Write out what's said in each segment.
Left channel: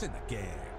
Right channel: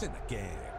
It's in the game.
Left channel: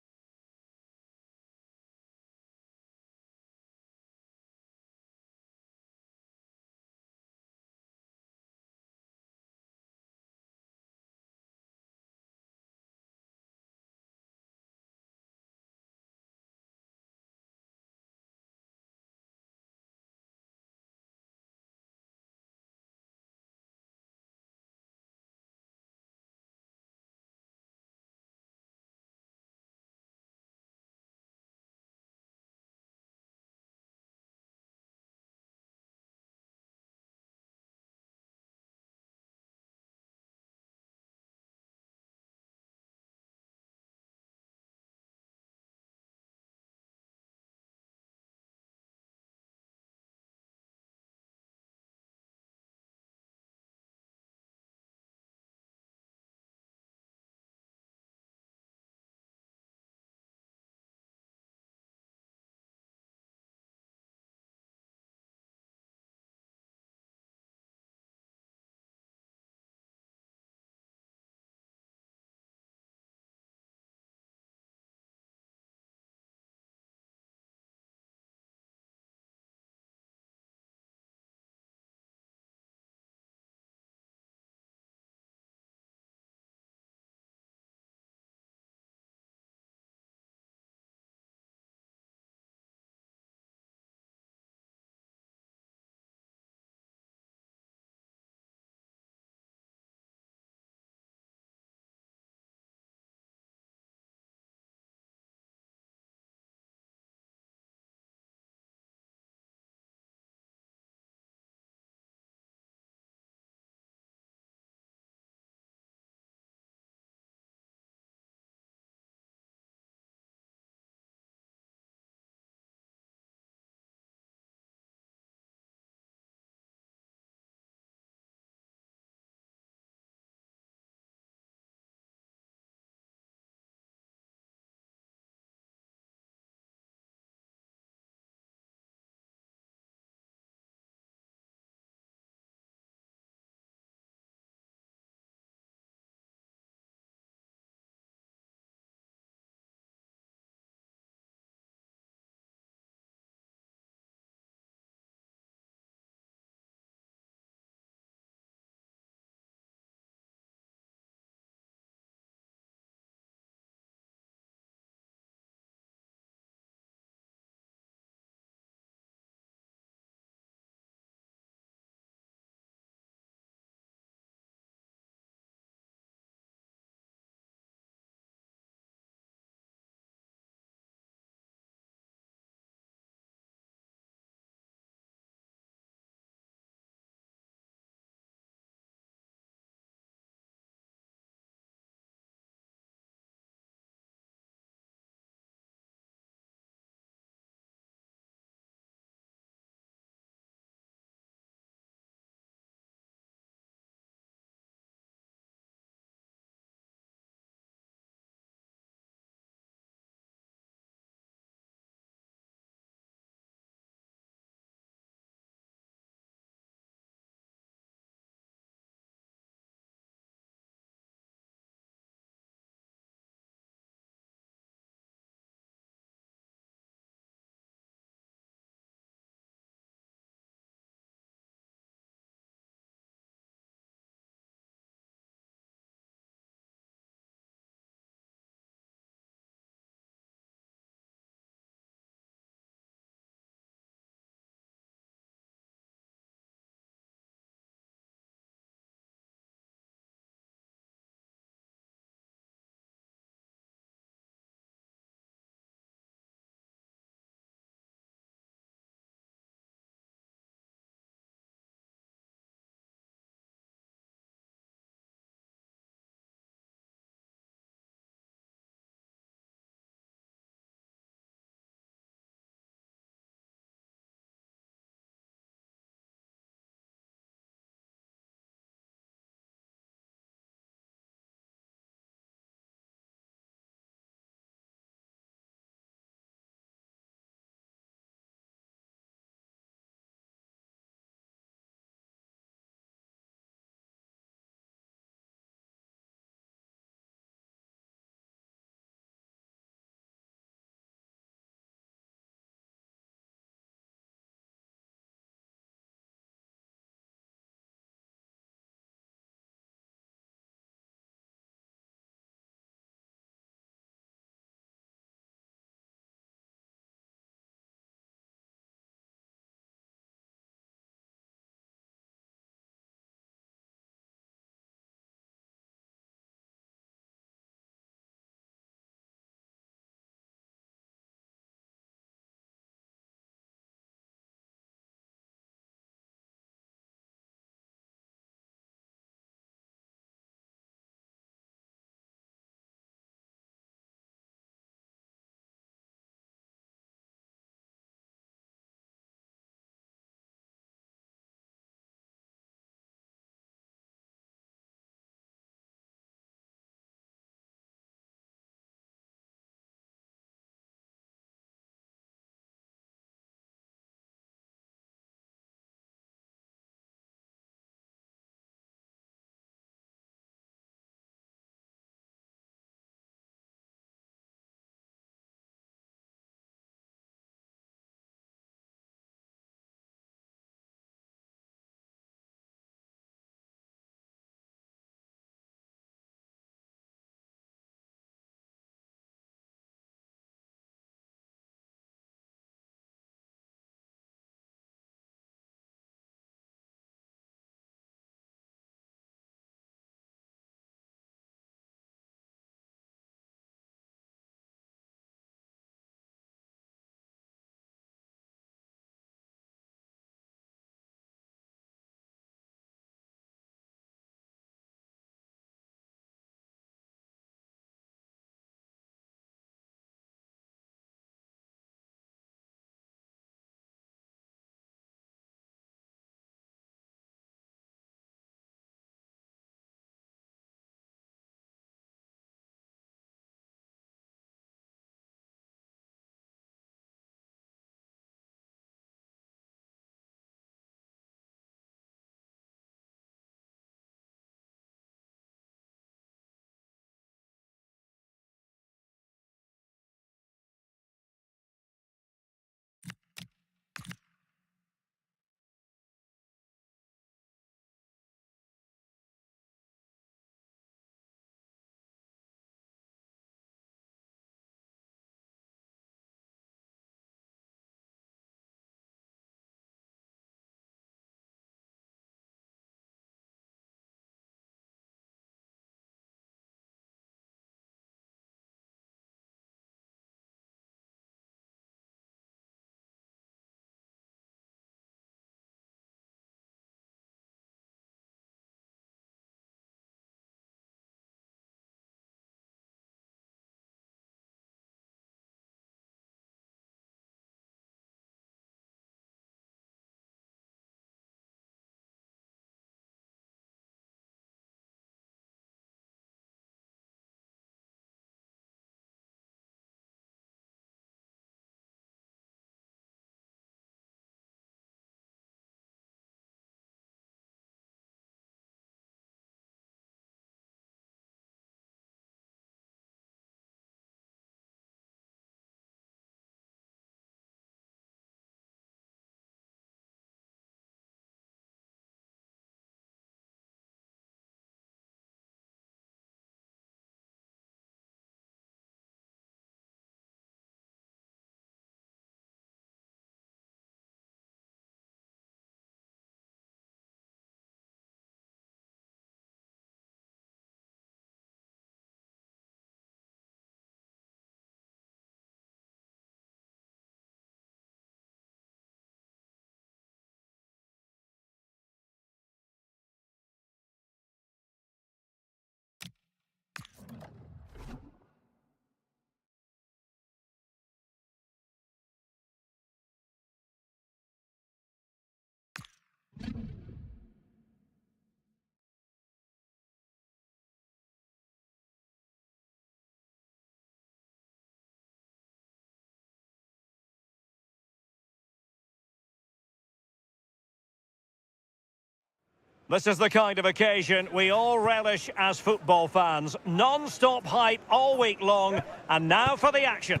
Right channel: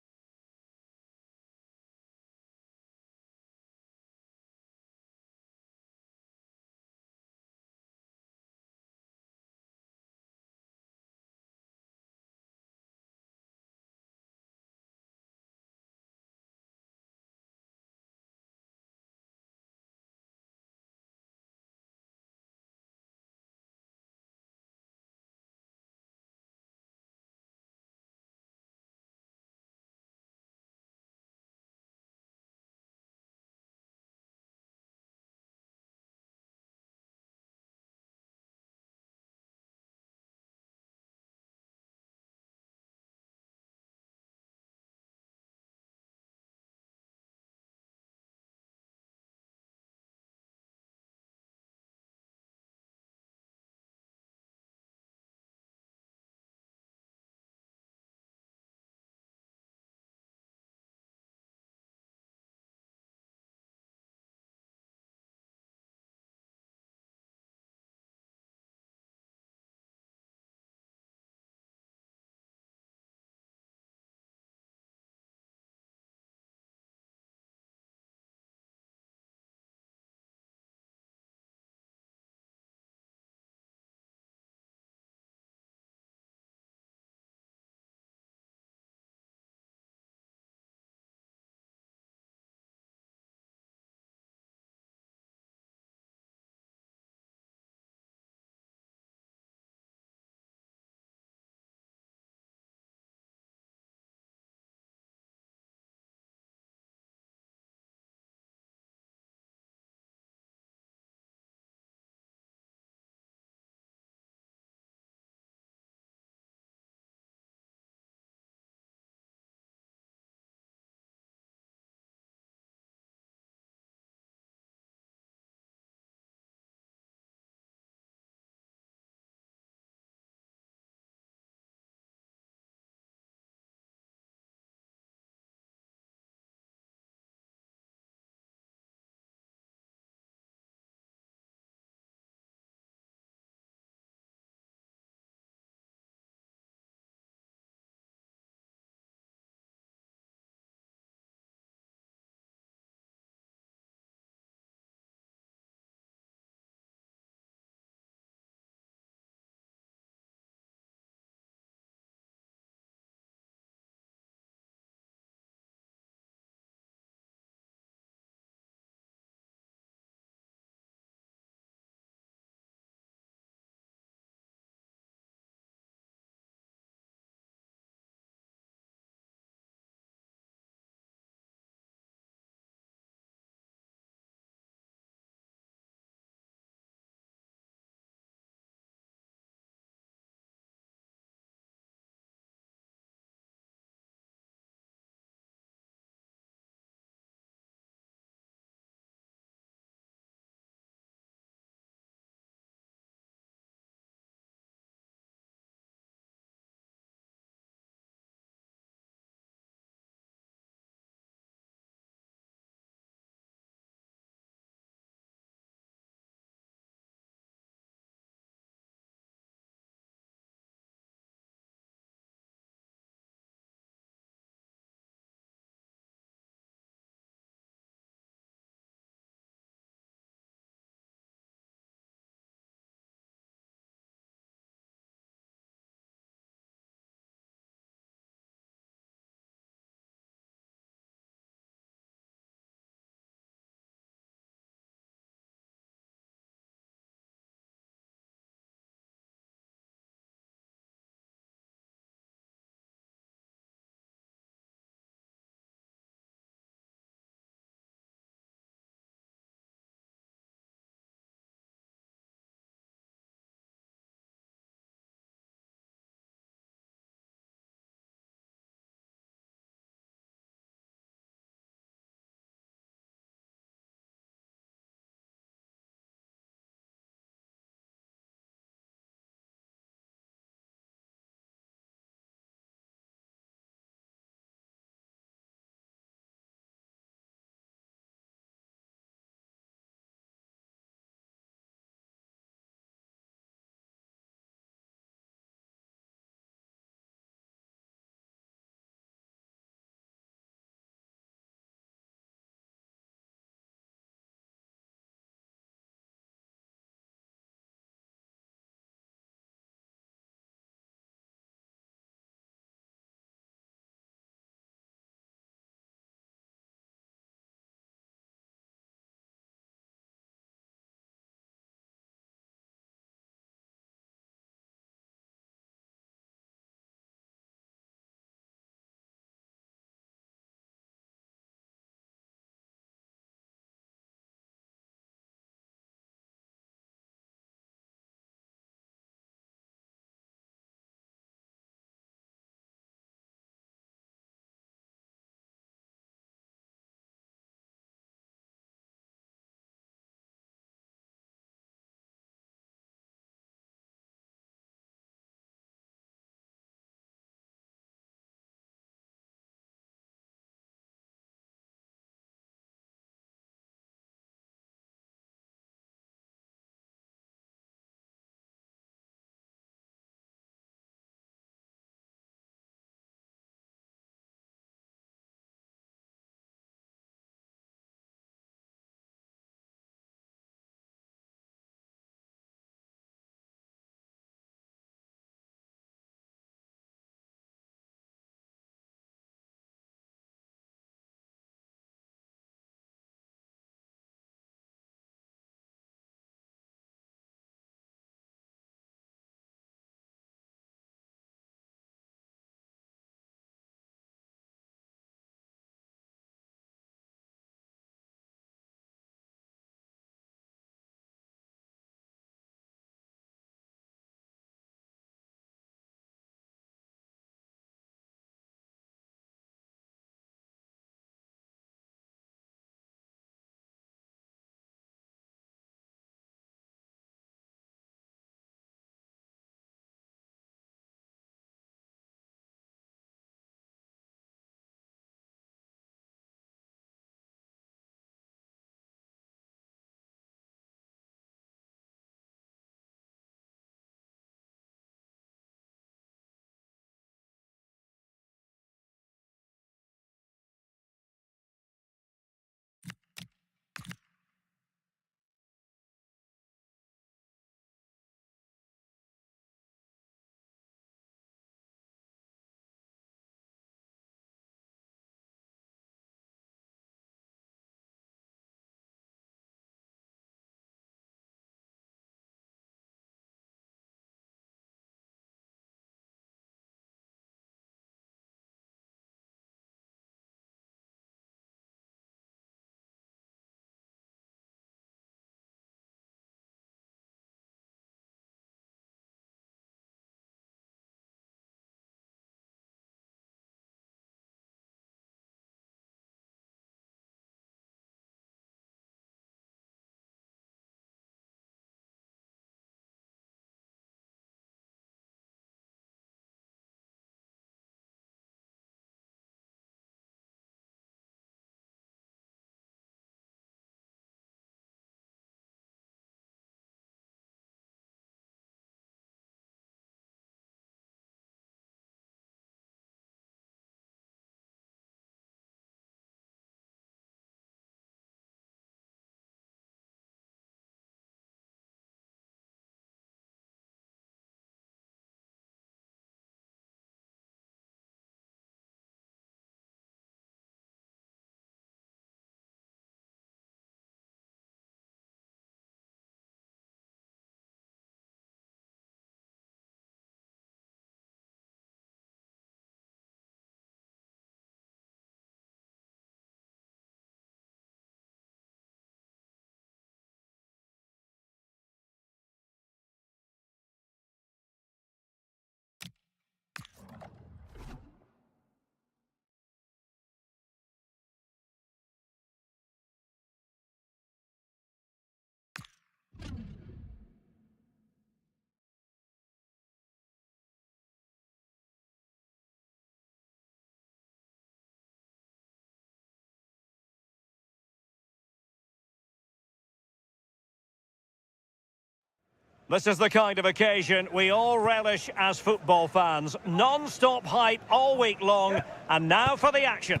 This is the kind of occasion we all relish as football fans. Non-stop hype all week long, and now for the action.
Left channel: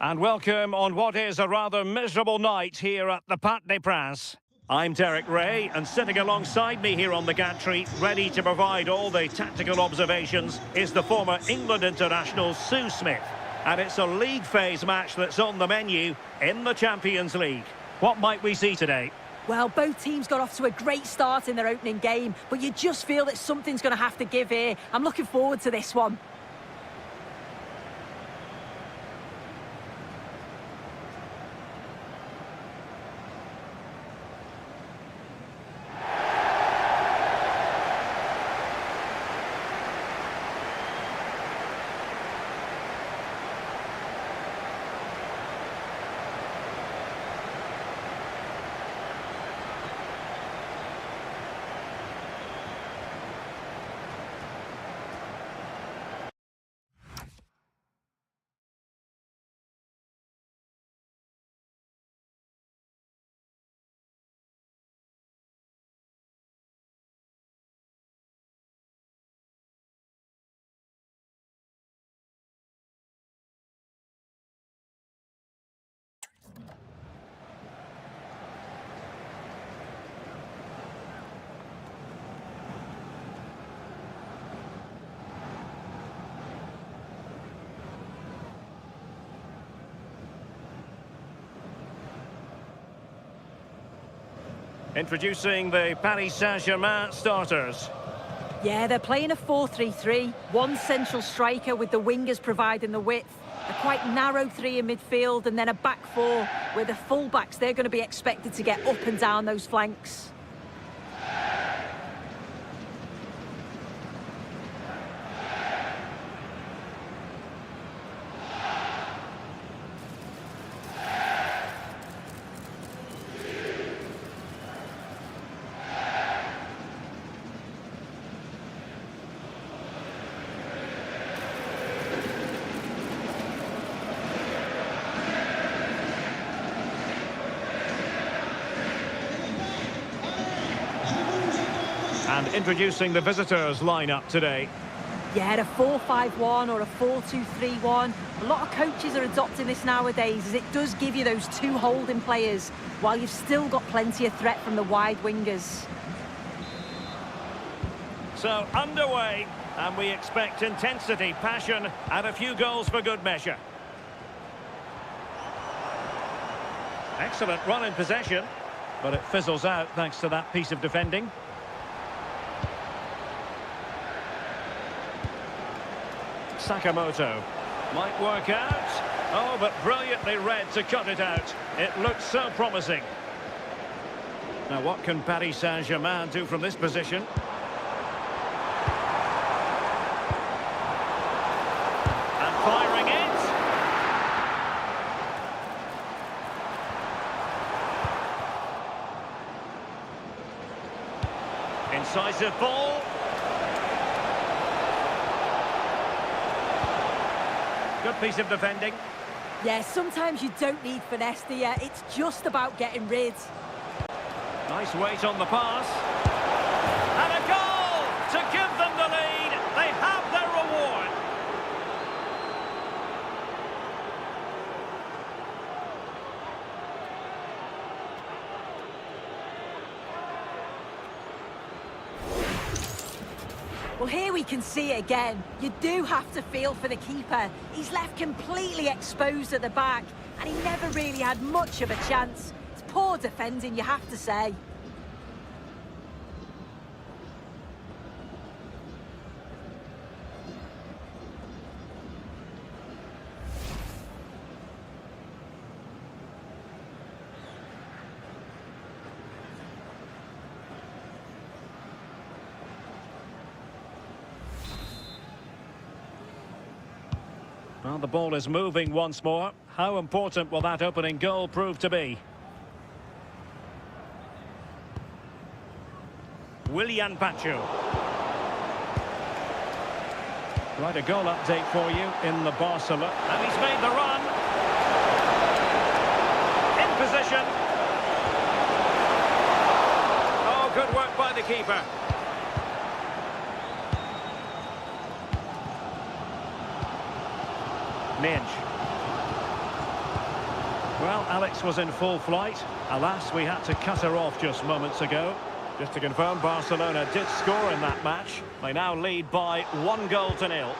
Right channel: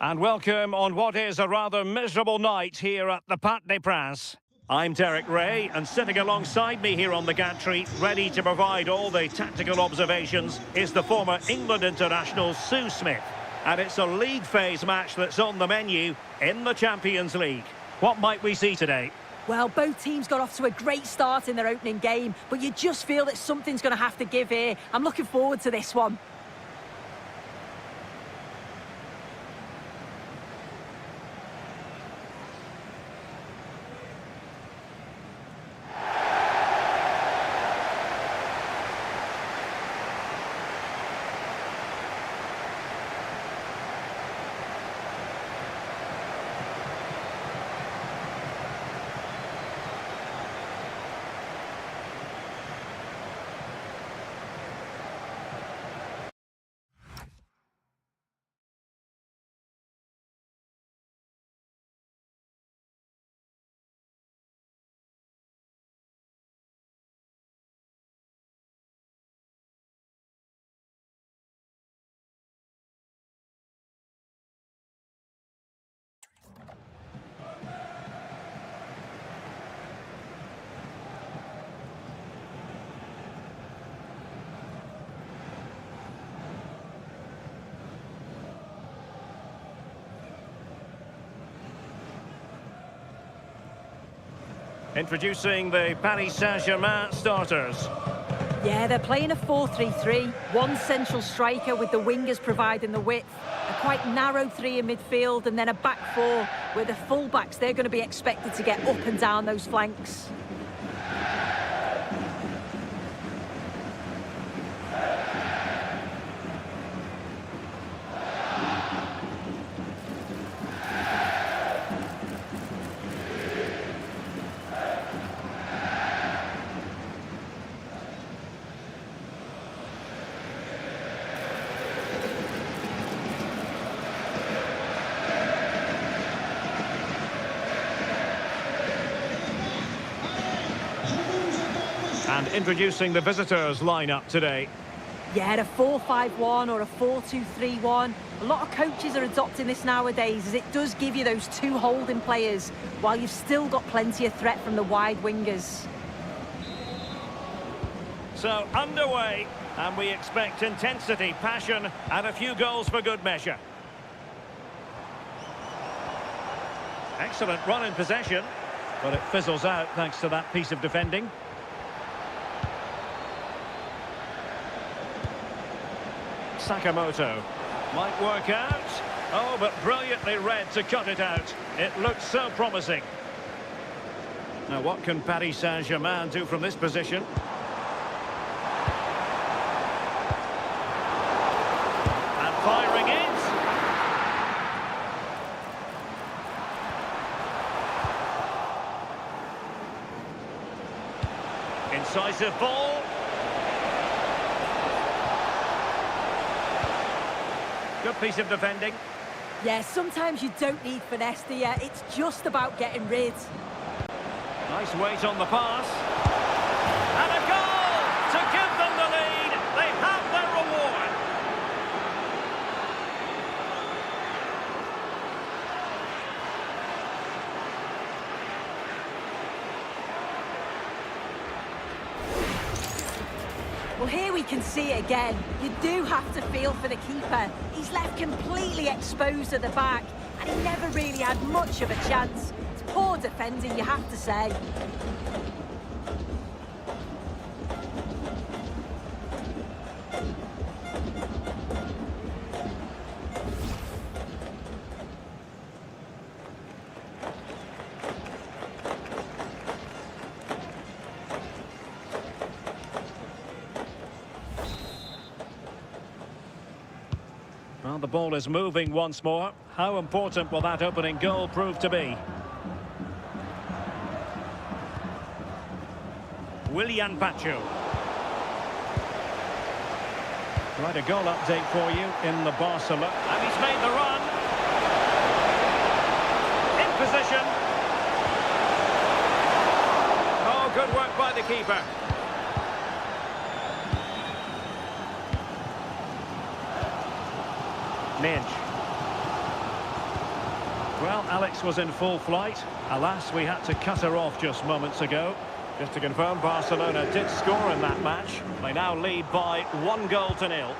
And welcome on what is a rather miserable night here at the Parc des Princes. I'm Derek Ray, and sitting alongside me here on the gantry, ready to provide all the tactical observations, is the former England international Sue Smith. And it's a league phase match that's on the menu in the Champions League. What might we see today? Well, both teams got off to a great start in their opening game, but you just feel that something's going to have to give here. I'm looking forward to this one. Introducing the Paris Saint-Germain starters. Yeah, they're playing a 4-3-3. One central striker with the wingers providing the width. A quite narrow three in midfield, and then a back four where the full-backs, they're going to be expected to get up and down those flanks. And introducing the visitors lineup today. Yeah, a 4-5-1 or a 4-2-3-1. A lot of coaches are adopting this nowadays, as it does give you those two holding players, while you've still got plenty of threat from the wide wingers. So, underway, and we expect intensity, passion, and a few goals for good measure. Excellent run in possession, but it fizzles out thanks to that piece of defending. Sakamoto might work out. Oh, but brilliantly read to cut it out. It looks so promising. Now, what can Paris Saint-Germain do from this position? And firing it. Incisive ball. Good piece of defending. Yeah, sometimes you don't need finesse, do you? It's just about getting rid. Nice weight on the pass. And a goal to give them the lead. They have their reward. Well, here we can see it again. You do have to feel for the keeper. He's left completely exposed at the back, and he never really had much of a chance. It's poor defending, you have to say. Well, the ball is moving once more. How important will that opening goal prove to be? Willian Pacho. Right, a goal update for you in the Barcelona. And he's made the run. In position. Oh, good work by the keeper. Midge. Well, Alex was in full flight. Alas, we had to cut her off just moments ago. Just to confirm, Barcelona did score in that match. They now lead by 1-0.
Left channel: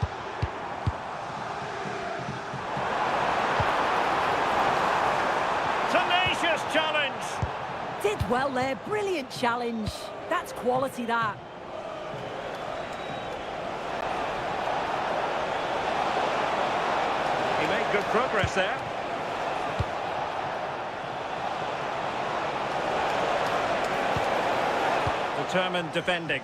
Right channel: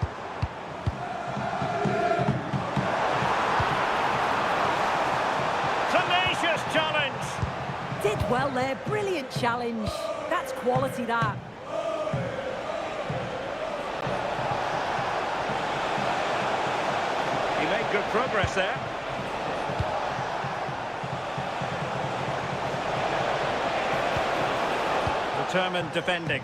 Tenacious challenge. Did well there, brilliant challenge. That's quality, that. He made good progress there. Determined defending.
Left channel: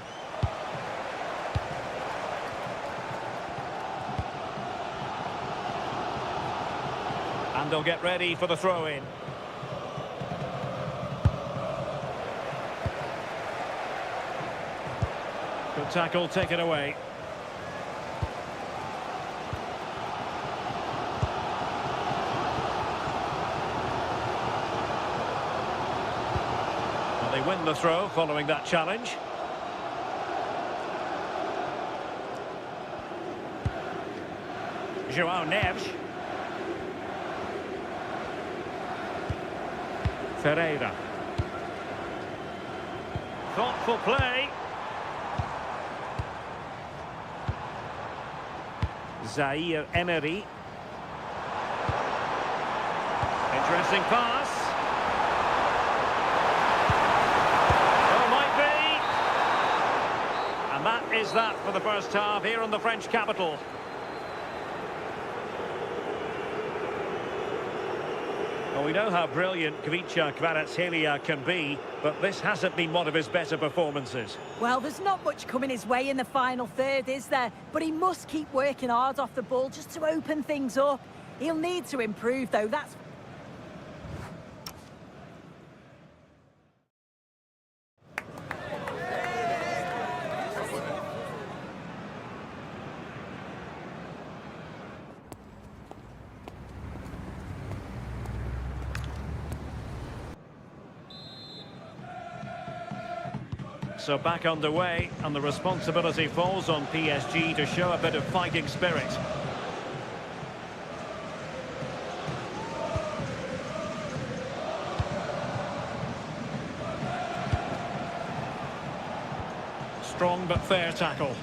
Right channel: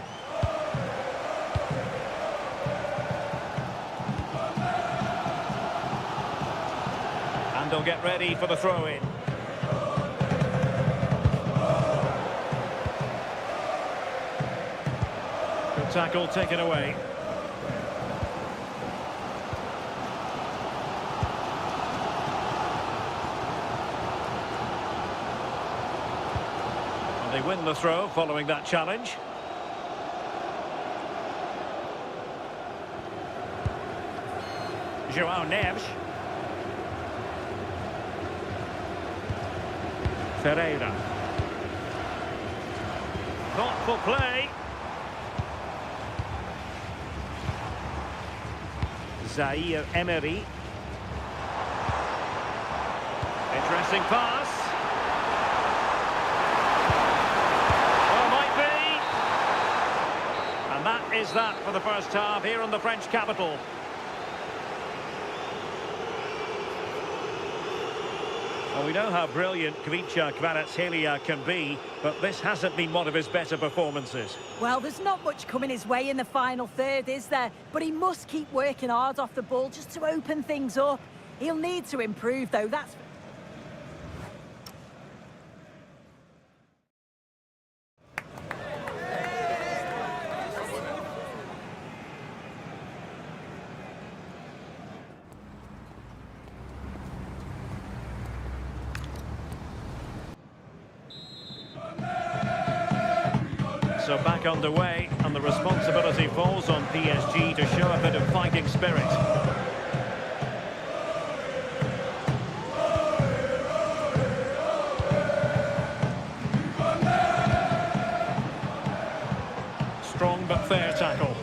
And they'll get ready for the throw-in. Good tackle taken away. They win the throw following that challenge. João Neves. Ferreira. Thoughtful play. Zaire Emery. Interesting pass. And that is that for the first half here in the French capital. Well, we know how brilliant Kvicha Kvaratskhelia can be, but this hasn't been one of his better performances. Well, there's not much coming his way in the final third, is there? But he must keep working hard off the ball just to open things up. He'll need to improve, though, that's... So back underway, and the responsibility falls on PSG to show a bit of fighting spirit. Strong but fair tackle.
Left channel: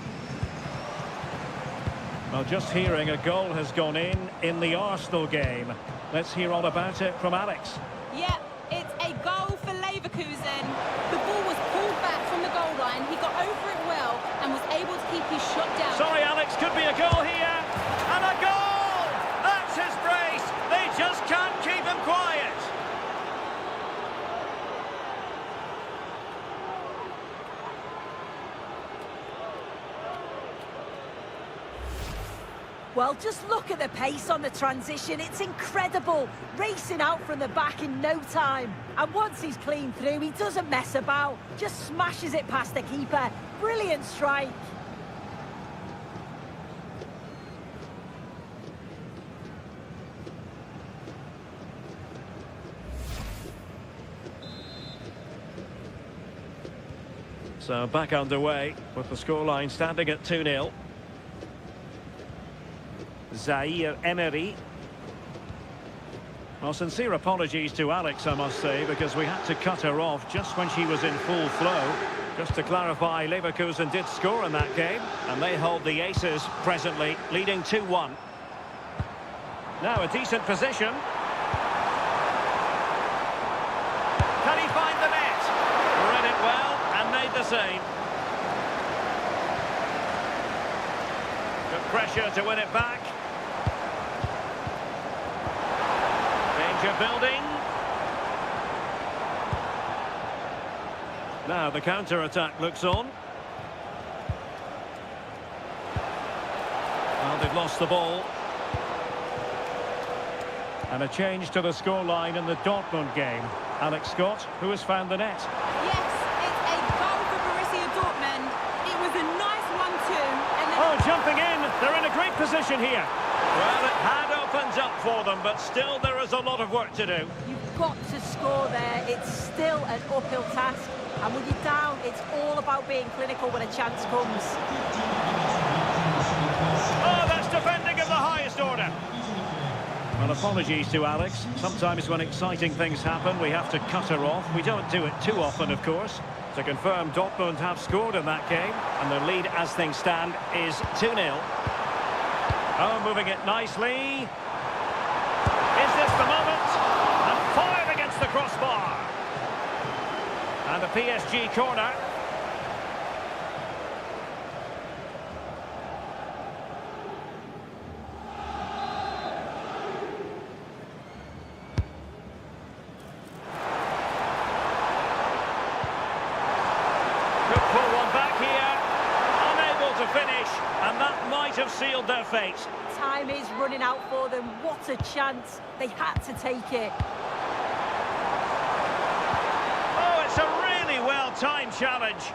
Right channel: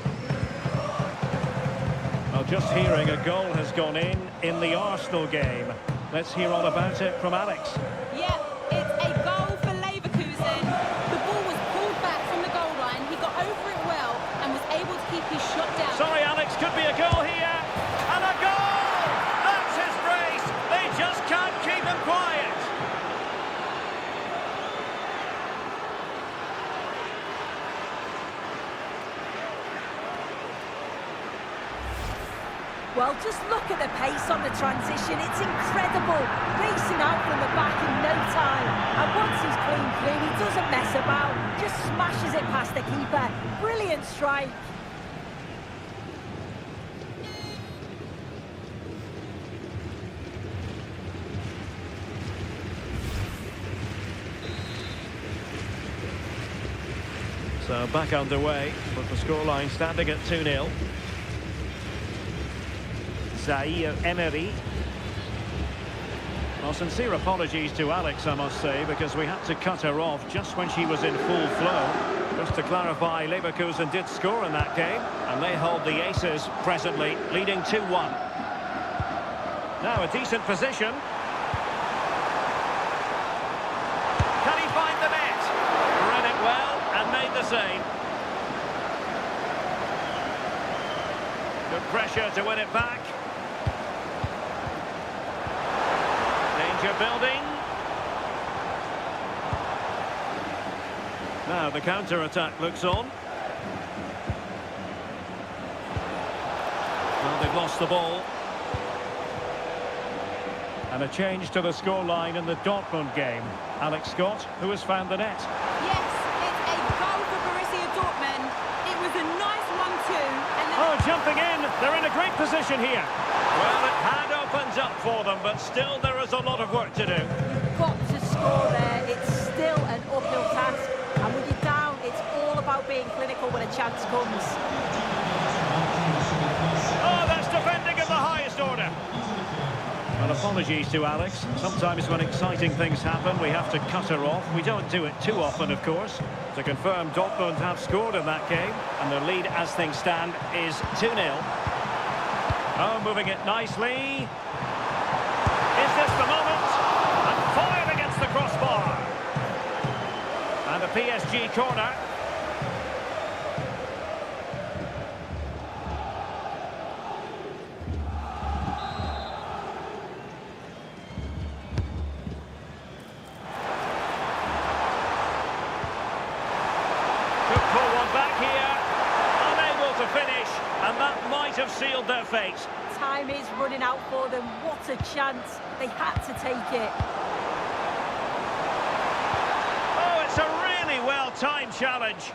Well, just hearing a goal has gone in the Arsenal game. Let's hear all about it from Alex. Yeah, it's a goal for Leverkusen. The ball was pulled back from the goal line. He got over it well and was able to keep his shot down. Sorry, Alex, could be a goal here. And a goal! That's his brace. They just can't keep him quiet. Well, just look at the pace on the transition. It's incredible. Racing out from the back in no time. And once he's clean through, he doesn't mess about. Just smashes it past the keeper. Brilliant strike. So back underway with the scoreline standing at 2-0. Zaire Emery. Well, sincere apologies to Alex, I must say, because we had to cut her off just when she was in full flow. Just to clarify, Leverkusen did score in that game, and they hold the aces presently, leading 2-1. Now a decent position. Can he find the net? Read it well and made the save. Good pressure to win it back. Danger building. Now the counter-attack looks on. Well, they've lost the ball. And a change to the scoreline in the Dortmund game. Alex Scott, who has found the net. Yes, it's a goal for Borussia Dortmund. It was a nice 1-2. And then... Oh, jumping in. They're in a great position here. Well, it had opened up for them, but still there is a lot of work to do. You've got to score there. It's still an uphill task. And when you're down, it's all about being clinical when a chance comes. Oh, that's defending of the highest order. Well, apologies to Alex. Sometimes when exciting things happen, we have to cut her off. We don't do it too often, of course. To confirm, Dortmund have scored in that game, and their lead as things stand is 2-0. Oh, moving it nicely. Is this the moment? And fired against the crossbar. And a PSG corner. Could pull one back here. Unable to finish, and that might have sealed their fate. Time is running out for them. What a chance. They had to take it. Oh, it's a really well-timed challenge.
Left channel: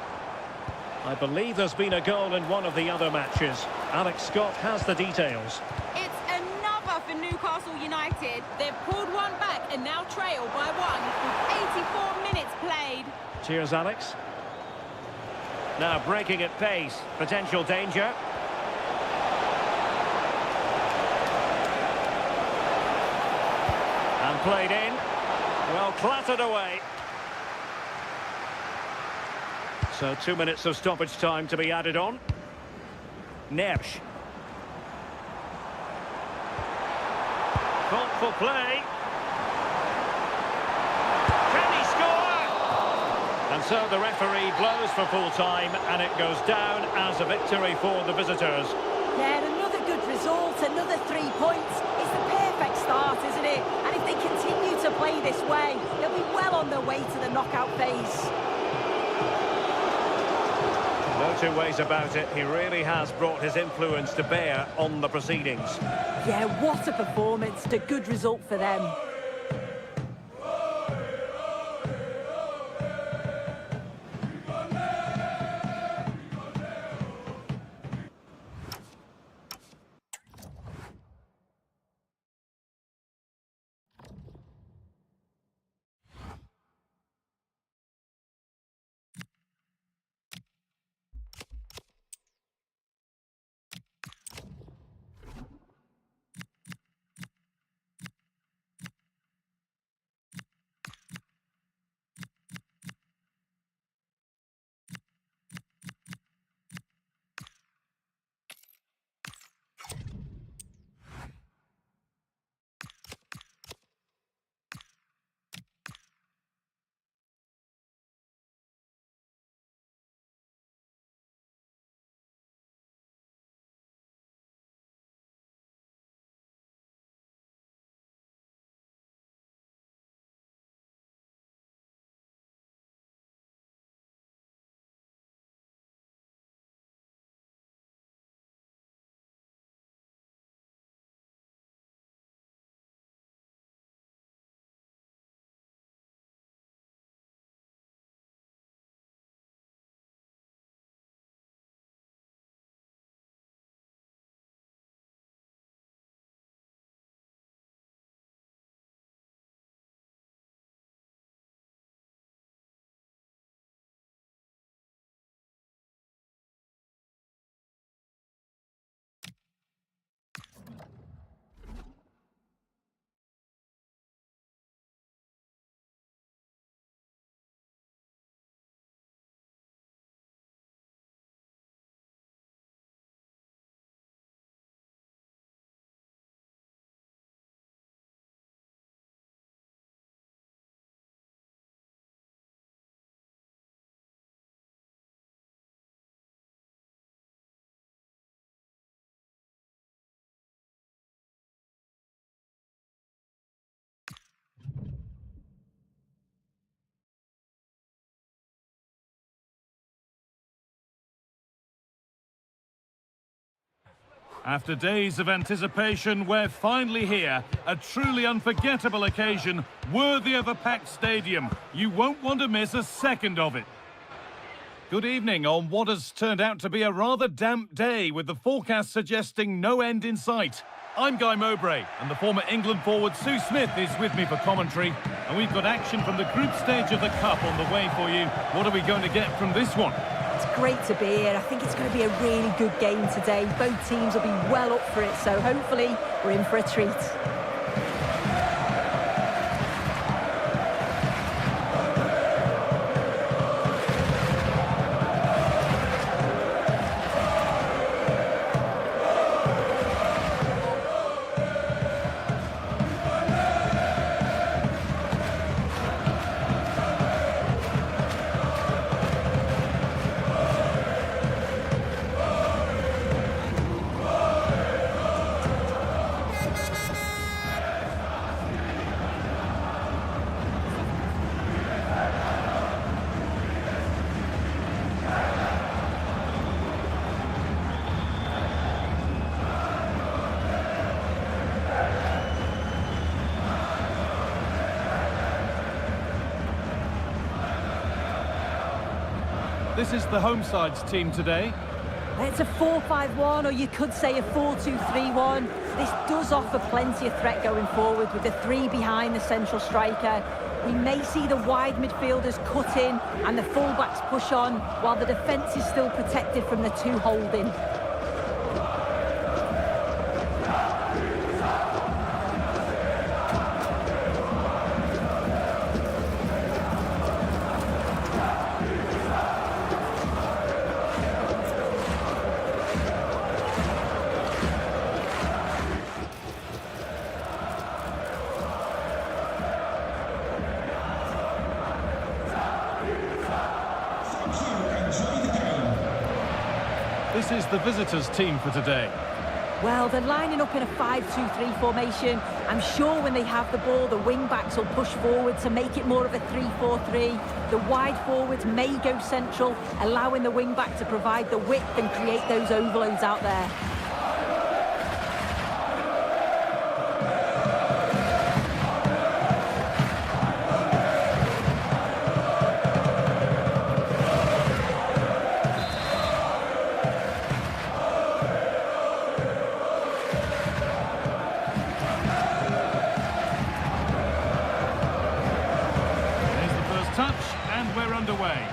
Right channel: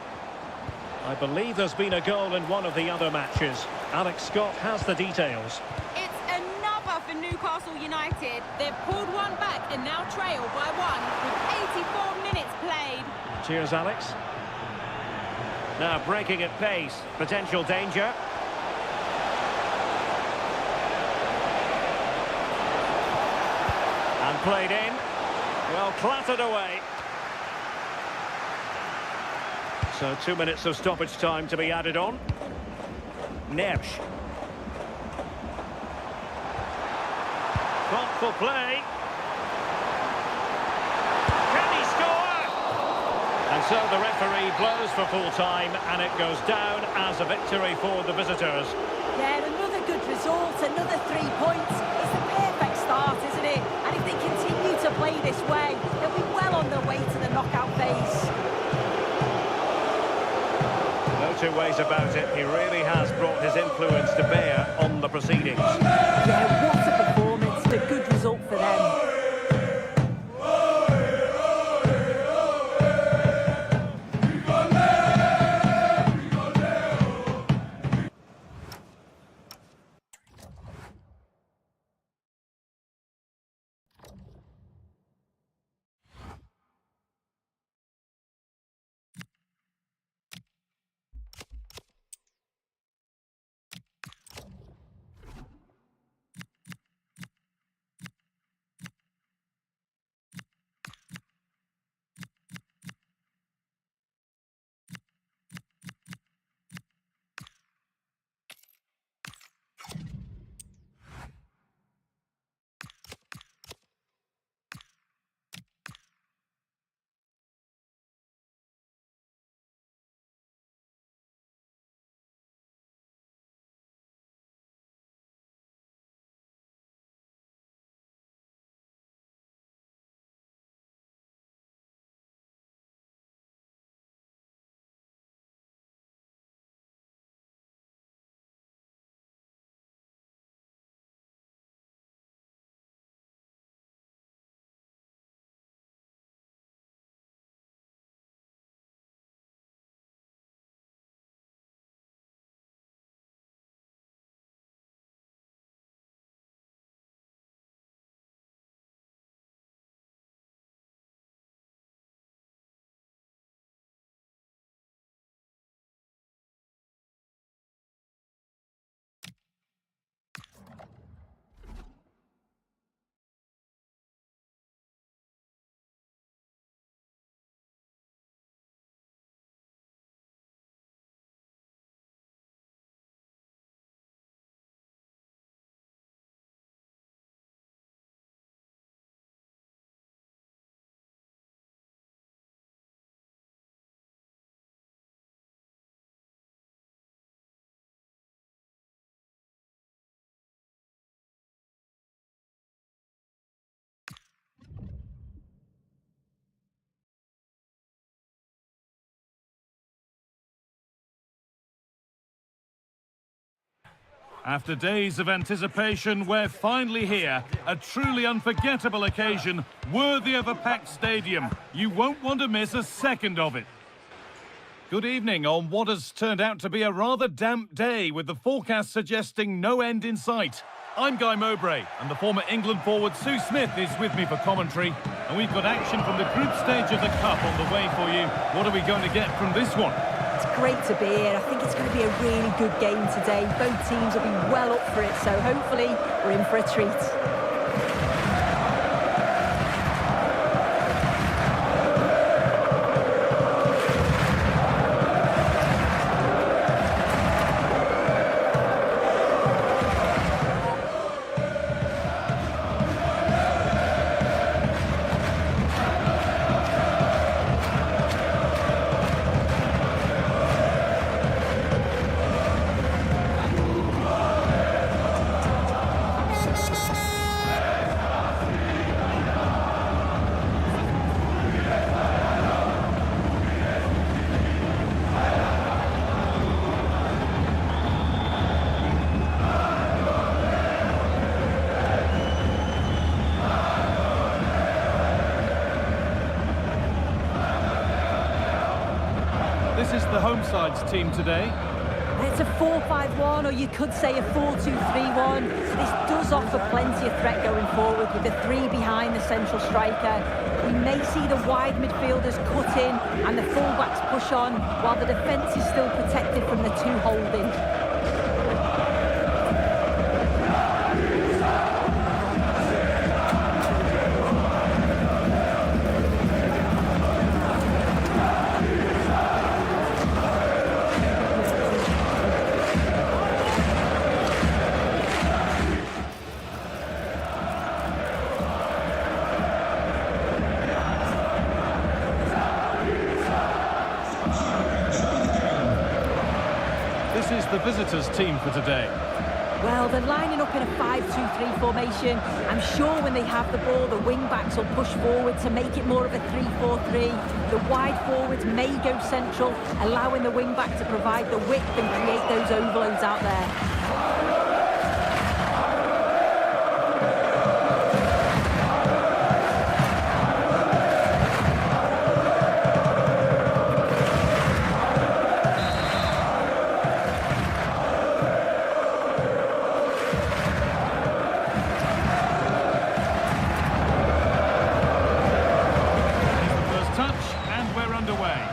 I believe there's been a goal in one of the other matches. Alex Scott has the details. It's another for Newcastle United. They've pulled one back and now trail by one with 84 minutes played. Cheers, Alex. Now breaking at pace. Potential danger. And played in. Well, clattered away. So 2 minutes of stoppage time to be added on. Nersch. Thoughtful play. Can he score? And so the referee blows for full time, and it goes down as a victory for the visitors. Yeah, another good result, another 3 points. It's the perfect start, isn't it? And if they continue to play this way, they'll be well on their way to the knockout phase. No two ways about it. He really has brought his influence to bear on the proceedings. Yeah, what a performance. A good result for them. After days of anticipation, we're finally here. A truly unforgettable occasion, worthy of a packed stadium. You won't want to miss a second of it. Good evening on what has turned out to be a rather damp day, with the forecast suggesting no end in sight. I'm Guy Mowbray, and the former England forward Sue Smith is with me for commentary. And we've got action from the group stage of the Cup on the way for you. What are we going to get from this one? It's great to be here. I think it's going to be a really good game today. Both teams will be well up for it, so hopefully we're in for a treat. This is the home side's team today. It's a 4-5-1, or you could say a 4-2-3-1. This does offer plenty of threat going forward with the three behind the central striker. We may see the wide midfielders cut in and the fullbacks push on, while the defence is still protected from the two holding. This is the visitors' team for today. Well, they're lining up in a 5-2-3 formation. I'm sure when they have the ball, the wing-backs will push forward to make it more of a 3-4-3. The wide forwards may go central, allowing the wing-back to provide the width and create those overloads out there. Touch, and we're underway.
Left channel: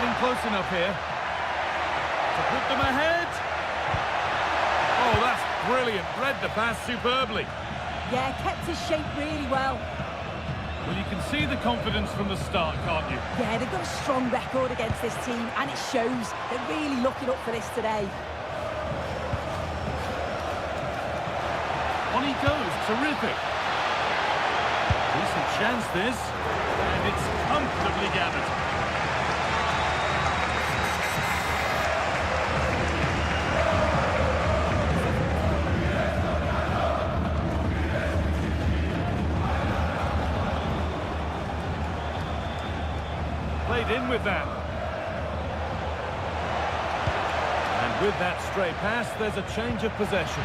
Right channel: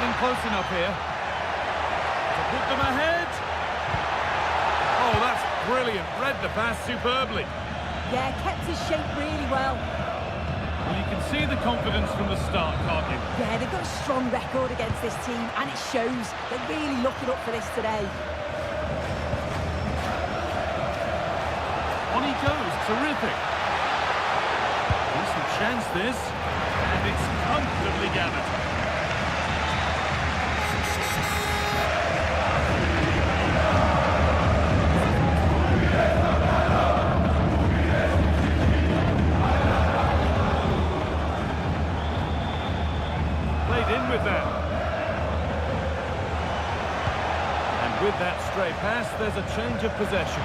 getting close enough here to put them ahead. Oh, that's brilliant. Read the pass superbly. Yeah, kept his shape really well. Well, you can see the confidence from the start, can't you? Yeah, they've got a strong record against this team, and it shows. They're really looking up for this today. On he goes, terrific. Decent chance this, and it's comfortably gathered. Played in with that. And with that stray pass, there's a change of possession.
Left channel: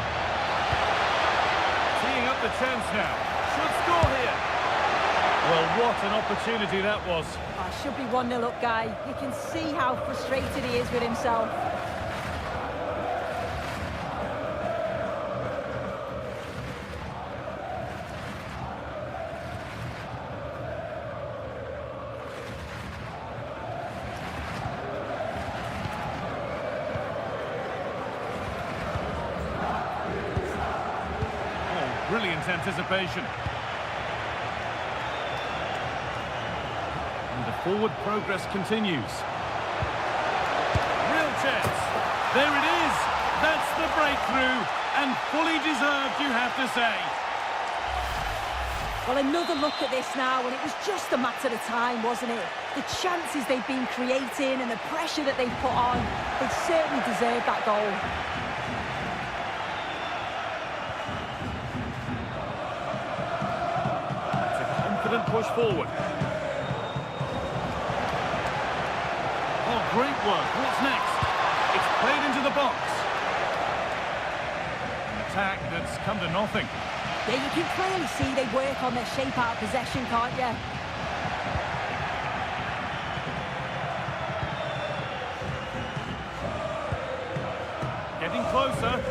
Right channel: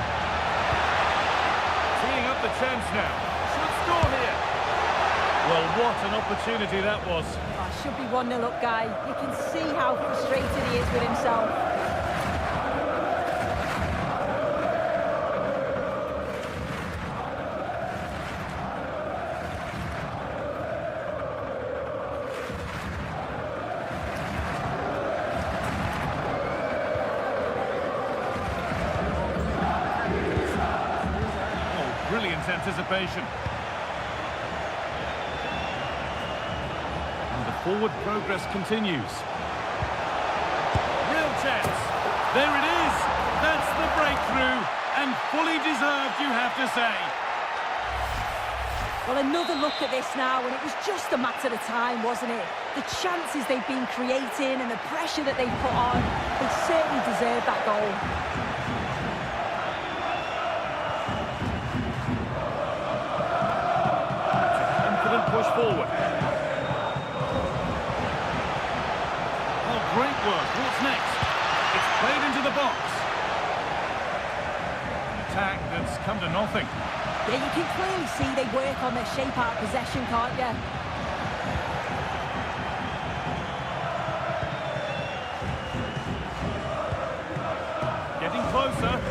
Teeing up the chance now. Should score here. Well, what an opportunity that was. Oh, should be 1-0 up, Guy. You can see how frustrated he is with himself. Brilliant anticipation. And the forward progress continues. Real chance. There it is. That's the breakthrough. And fully deserved, you have to say. Well, another look at this now, and it was just a matter of time, wasn't it? The chances they've been creating and the pressure that they've put on, they certainly deserve that goal. Push forward. Oh, great work. What's next? It's played into the box. An attack that's come to nothing. Yeah, you can clearly see they work on their shape out of possession, can't you? Getting closer.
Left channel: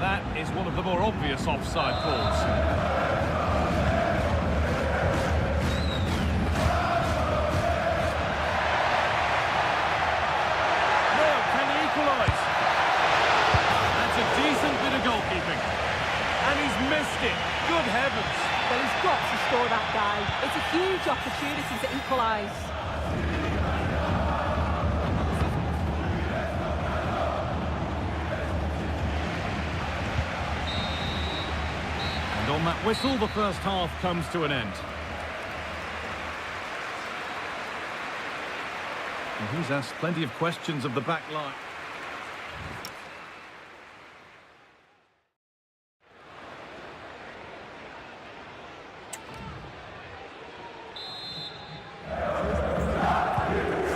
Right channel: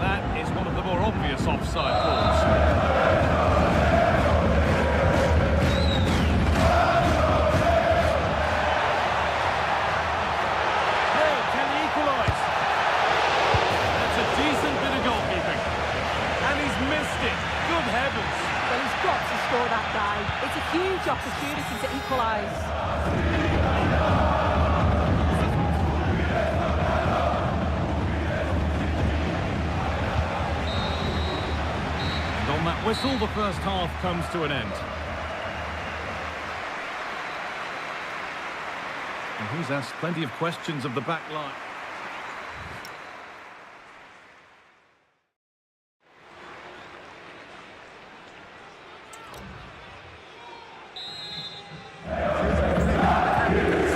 That is one of the more obvious offside calls. Now, can he equalise? That's a decent bit of goalkeeping. And he's missed it. Good heavens. Well, he's got to score that, Guy. It's a huge opportunity to equalise. And on that whistle, the first half comes to an end. And he's asked plenty of questions of the back line.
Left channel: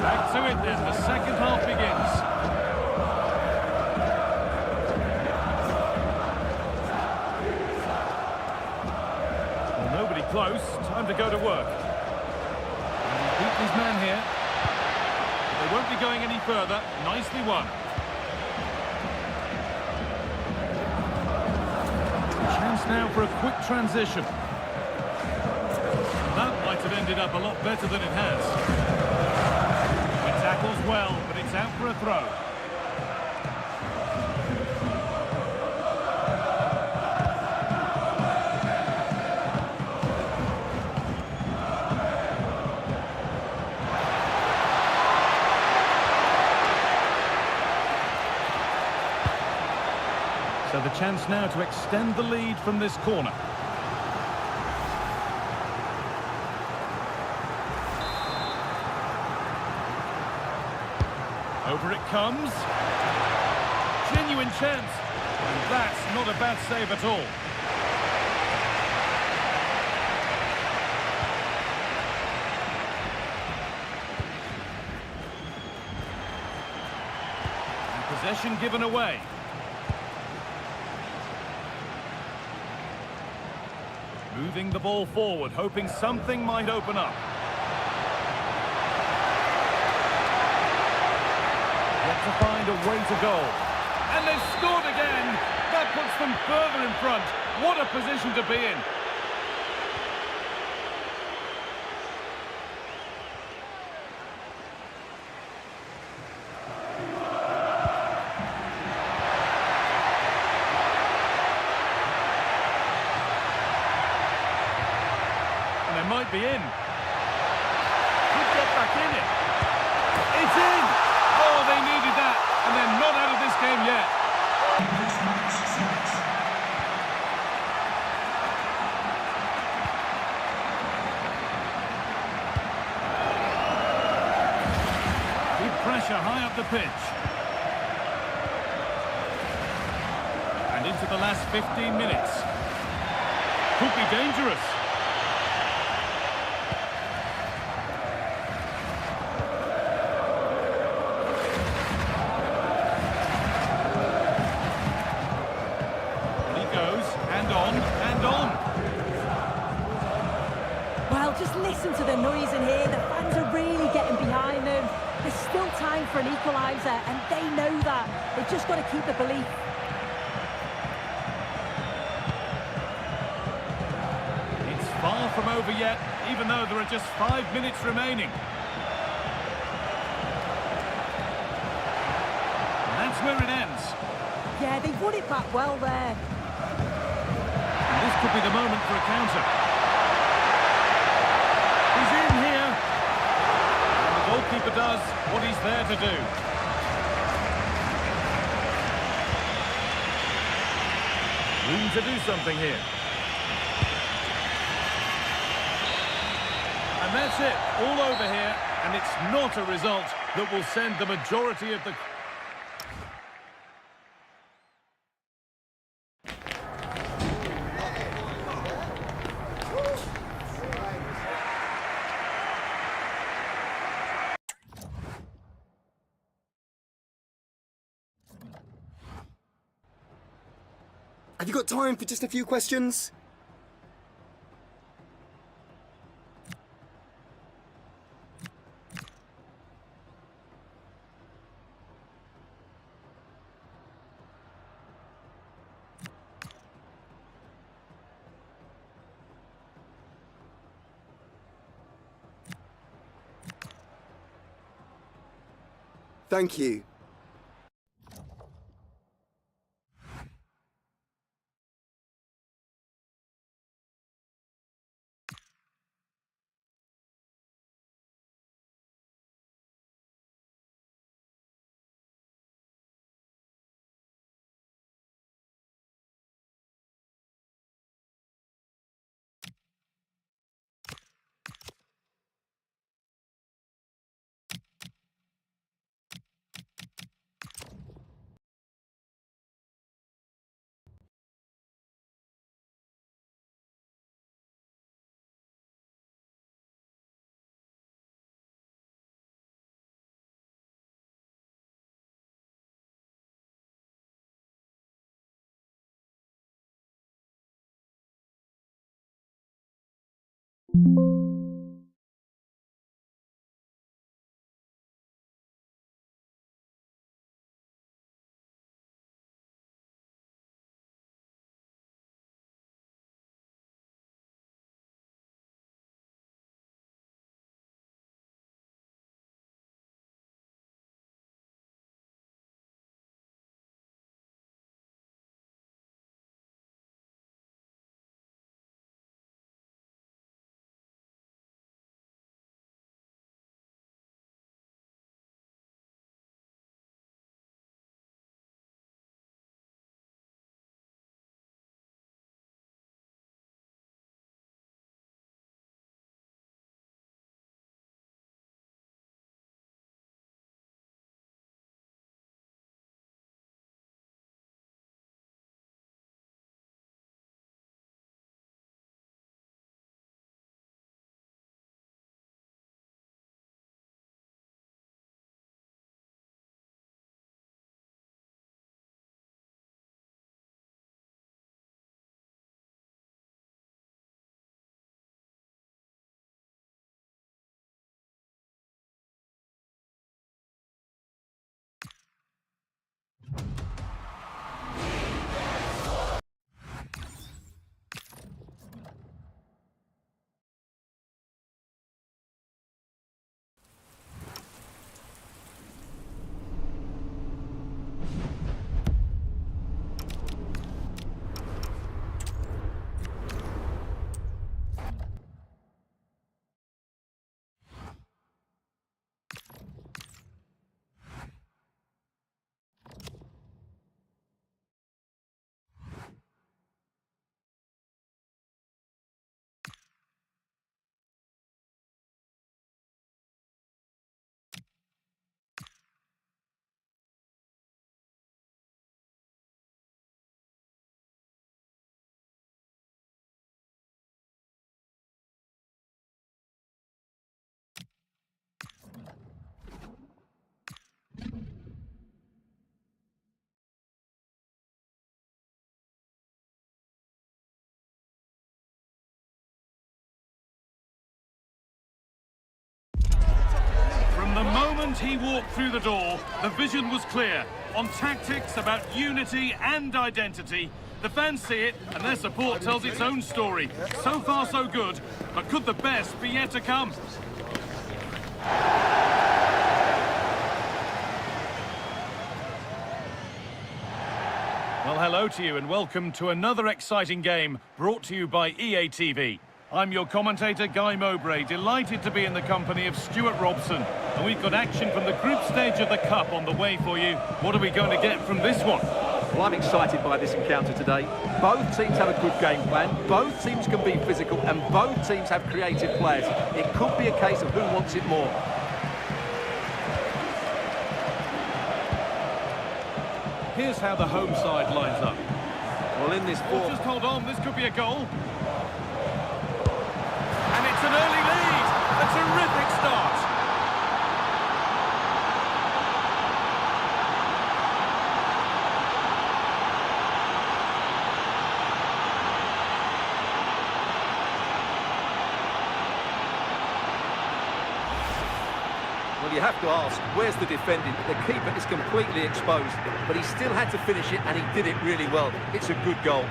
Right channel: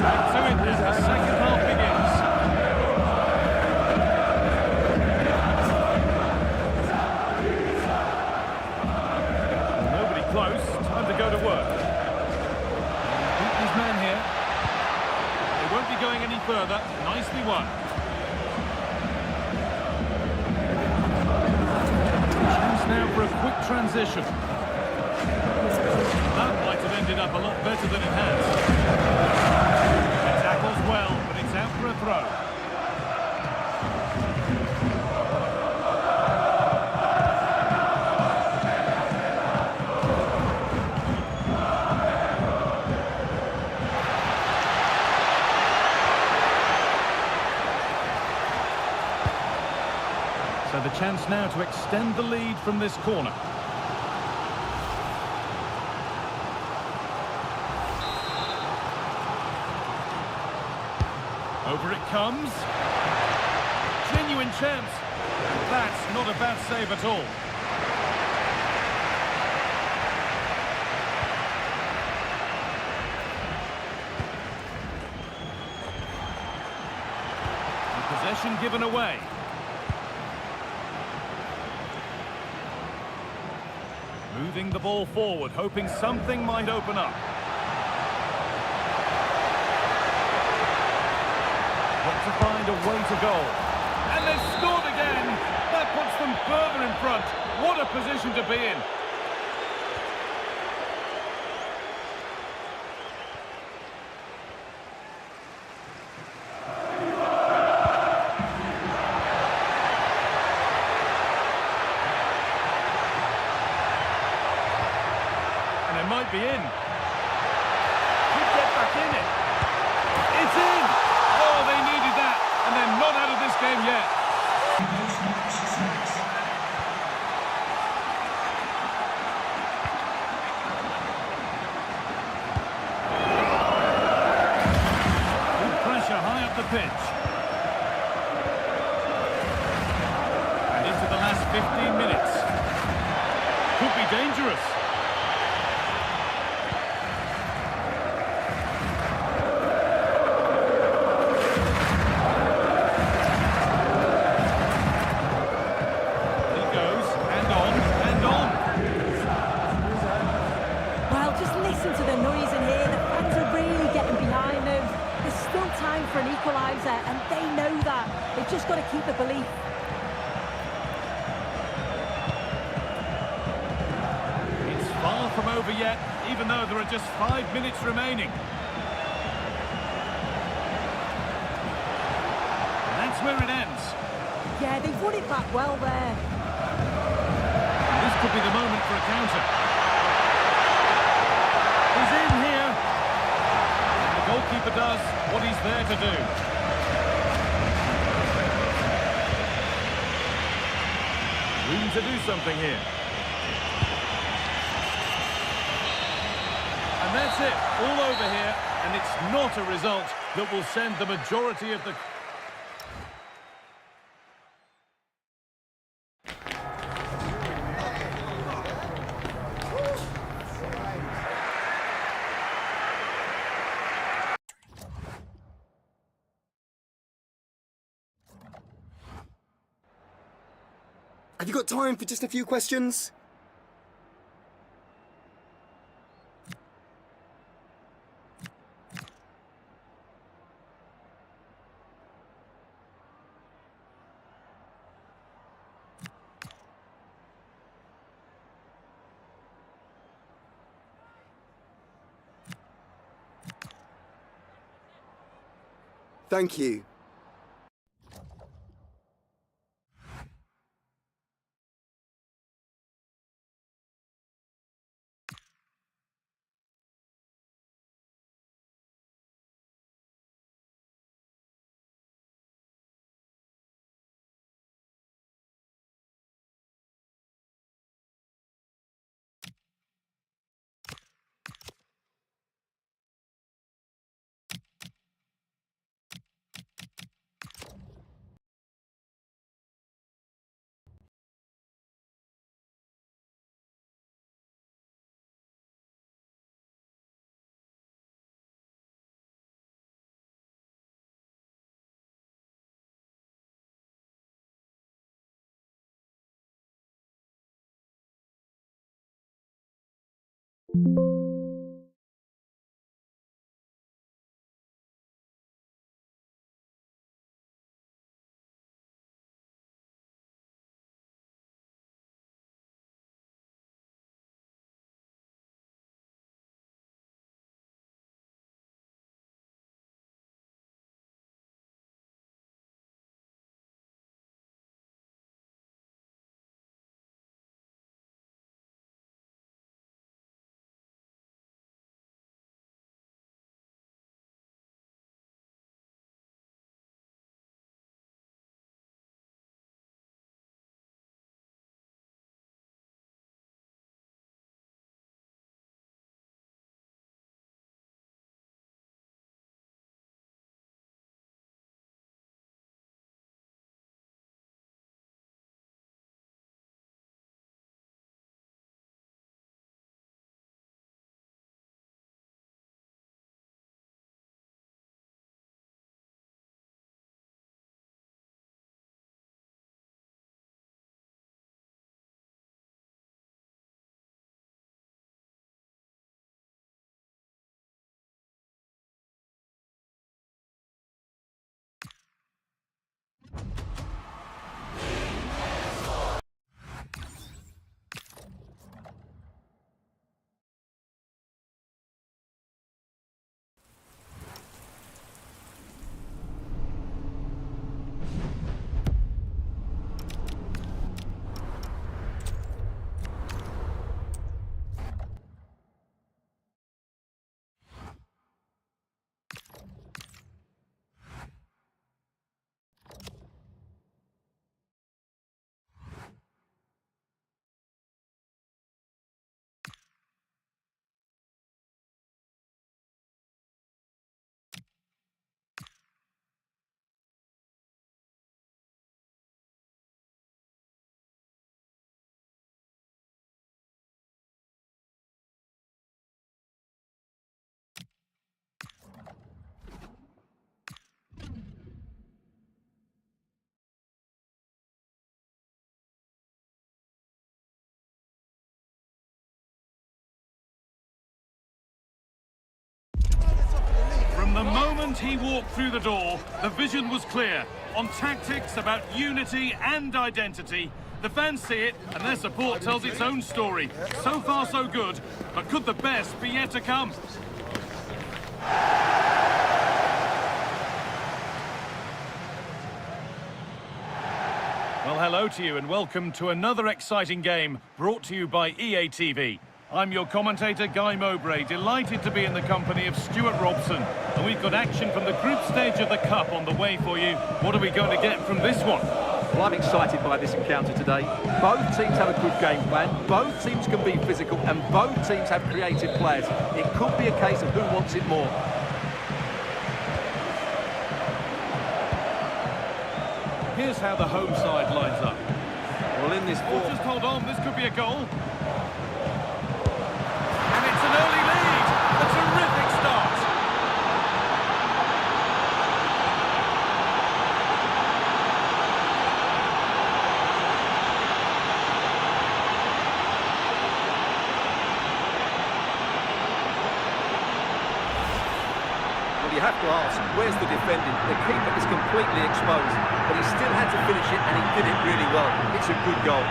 Back to it then, the second half begins. Nobody close, time to go to work. Beat his man here. They won't be going any further. Nicely won. Chance now for a quick transition. That might have ended up a lot better than it has. It tackles well, but it's out for a throw. So the chance now to extend the lead from this corner. Over it comes. Genuine chance. And that's not a bad save at all. And possession given away. Moving the ball forward, hoping something might open up. Want to find a way to goal. And they've scored again! That puts them further in front. What a position to be in. And they might be in. Could get back in it. It's in! Oh, they needed that, and they're not out of this game yet. Good pressure high up the pitch. And into the last 15 minutes. Could be dangerous. Well, just listen to the noise in here. The fans are really getting behind them. There's still time for an equaliser, and they know that. They've just got to keep the belief. It's far from over yet, even though there are just 5 minutes remaining. And that's where it ends. Yeah, they've won it back well there. And this could be the moment for a counter. He's in here. And the goalkeeper does what he's there to do. Room to do something here. And that's it, all over here, and it's not a result that will send the majority of the... Have you got time for just a few questions? Thank you. moment he walked through the door, the vision was clear. On tactics, about unity and identity. The fans see it, and their support tells its own story. So far, so good, but could the best be yet to come? Well, hello to you, and welcome to another exciting game brought to you by EA TV. I'm your commentator, Guy Mowbray, delighted to be in the company of Stuart Robson. And we've got action from the group stage of the Cup on the way for you. What are we going to get from this one? Well, I'm excited by this encounter today. Both teams have a good game plan, both teams can be physical, and both teams have creative players. It could be a case of who wants it more. Here's how the home side lines up. Well, in this ball... Just hold on, this could be a goal. And it's an early lead. A terrific start. Well, you have to ask, where's the defending? The keeper is completely exposed, but he still had to finish it, and he did it really well. It's a good goal.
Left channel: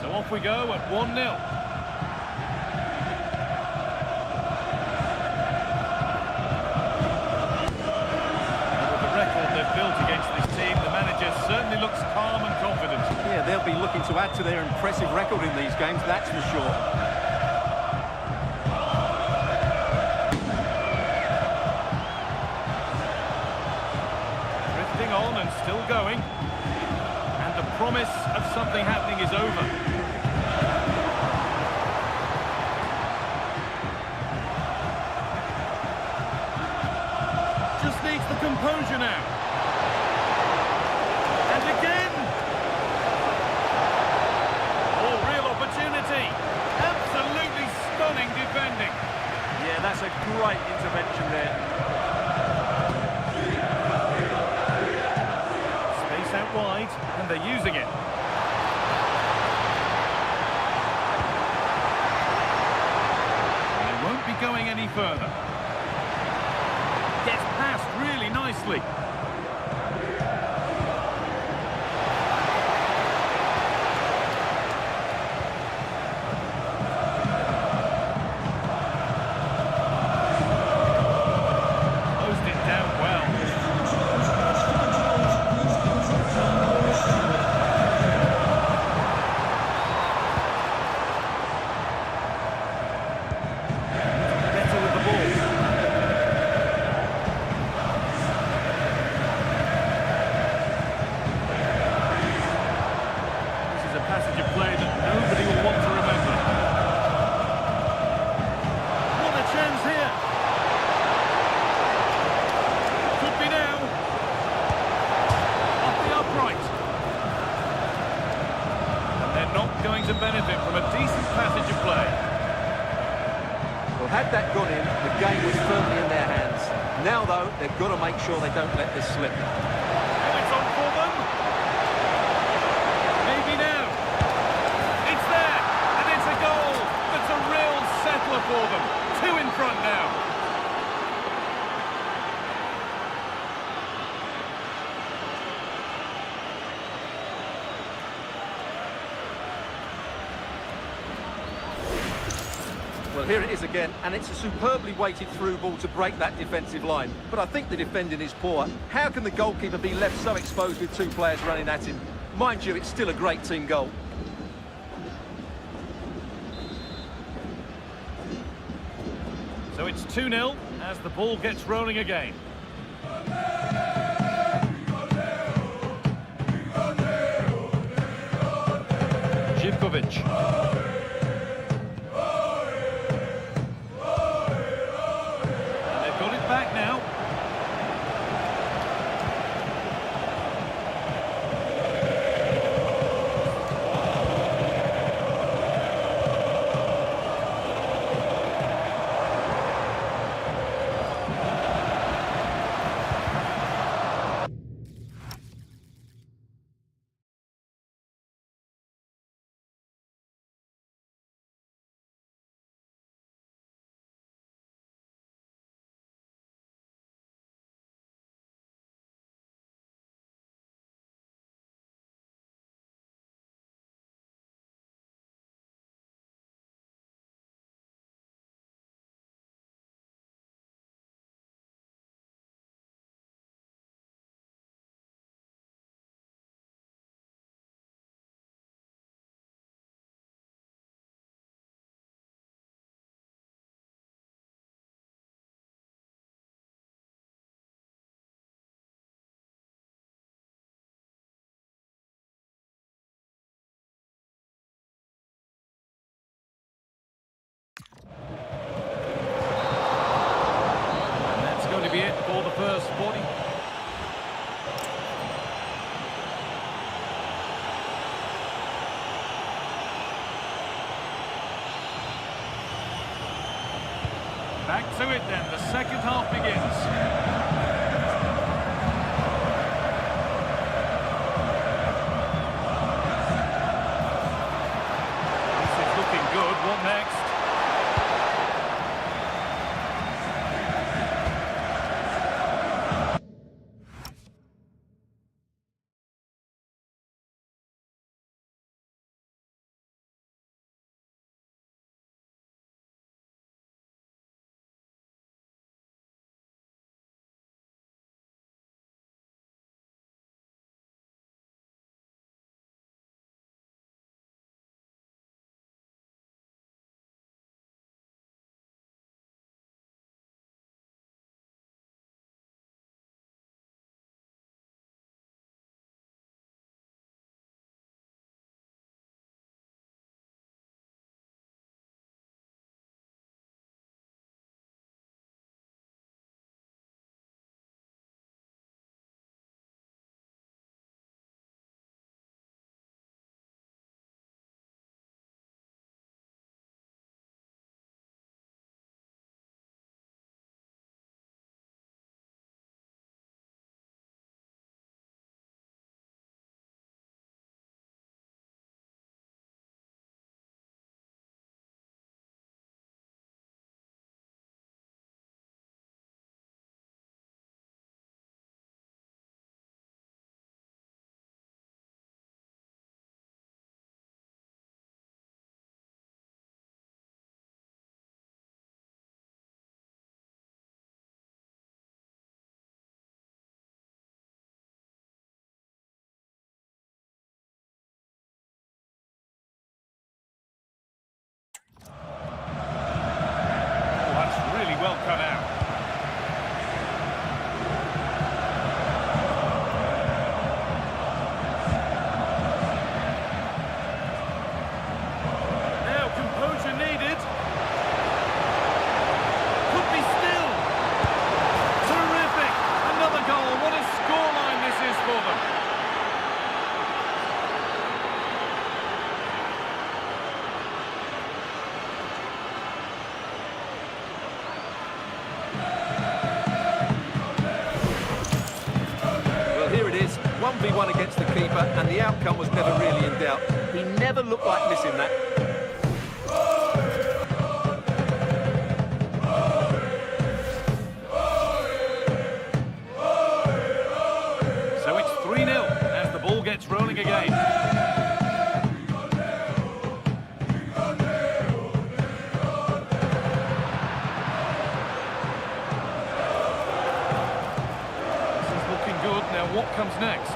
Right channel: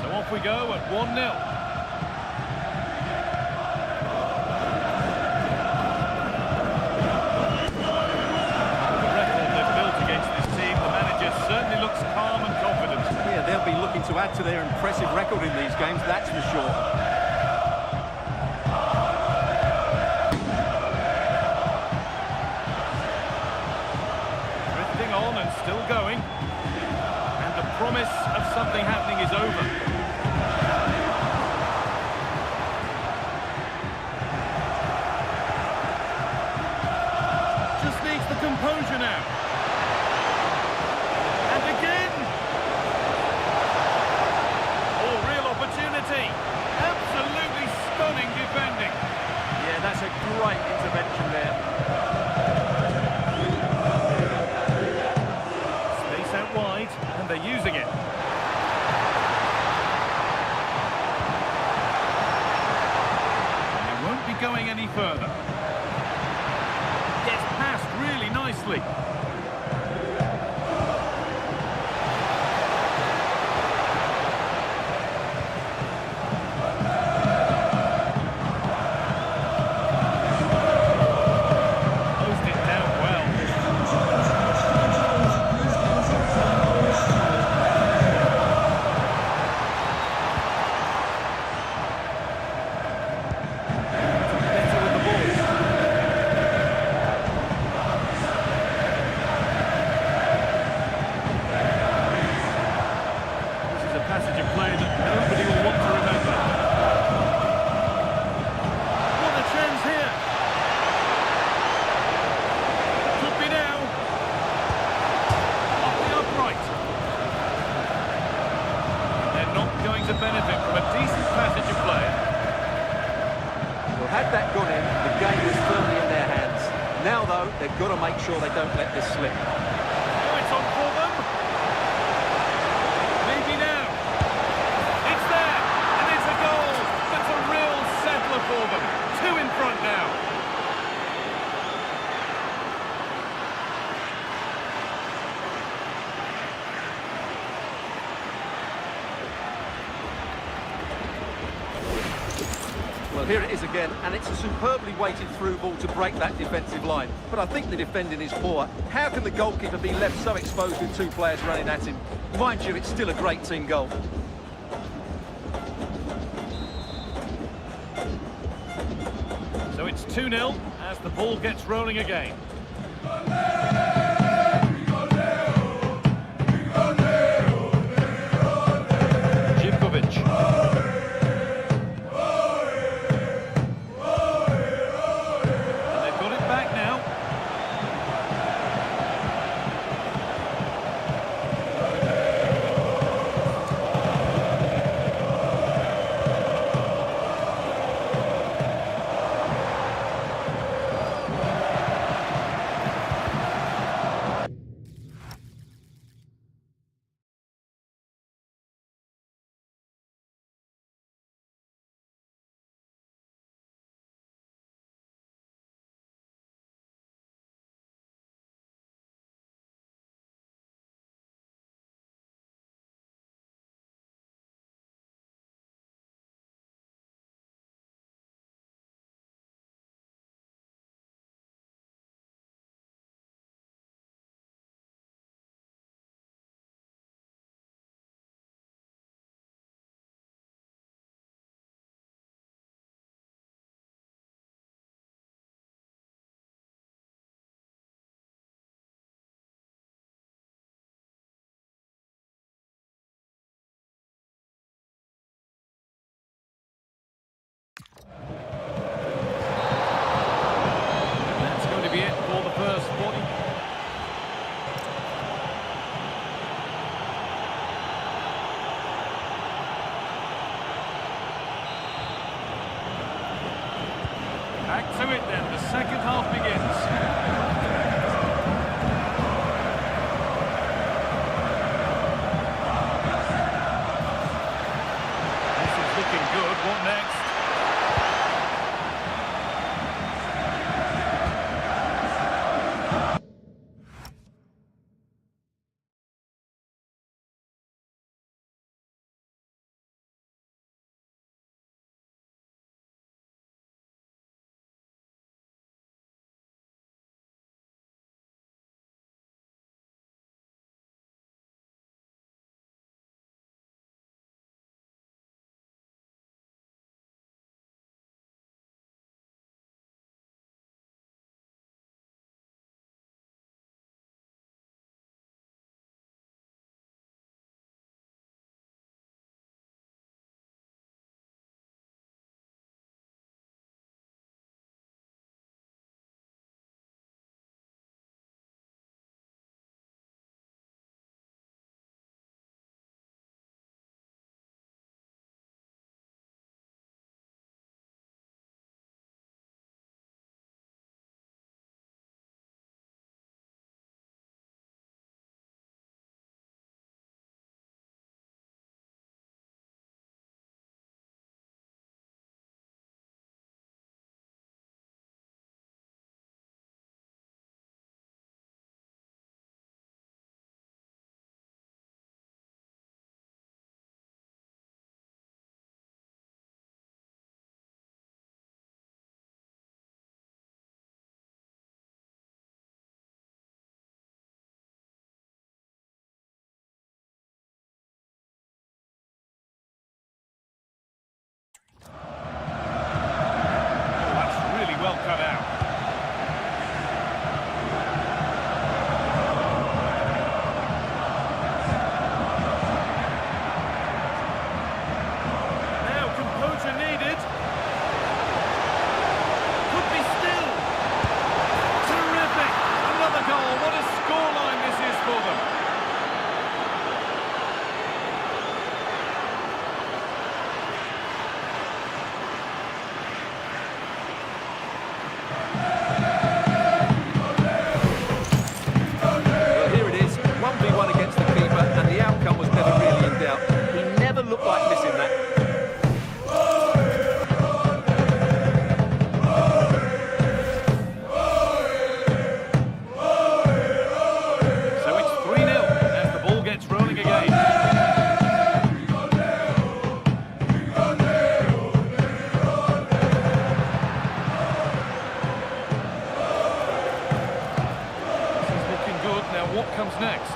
So off we go at 1-0. Certainly looks calm and confident. Yeah, they'll be looking to add to their impressive record in these games, that's for sure. Drifting on and still going. And the promise of something happening is over. Just needs the composure now. Again! Oh, real opportunity! Absolutely stunning defending. Yeah, that's a great intervention there. Space out wide, and they're using it. And they won't be going any further. Gets past really nicely. Passage of play that nobody will want to remember. What a chance here! Could be now. Off the upright. And they're not going to benefit from a decent passage of play. Well, had that gone in, the game was firmly in their hands. Now, though, they've got to make sure they don't let this slip. Oh, it's on for them. Maybe now. It's there, and it's a goal. That's a real settler for them. 2 in front now. Well, here it is again, and it's a superbly weighted through ball to break that defensive line. But I think the defending is poor. How can the goalkeeper be left so exposed with 2 players running at him? Mind you, it's still a great team goal. So it's 2-0 as the ball gets rolling again. Zivkovic. Back now. first 40. Back to it then, the second half begins. This is looking good, what next? Really well cut out. Now composure needed. Could be still. Terrific. Another goal. What a scoreline this is for them. Against the keeper, and the outcome was never really in doubt. He never looked like missing that. So it's 3-0 as the ball gets rolling again. This is looking good. Now what comes next?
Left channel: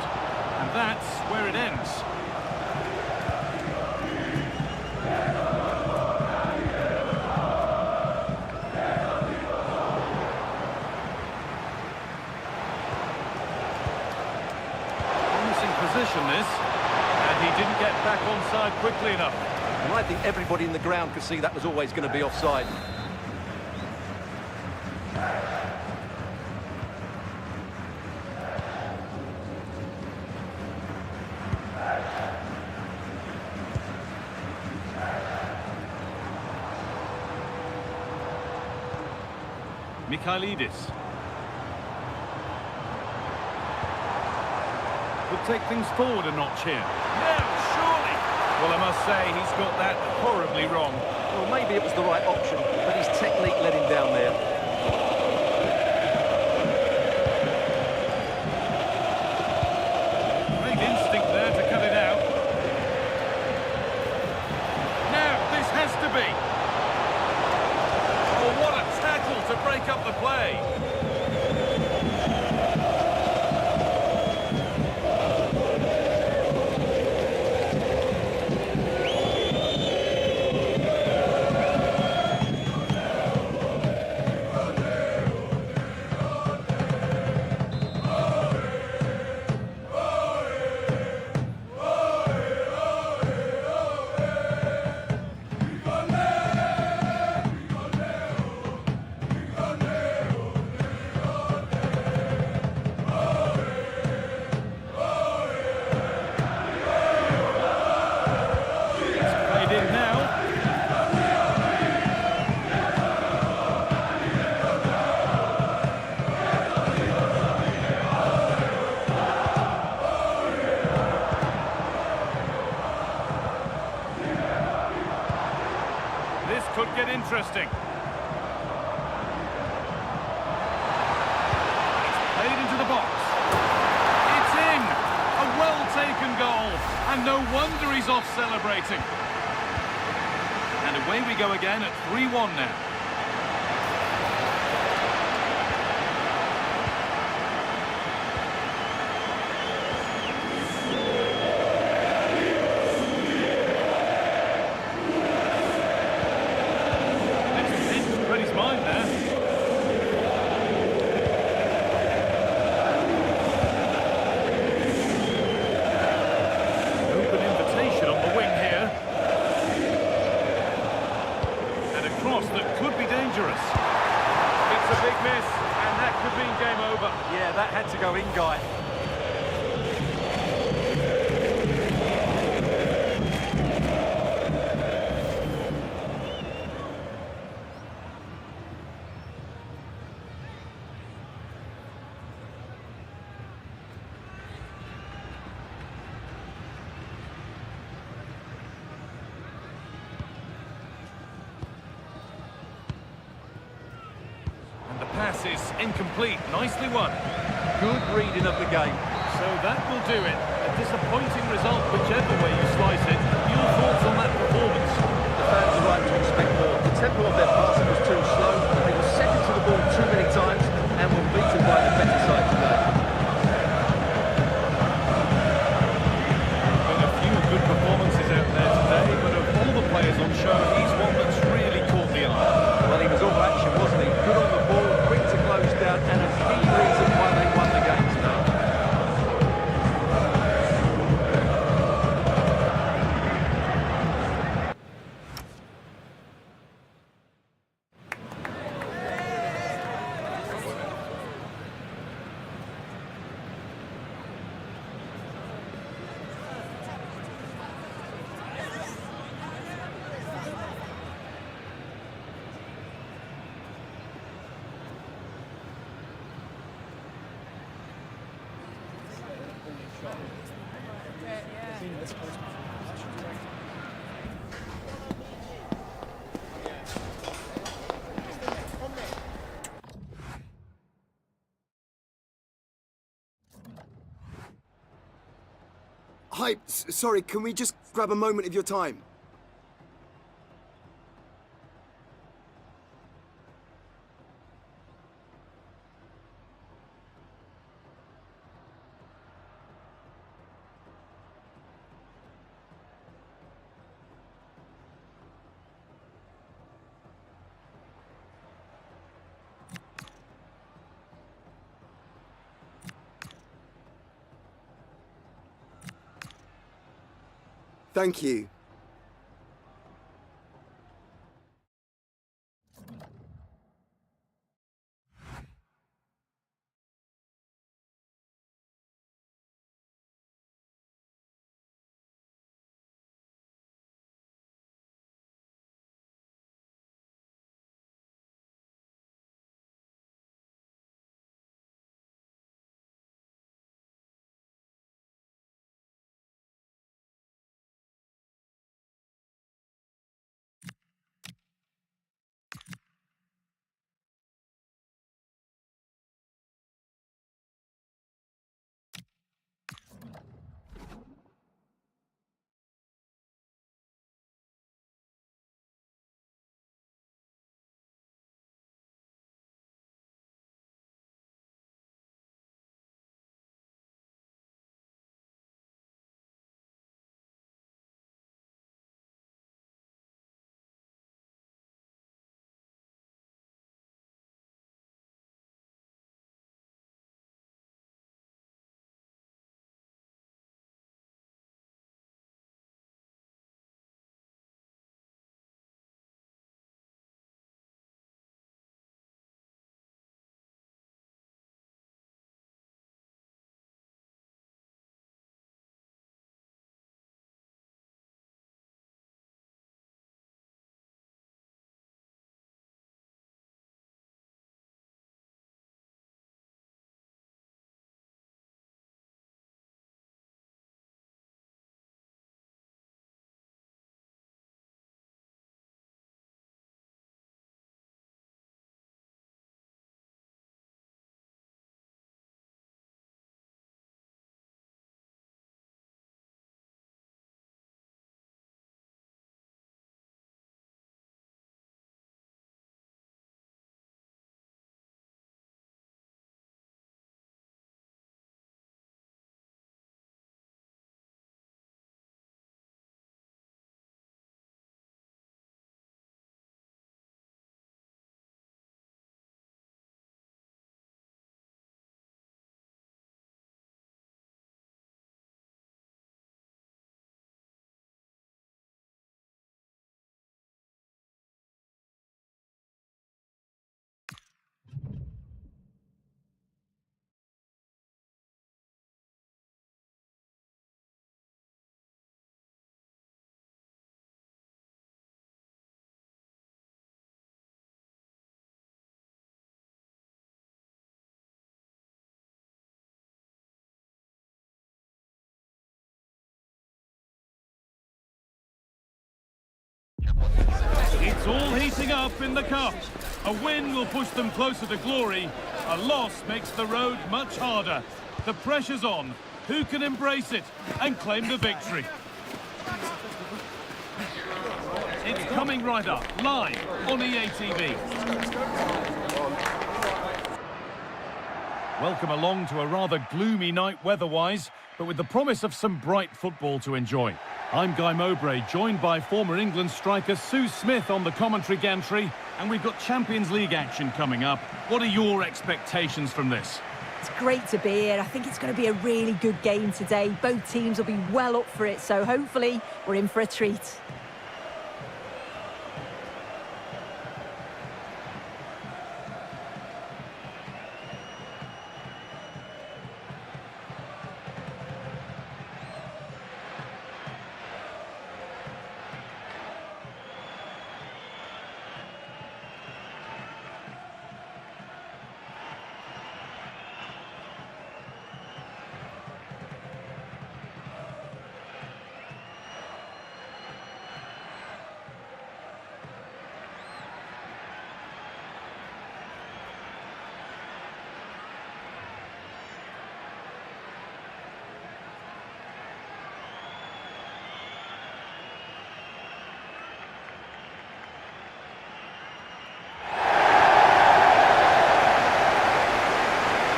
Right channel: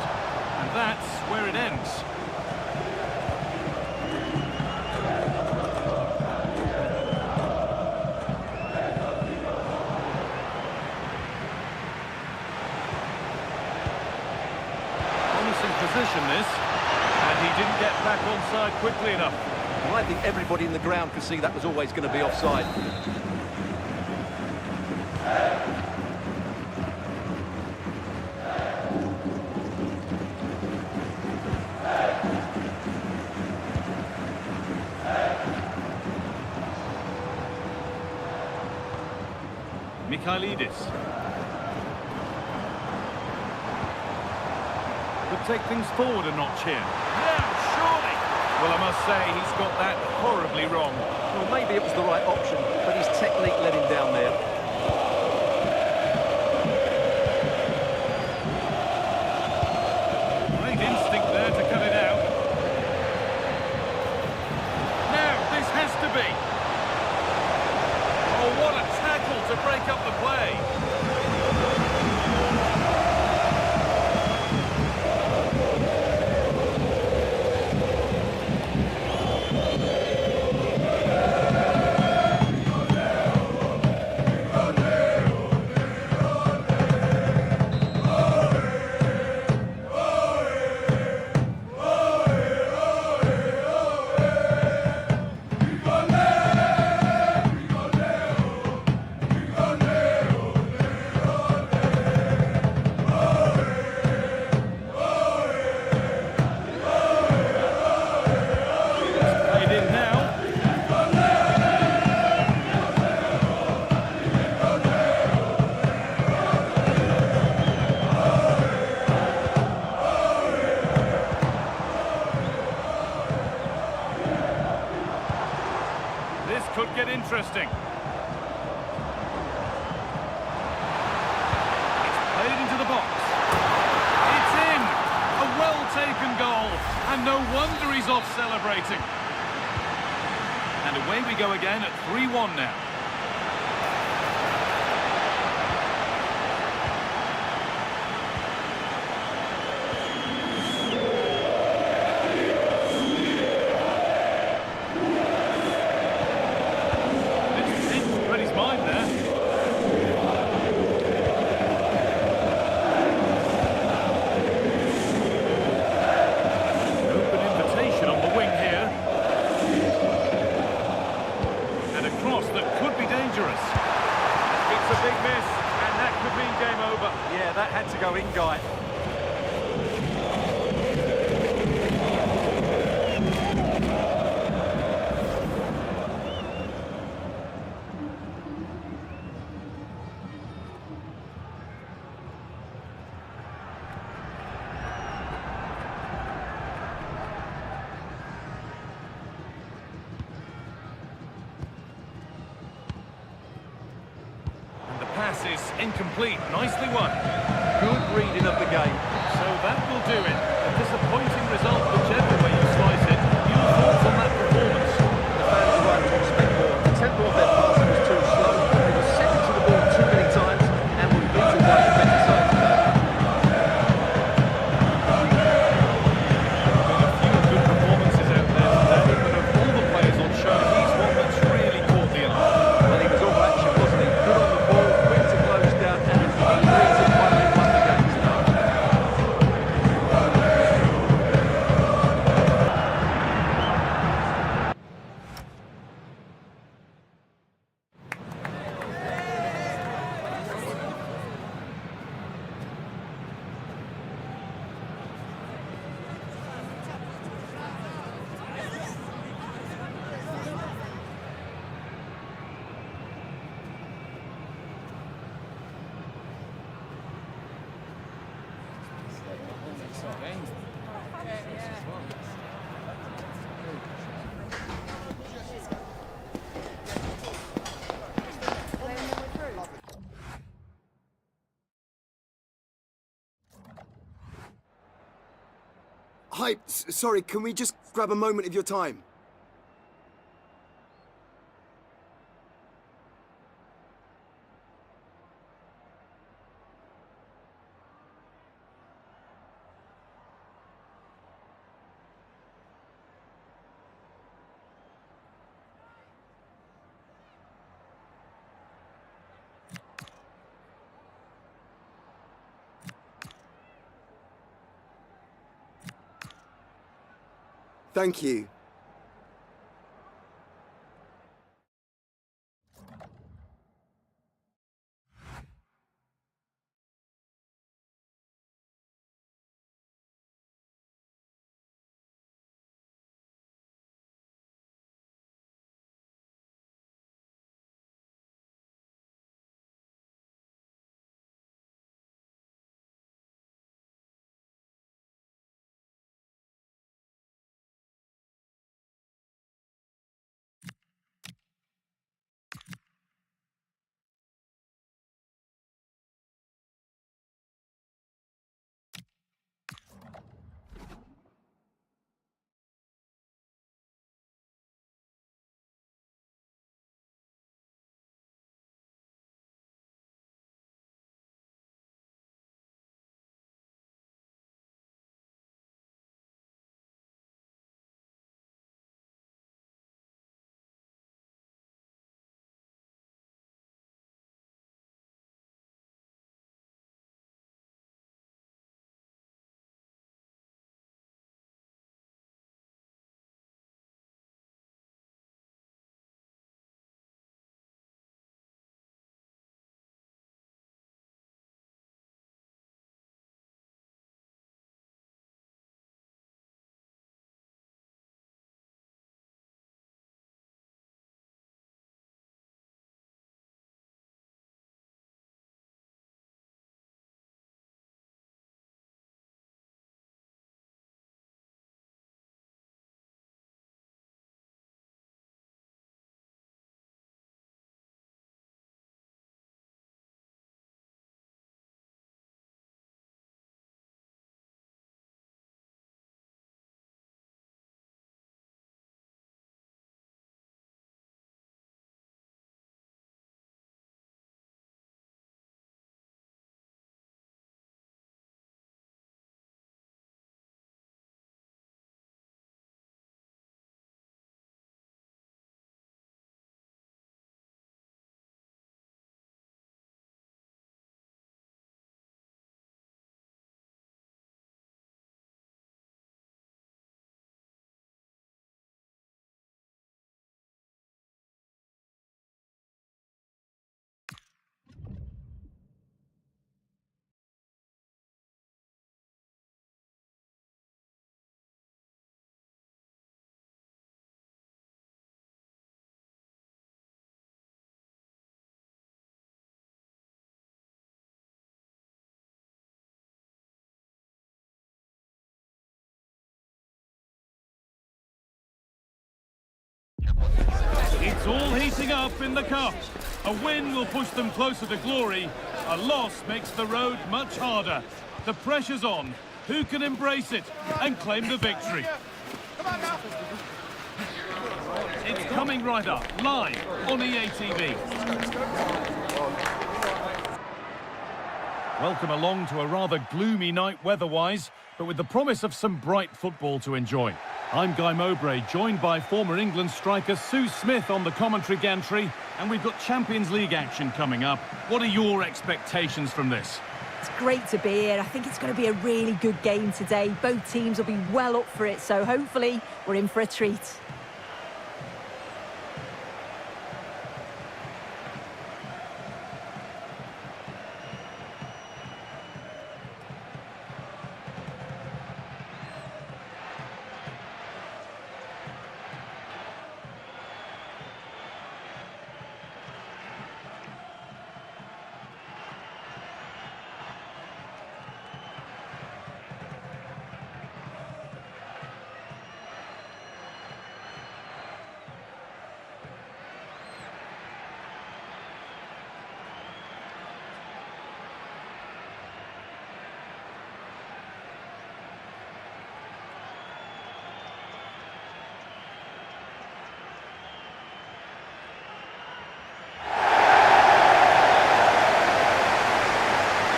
And that's where it ends. Promising position this, and he didn't get back onside quickly enough. And I think everybody in the ground could see that was always going to be offside. Mikhailidis. Could take things forward a notch here. Now, surely! Well, I must say, he's got that horribly wrong. Well, maybe it was the right option, but his technique let him down there. Great instinct there to cut it out. Now, this has to be. Oh, what a tackle to break up the play. interesting. It's played into the box. It's in! A well-taken goal, and no wonder he's off celebrating. And away we go again at 3-1 now. It's a big miss, and that could mean game over. Yeah, that had to go in, Guy. The pass is incomplete. Nicely won. Good reading of the game. So that will do it. A disappointing result, whichever way you slice it. Your thoughts on that performance? The fans are right to expect more. The tempo of their passing was too slow. They were second to the ball too many times and were beaten by the better side today. There have been a few good performances out there today, but of all the players on show, he's one that's really caught the eye. Well, he was all action, wasn't he? Good on the ball, quick to close down, and a key reason why they won the game today. Hi, sorry, can we just grab a moment of your time? Thank you. It's all heating up in the cup. A win will push them closer to glory. A loss makes the road much harder. The pressure's on. Who can embrace it and claim the victory? It's coming right up, live on EA TV. Welcome along to a rather gloomy night weather-wise, but with the promise of some bright football to enjoy. I'm Guy Mowbray, joined by former England striker Sue Smith on the commentary gantry, and we've got Champions League action coming up. What are your expectations from this? It's great to be here. I think it's going to be a really good game today. Both teams will be well up for it, so hopefully we're in for a treat.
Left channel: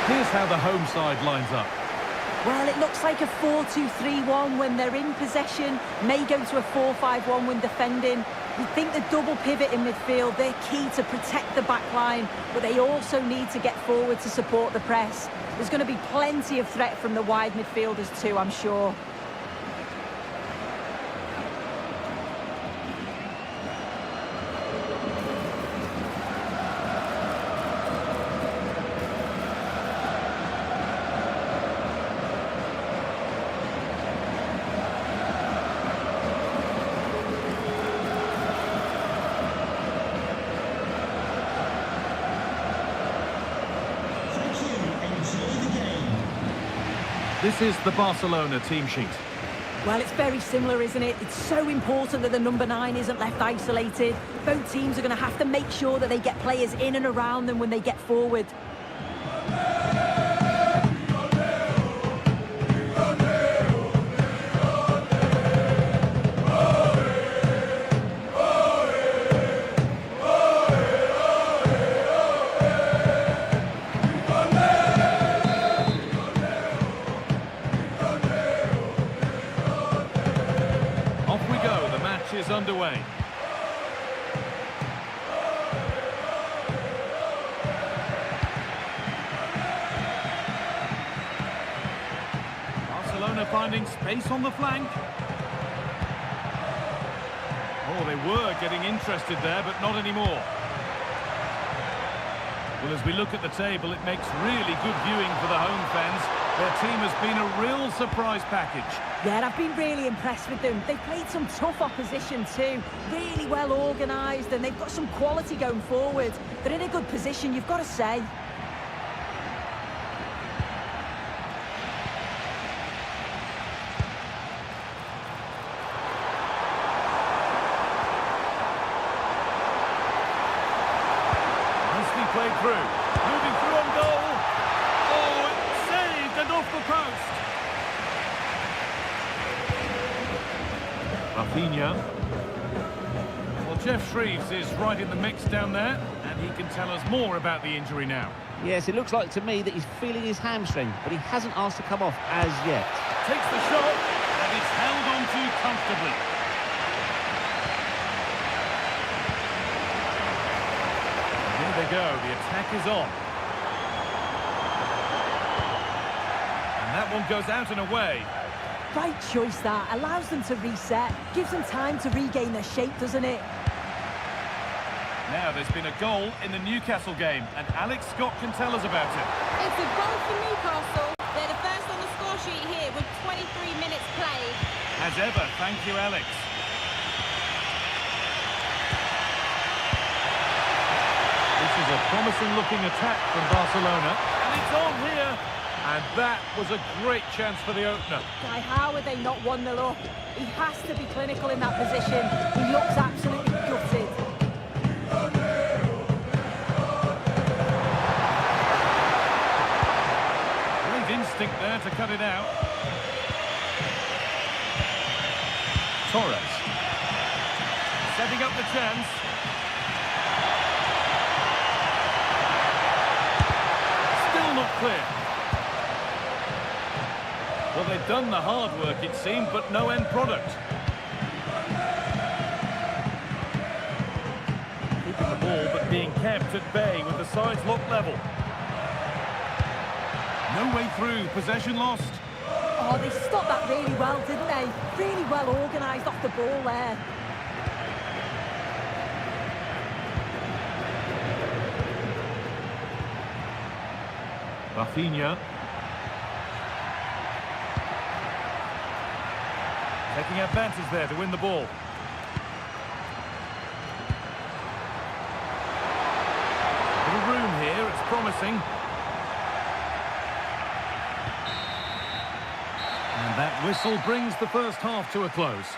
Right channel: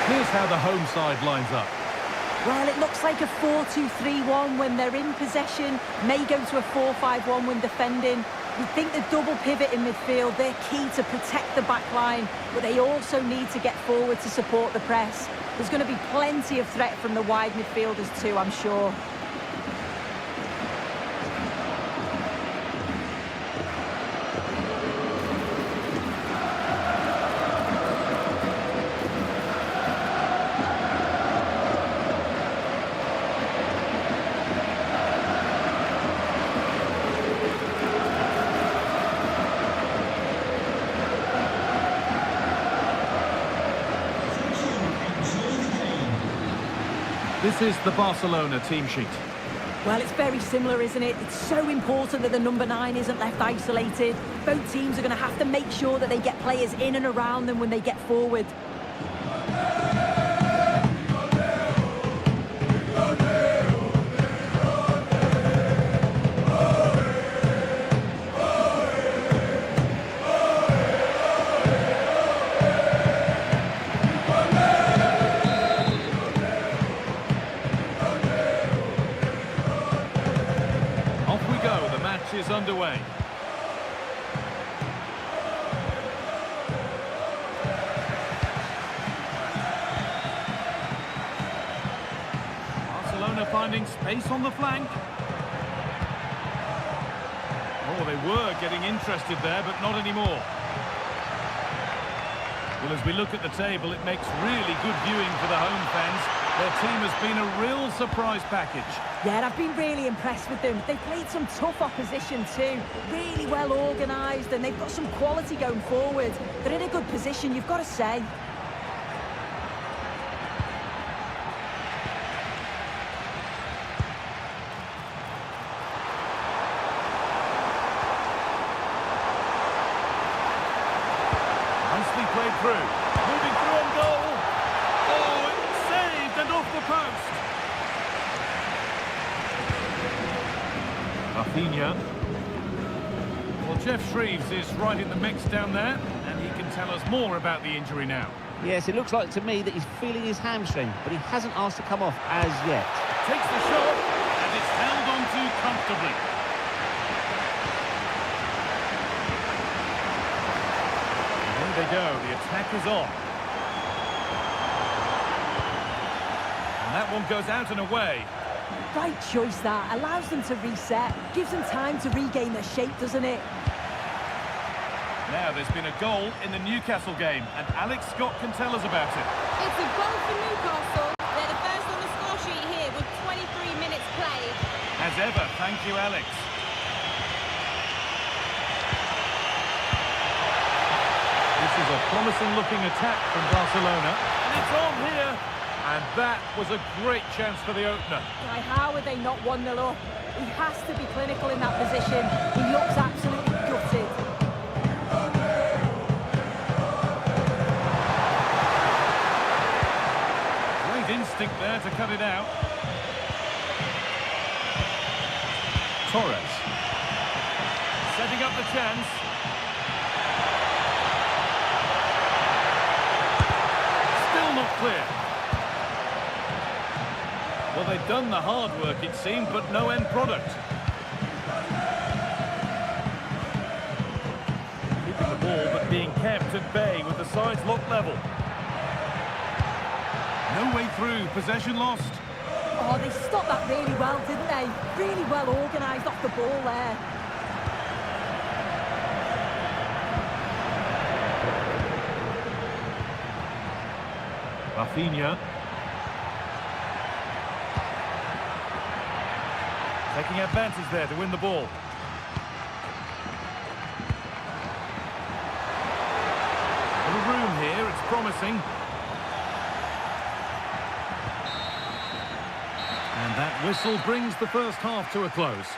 Here's how the home side lines up. Well, it looks like a 4-2-3-1 when they're in possession, may go to a 4-5-1 when defending. You think the double pivot in midfield, they're key to protect the back line, but they also need to get forward to support the press. There's going to be plenty of threat from the wide midfielders too, I'm sure. This is the Barcelona team sheet. Well, it's very similar, isn't it? It's so important that the number 9 isn't left isolated. Both teams are going to have to make sure that they get players in and around them when they get forward. Is underway. Barcelona finding space on the flank. Oh, they were getting interested there, but not anymore. Well, as we look at the table, it makes really good viewing for the home fans. Their team has been a real surprise package. Yeah, I've been really impressed with them. They've played some tough opposition too, really well organised, and they've got some quality going forward. They're in a good position, you've got to say. Nicely played through. Moving through on goal. Oh, it's saved and off the post. Rafinha. Well, Jeff Shreves is right in the mix down there, and he can tell us more about the injury now. Yes, it looks like to me that he's feeling his hamstring, but he hasn't asked to come off as yet. Takes the shot, and it's held onto comfortably. And here they go, the attack is on. And that one goes out and away. Right choice that, allows them to reset, gives them time to regain their shape, doesn't it? Now there's been a goal in the Newcastle game, and Alex Scott can tell us about it. It's a goal for Newcastle. They're the first on the score sheet here with 23 minutes played. As ever, thank you, Alex. This is a promising-looking attack from Barcelona, and it's on here. And that was a great chance for the opener. Guy, how are they not 1-0 up? He has to be clinical in that position. He looks absolutely gutted. to cut it out. Torres. Setting up the chance. Still not clear. Well, they've done the hard work, it seemed, but no end product. Keeping the ball, but being kept at bay with the sides locked level. No way through, possession lost. Oh, they stopped that really well, didn't they? Really well organised off the ball there. Rafinha. Taking advantage there to win the ball. Little room here, it's promising. And that whistle brings the first half to a close.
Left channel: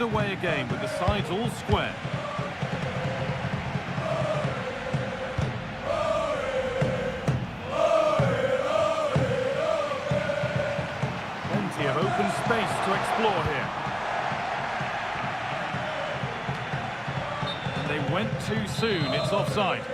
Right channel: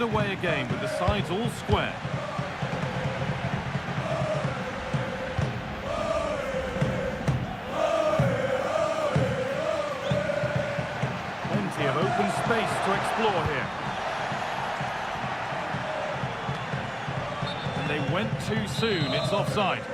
Underway again with the sides all square. Plenty of open space to explore here. And they went too soon, it's offside.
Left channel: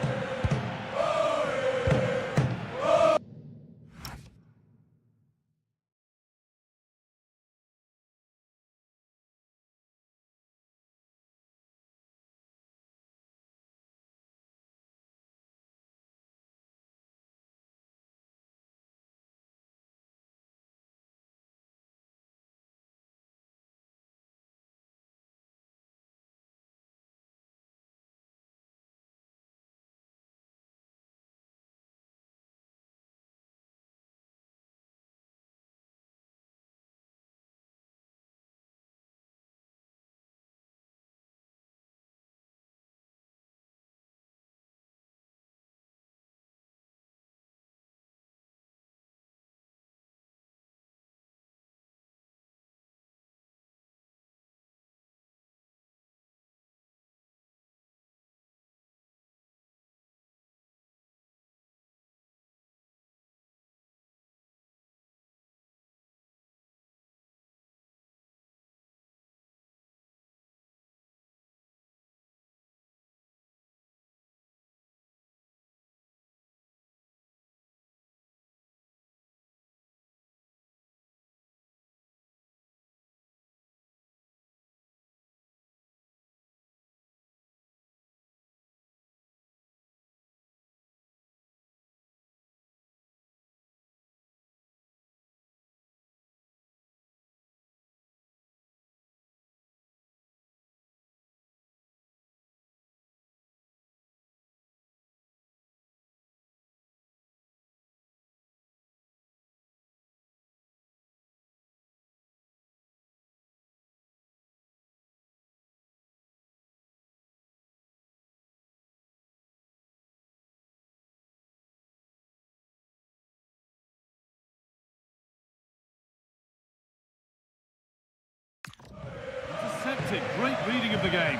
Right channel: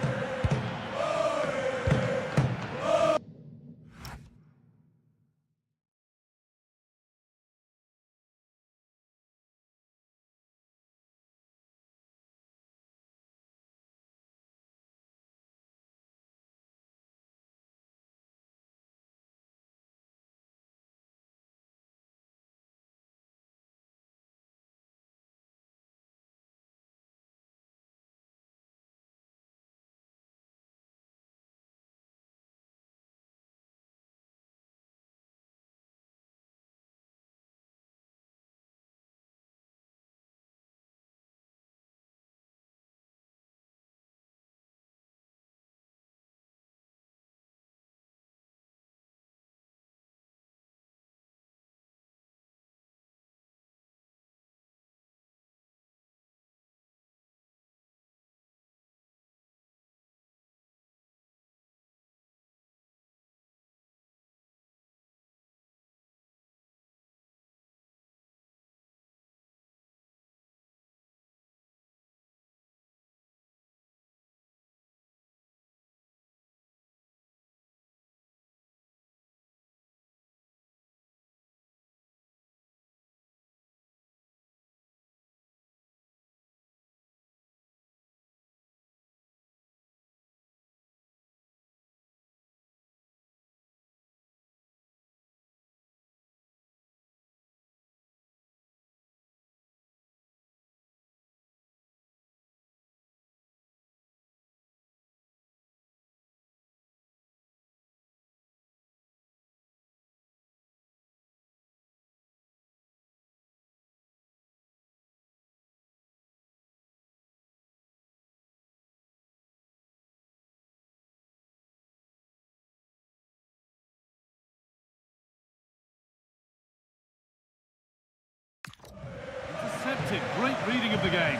spotted. Great reading of the game.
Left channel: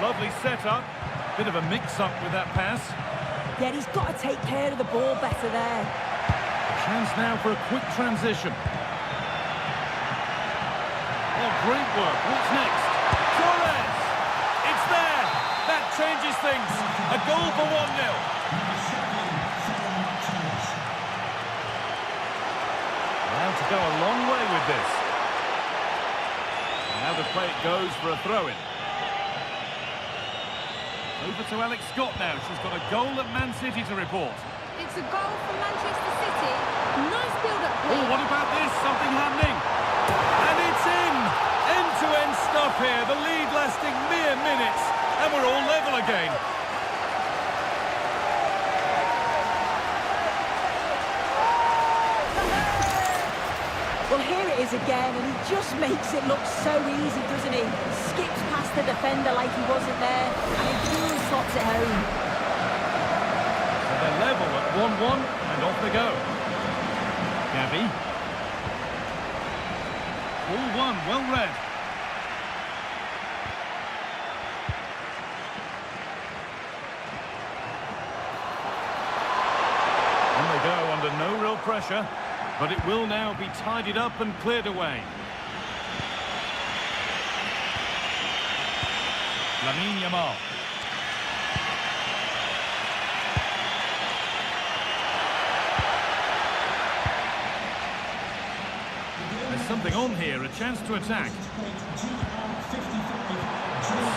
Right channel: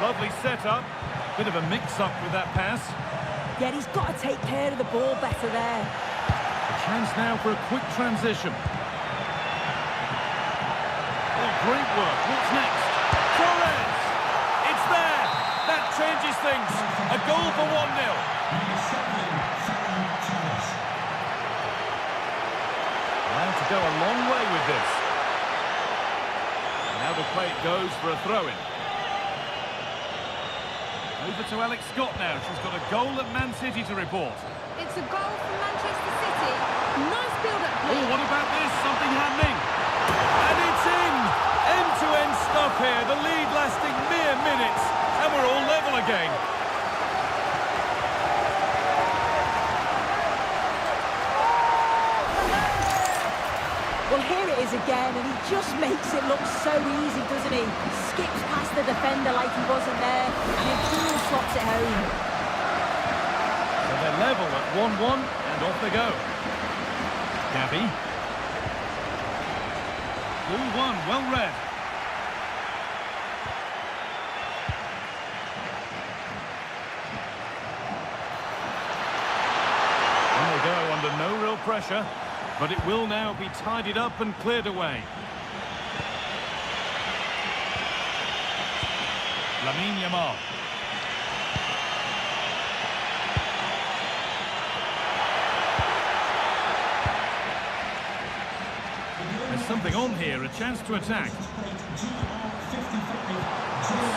Lovely setup. Bit of a mix-up with that pass. Yeah, he's got to take care of the ball better there. A chance now for a quick transition. Oh, great work. What's next? Torres! It's there! That changes things. A goal for 1-0. Allowed to go a long way with this. And now the play it goes for a throw-in. Over to Alex Scott now. She's got a goal at Man City to report. It's a goal from Manchester City. Nice build-up play. Oh, what about this? Something happening. And it's in! End-to-end stuff here. The lead lasting mere minutes. And we're all level again. Well, here it is again, and he just makes it look so easy, doesn't he? Skips past the defender like he wasn't there, and he cool slots it home. So they're level at 1-1, and off they go. Gabby. Ball one, well read. On they go under no real pressure, but it will now be tidied up and cleared away. Lamine Yamal. There's something on here, a chance to attack.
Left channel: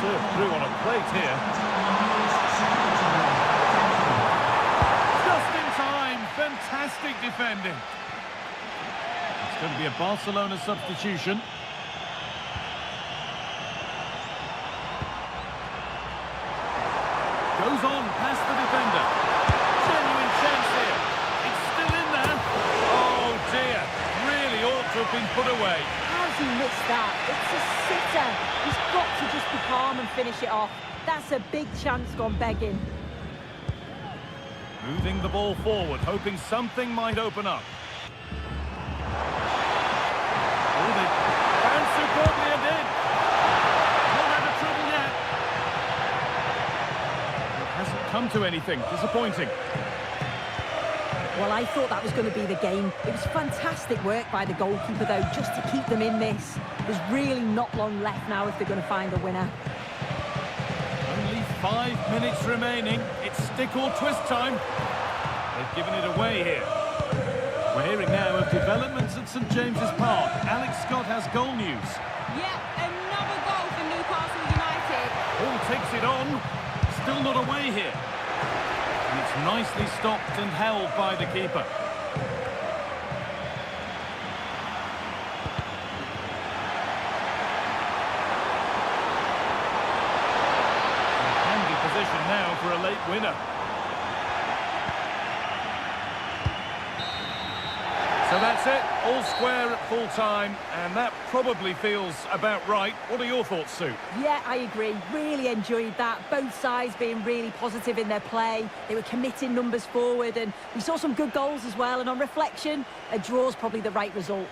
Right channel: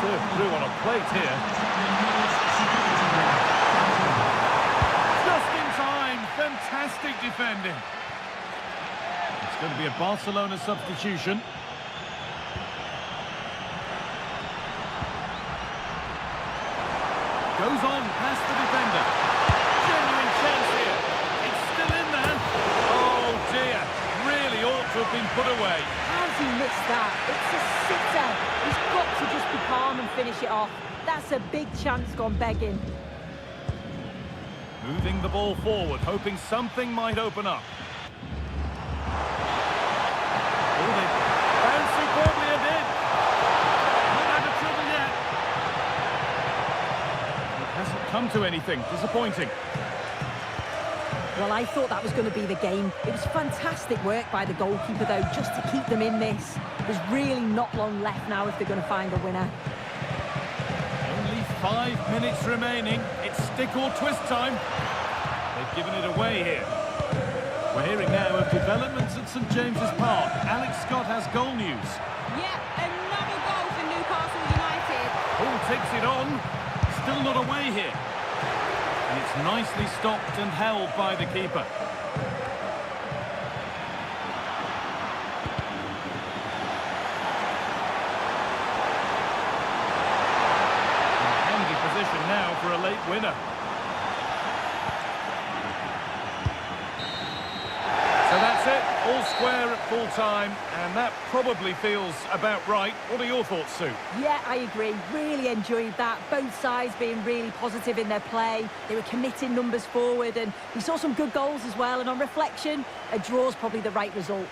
Served through on a plate here. Just in time, fantastic defending. It's going to be a Barcelona substitution. Goes on past the defender. Genuine chance here. It's still in there. Oh dear. Really ought to have been put away. How's he missed that? It's a sitter. He's got to just be calm and finish it off. That's a big chance gone begging. Moving the ball forward, hoping something might open up. Oh, they bounced superbly and in. Not out of trouble yet. It hasn't come to anything. Disappointing. Well, I thought that was going to be the game. It was fantastic work by the goalkeeper, though, just to keep them in this. There's really not long left now if they're going to find a winner. Only 5 minutes remaining. It's stick or twist time. They've given it away here. We're hearing now of developments at St James's Park. Alex Scott has goal news. Yep, another goal for Newcastle United. Hall takes it on. Still not away here. And it's nicely stopped and held by the keeper. In handy position now for a late winner. So that's it, all square at full time, and that probably feels about right. What are your thoughts, Sue? Yeah, I agree. Really enjoyed that. Both sides being really positive in their play. They were committing numbers forward, and we saw some good goals as well. And on reflection, a draw's probably the right result.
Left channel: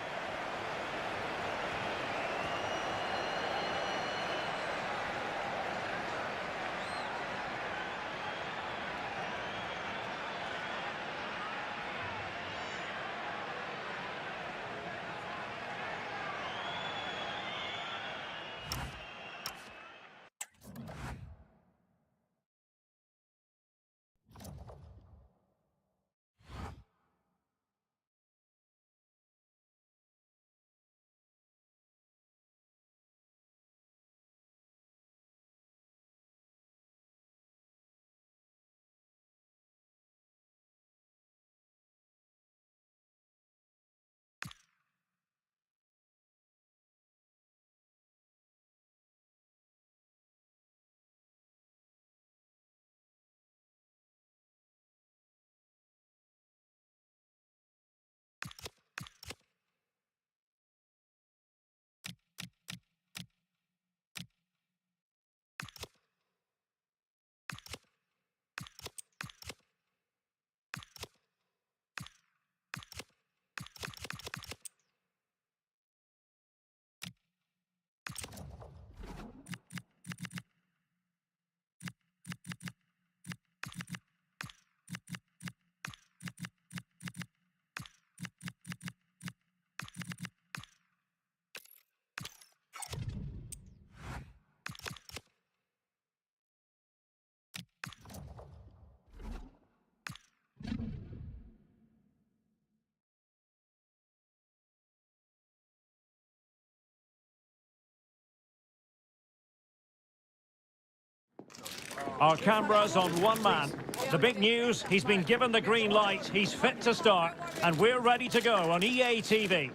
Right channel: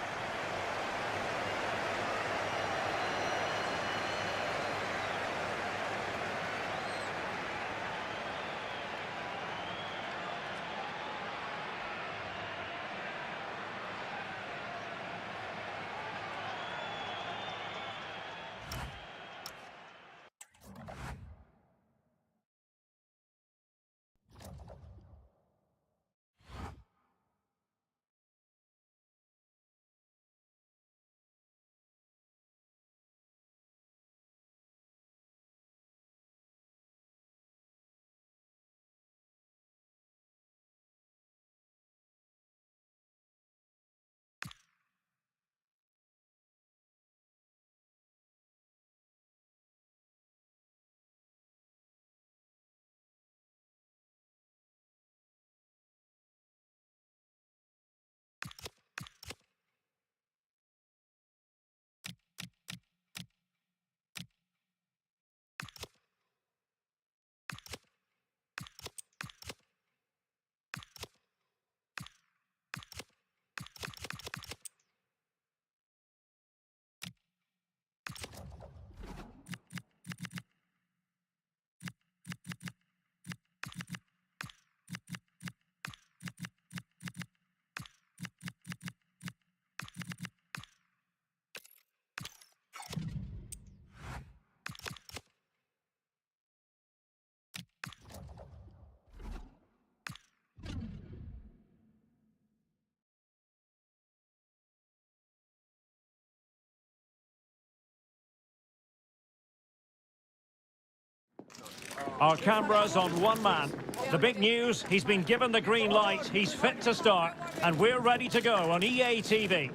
Our cameras on one man. The big news, he's been given the green light, he's fit to start, and we're ready to go on EA TV.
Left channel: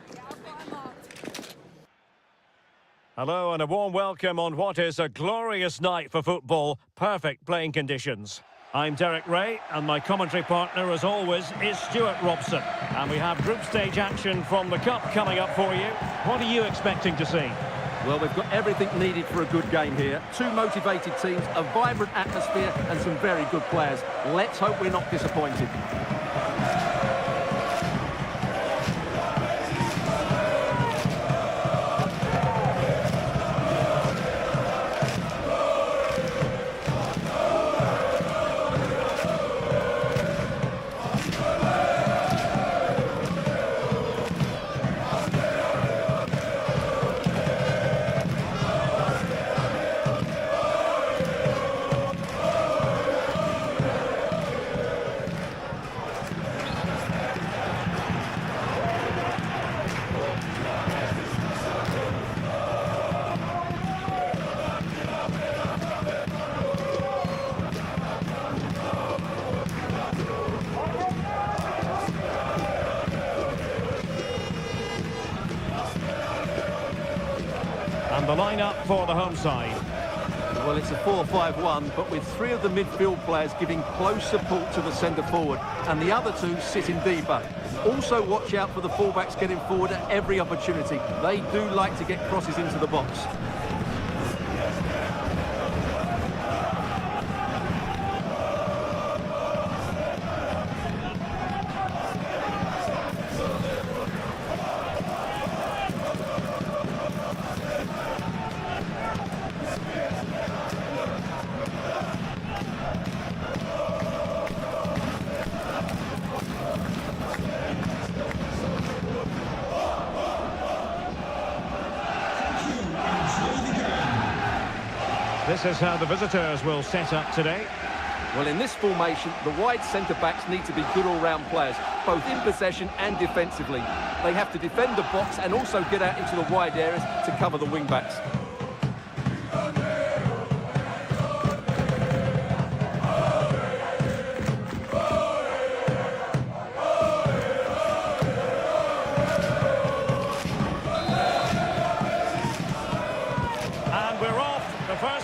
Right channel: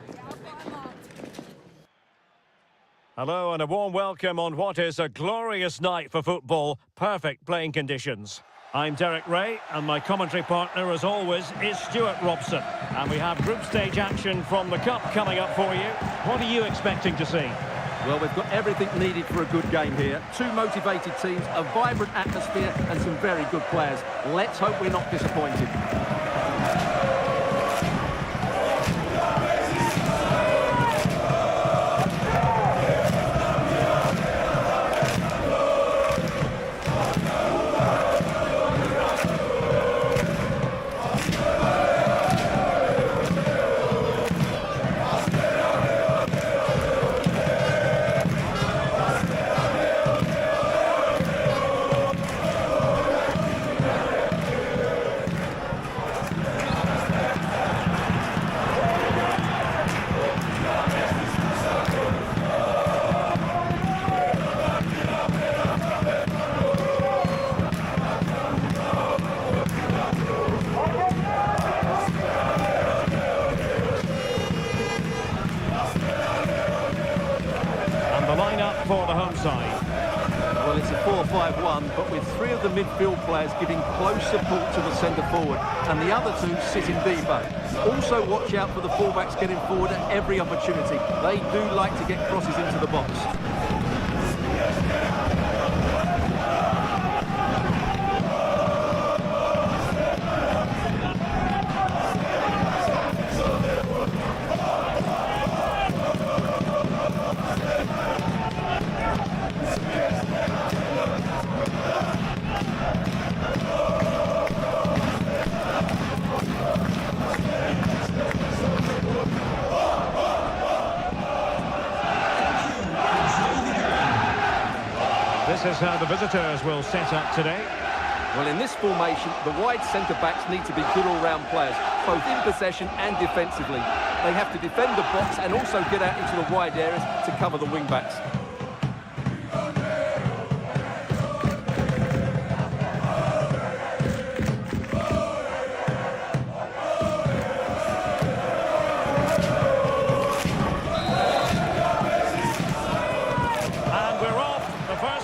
Hello and a warm welcome on what is a glorious night for football. Perfect playing conditions. I'm Derek Ray, and my commentary partner, as always, is Stuart Robson. And we have group stage action from the Cup coming up for you. What are you expecting to see? Well, we've got everything needed for a good game here. Two motivated teams, a vibrant atmosphere and some very good players. Let's hope we're not disappointed. The lineup for the home side. Well, it's a 4-5-1, but with three of the midfield players giving close support to the centre forward, and the other two sitting deeper. Also watch out for the fullbacks getting forward at every opportunity. They do like to get crosses into the box. This is how the visitors will set up today. Well, in this formation, the wide centre-backs need to be good all-round players, both in possession and defensively. They have to defend the box and also get out into the wide areas to cover the wing-backs.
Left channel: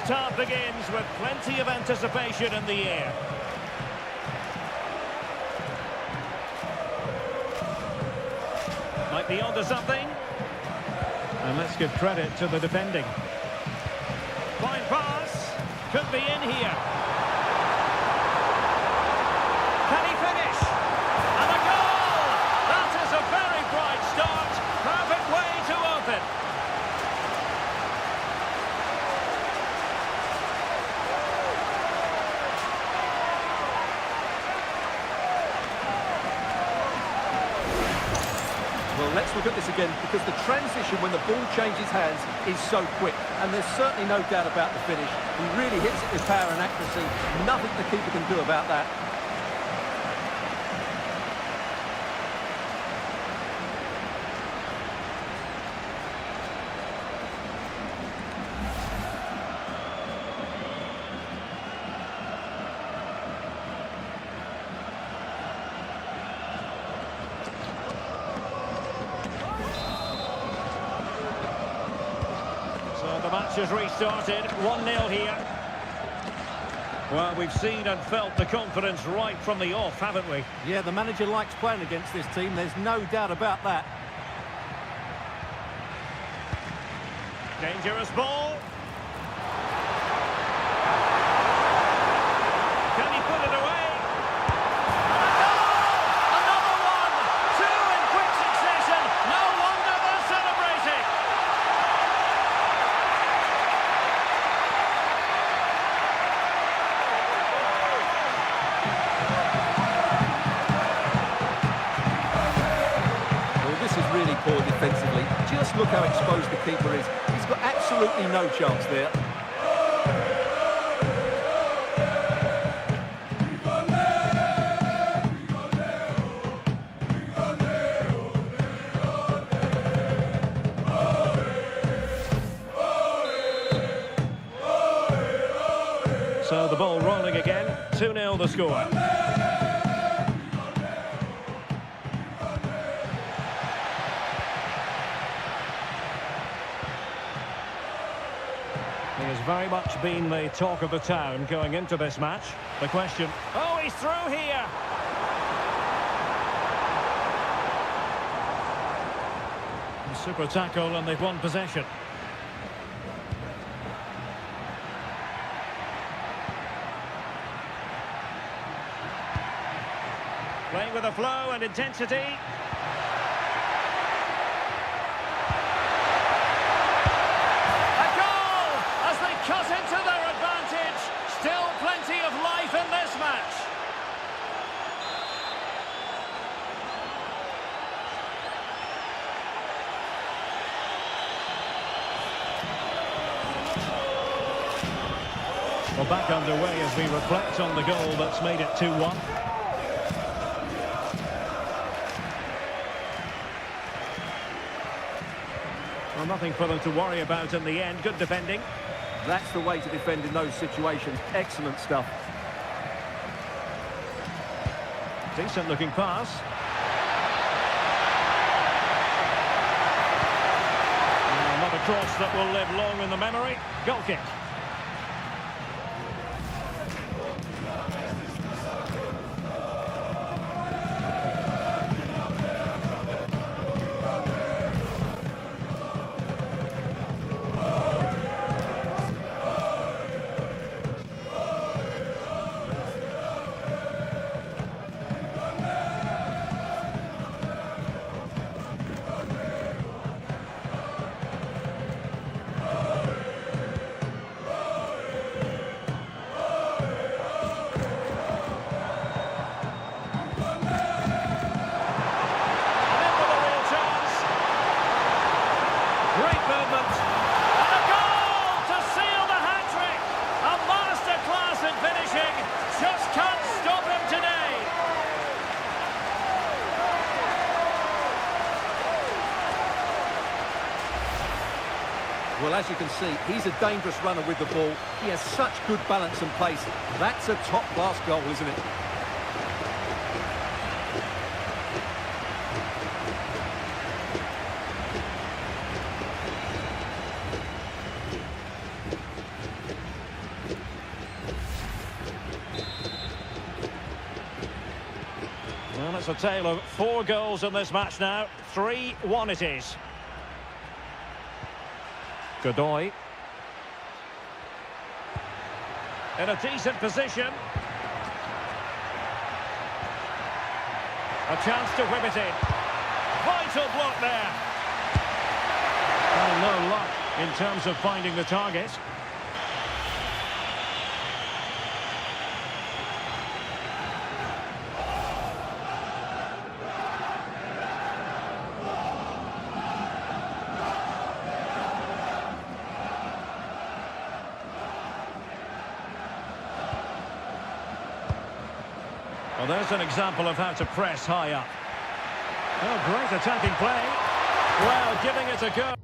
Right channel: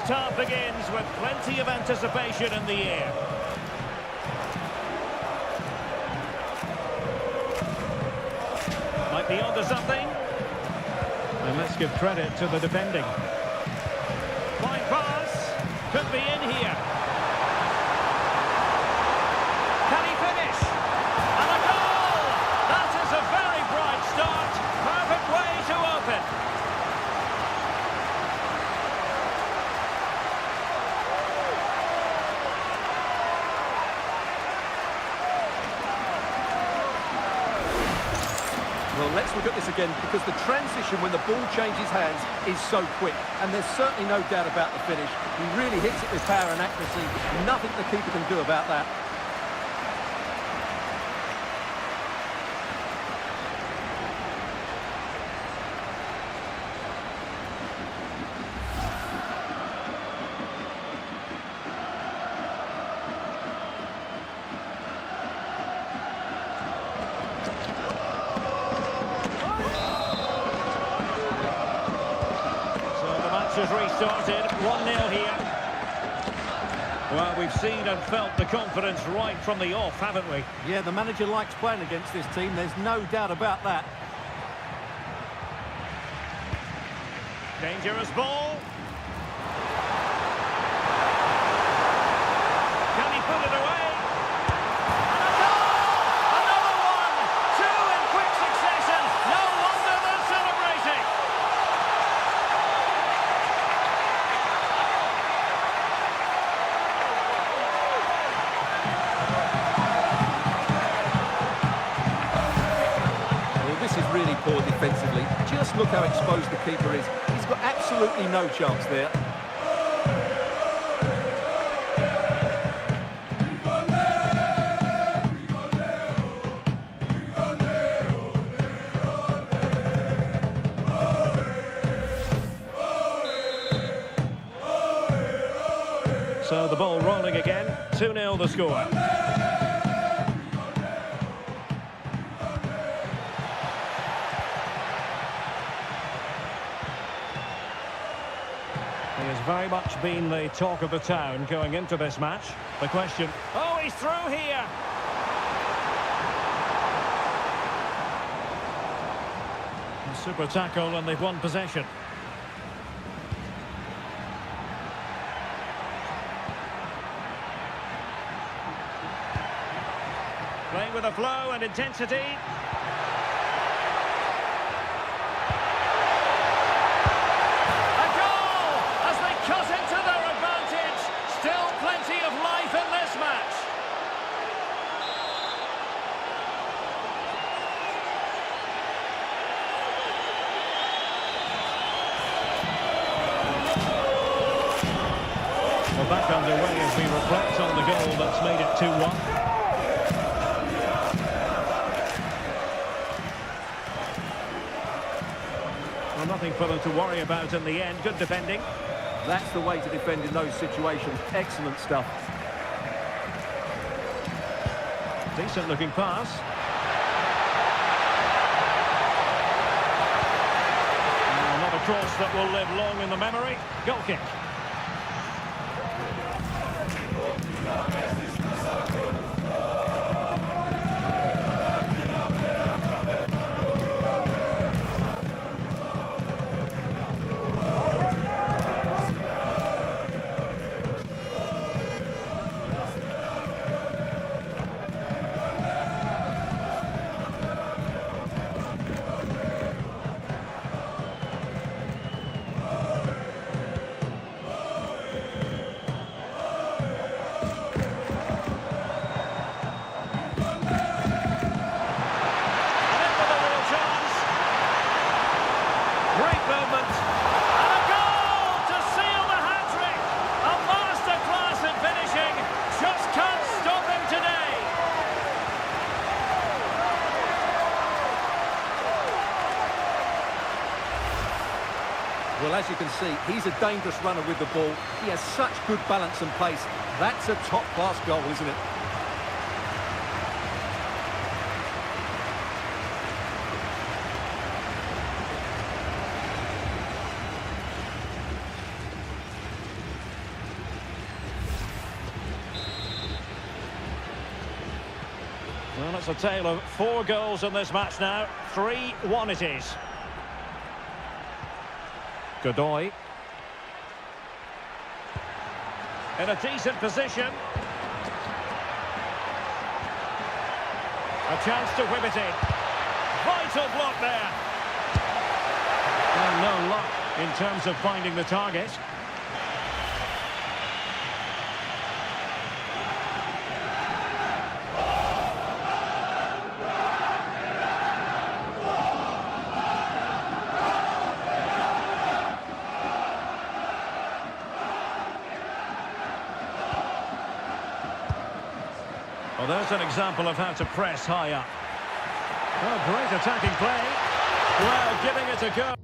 Half begins with plenty of anticipation in the air. Might be onto something. And let's give credit to the defending. Fine pass. Could be in here. Can he finish? And a goal! That is a very bright start. Perfect way to open. Well, let's look at this again, because the transition when the ball changes hands is so quick, and there's certainly no doubt about the finish. He really hits it with power and accuracy. Nothing the keeper can do about that. Has restarted, 1-0 here. Well, we've seen and felt the confidence right from the off, haven't we? Yeah, the manager likes playing against this team, there's no doubt about that. Dangerous ball. Can he put it away? And a goal! Another one! Two in quick succession. No wonder they're celebrating. This is really poor defensively. Just look how exposed the keeper is. He's got absolutely no chance there. So the ball rolls. 2-0 the score. He has very much been the talk of the town going into this match. The question, oh, he's through here! Super tackle, and they've won possession. Playing with a flow and intensity. A goal as they cut into their advantage. Still plenty of life in this match. Well, back underway as we reflect on the goal that's made it 2-1. Well, nothing for them to worry about in the end. Good defending. That's the way to defend in those situations. Excellent stuff. Decent looking pass. Well, not a cross that will live long in the memory. Goal kick. Great movement. And a goal to seal the hat-trick. A masterclass in finishing. Just can't stop him today. Well, as you can see, he's a dangerous runner with the ball. He has such good balance and pace. That's a top-class goal, isn't it? Well, it's a tale of 4 goals in this match now. 3-1 it is. Godoy. In a decent position. A chance to whip it in. Vital block there. Well, no luck in terms of finding the target. Well, there's an example of how to press high up. Oh, great attacking play. Well, giving it a go.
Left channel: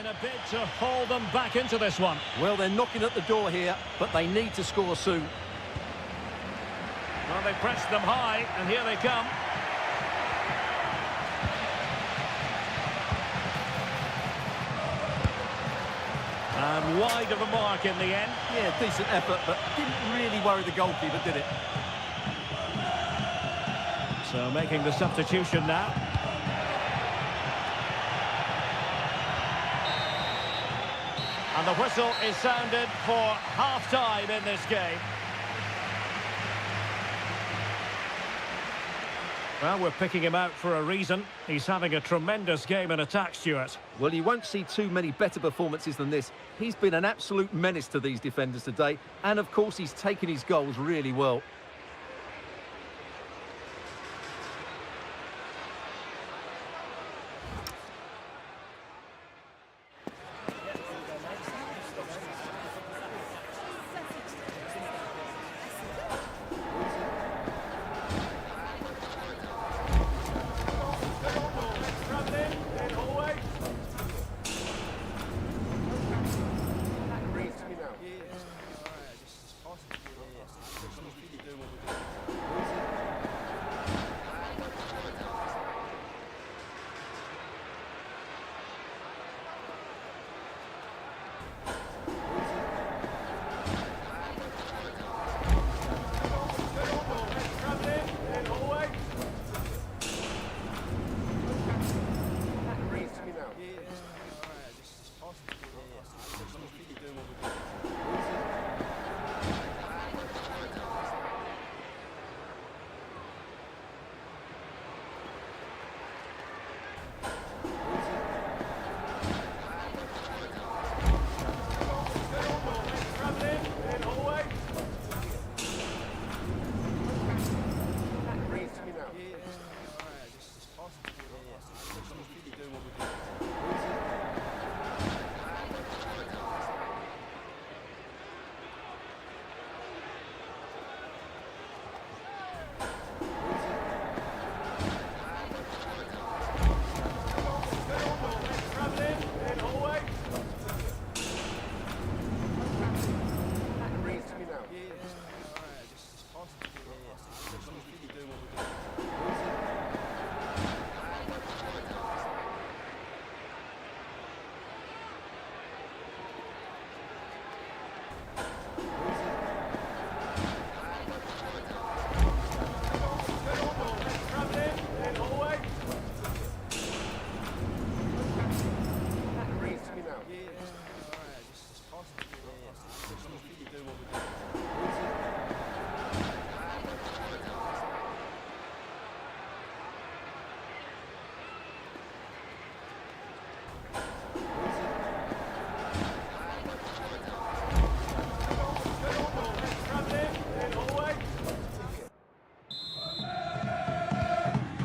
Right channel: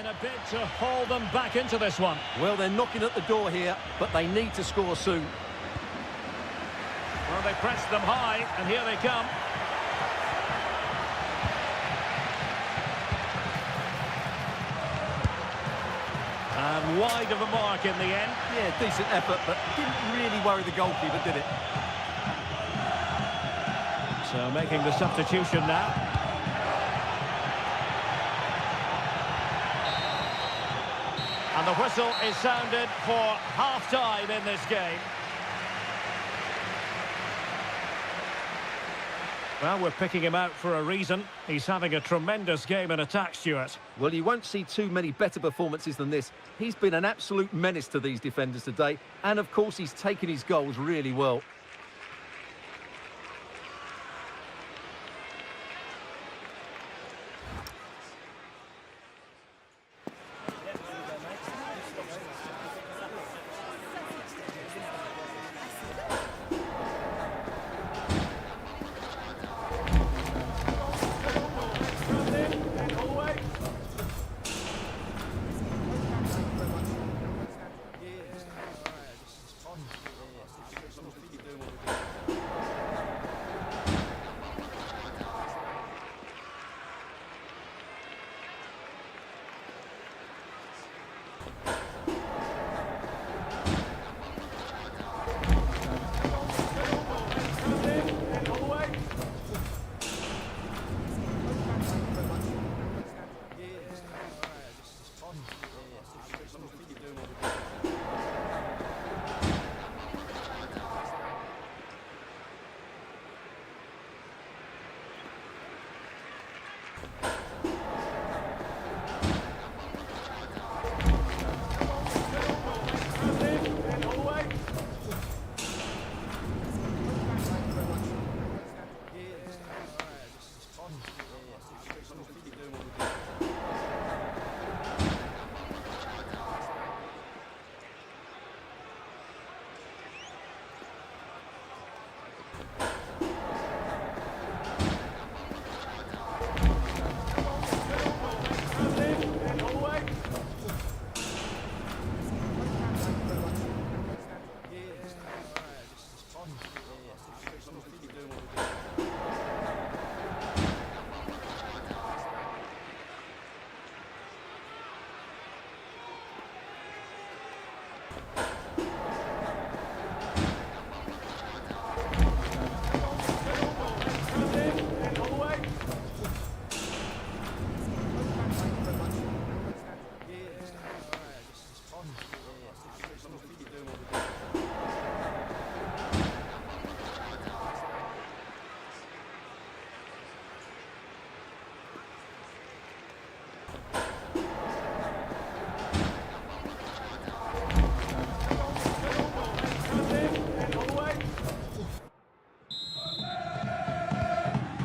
in a bid to haul them back into this one. Well, they're knocking at the door here, but they need to score soon. Well, they pressed them high, and here they come. And wide of a mark in the end. Yeah, decent effort, but didn't really worry the goalkeeper, did it? So making the substitution now. And the whistle is sounded for half-time in this game. Well, we're picking him out for a reason. He's having a tremendous game in attack, Stuart. Well, you won't see too many better performances than this. He's been an absolute menace to these defenders today. And, of course, he's taken his goals really well.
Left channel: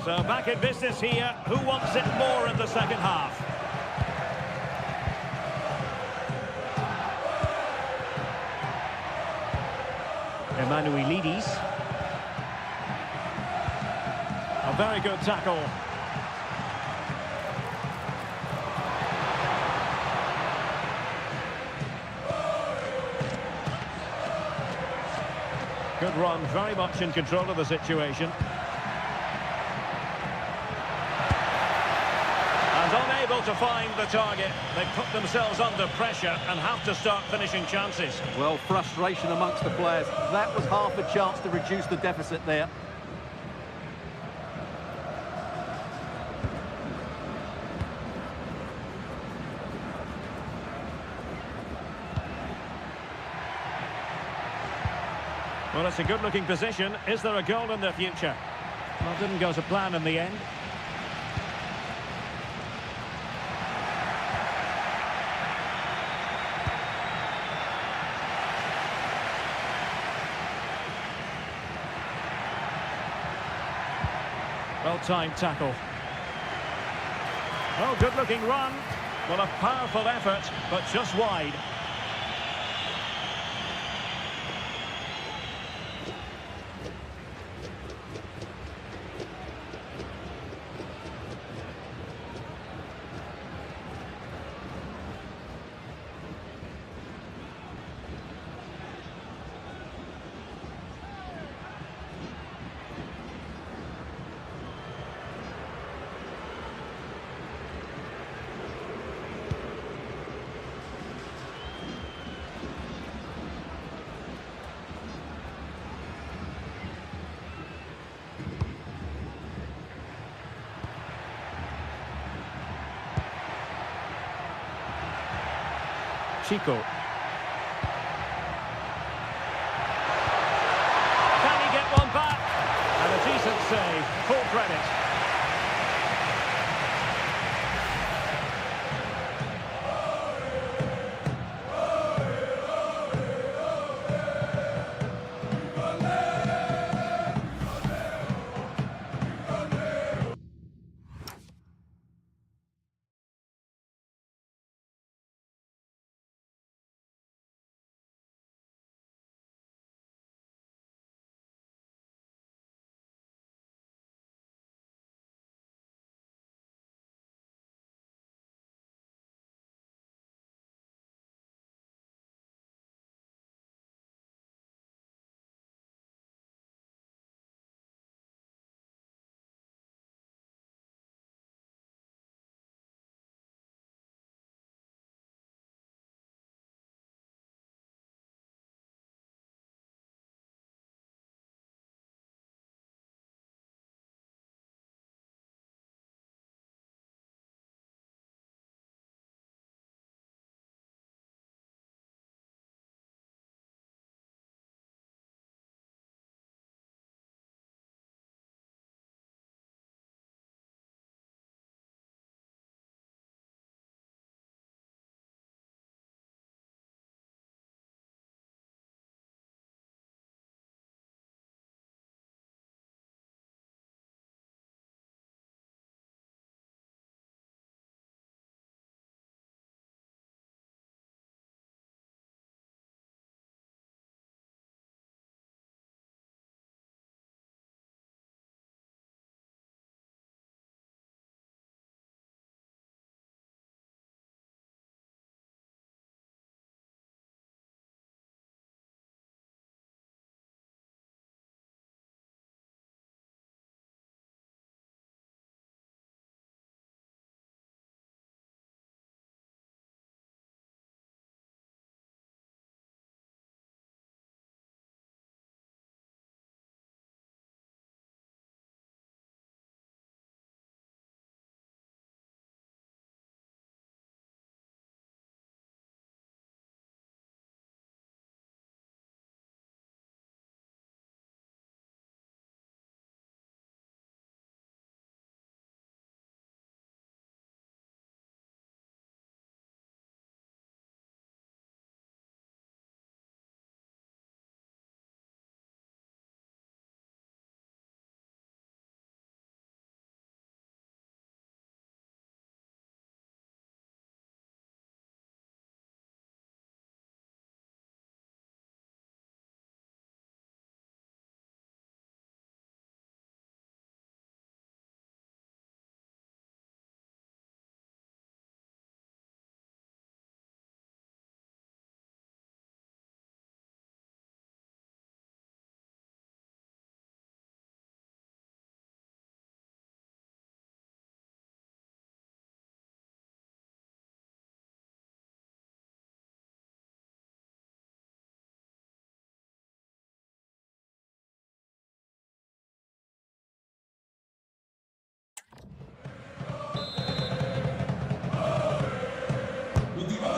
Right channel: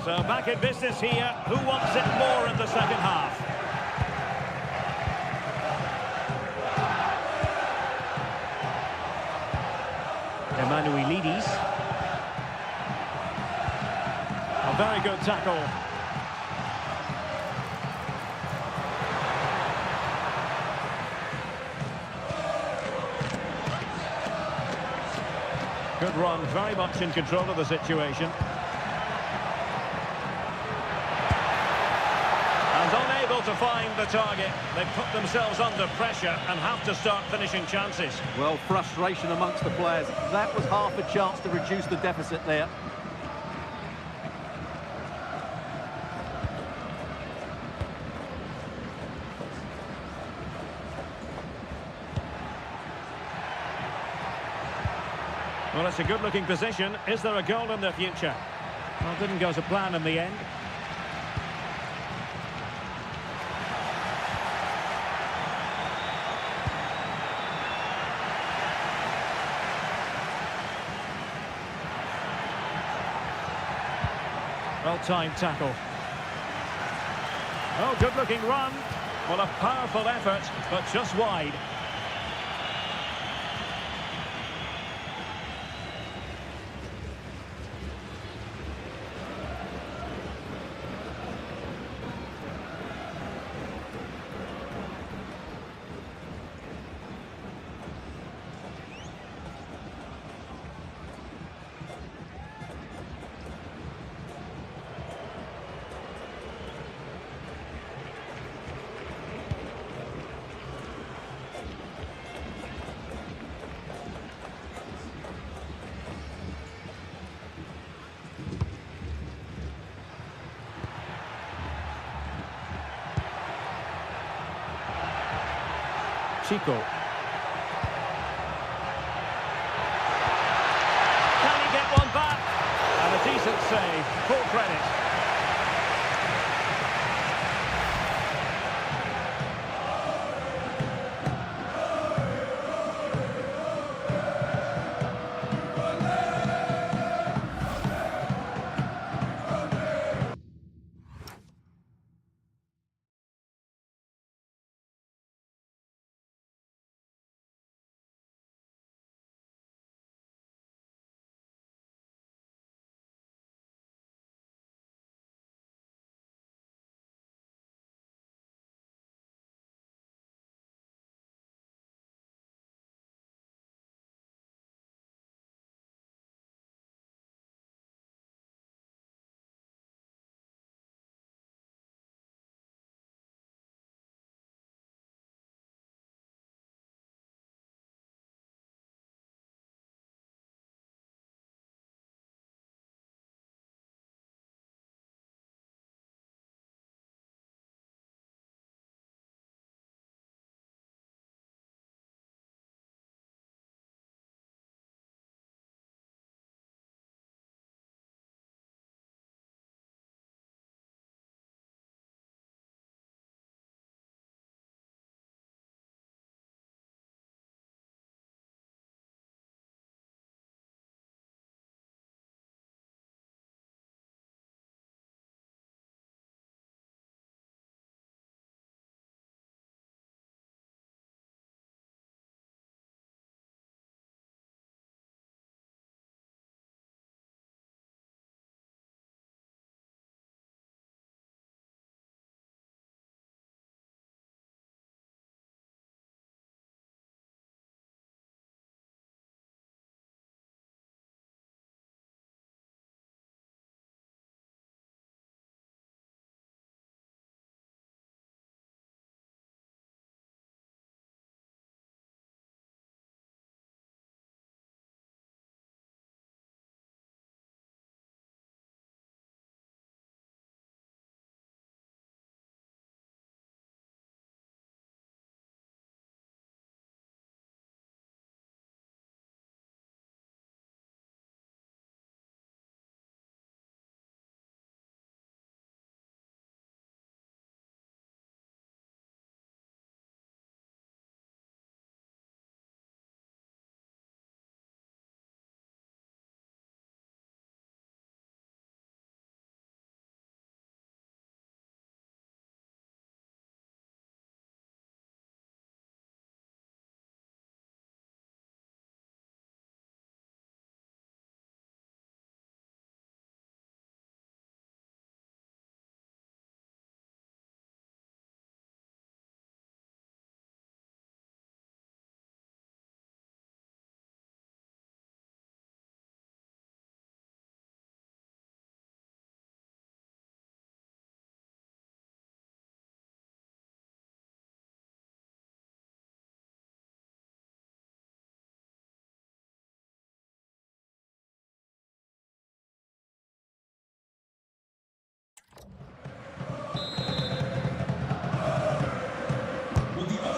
So back in business here. Who wants it more in the second half? Emanuelidis. A very good tackle. Good run, very much in control of the situation. And unable to find the target. They put themselves under pressure and have to start finishing chances. Well, frustration amongst the players. That was half a chance to reduce the deficit there. Well, it's a good-looking position. Is there a goal in the future? Well, didn't go to plan in the end. Well-timed tackle. Oh, good-looking run. Well, a powerful effort, but just wide. Chico. Can he get one back? And a decent save, full credit.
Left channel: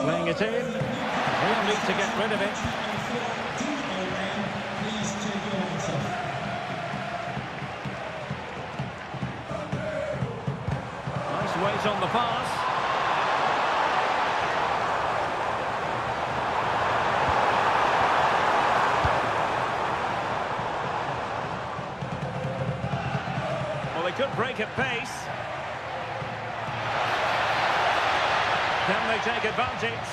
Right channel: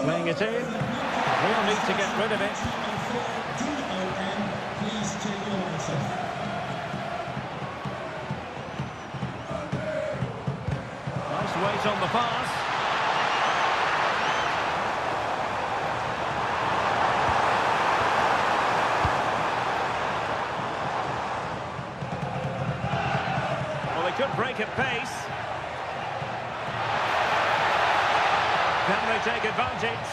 Playing it in. Real need to get rid of it. Nice weight on the pass. Well, they could break at pace. Can they take advantage?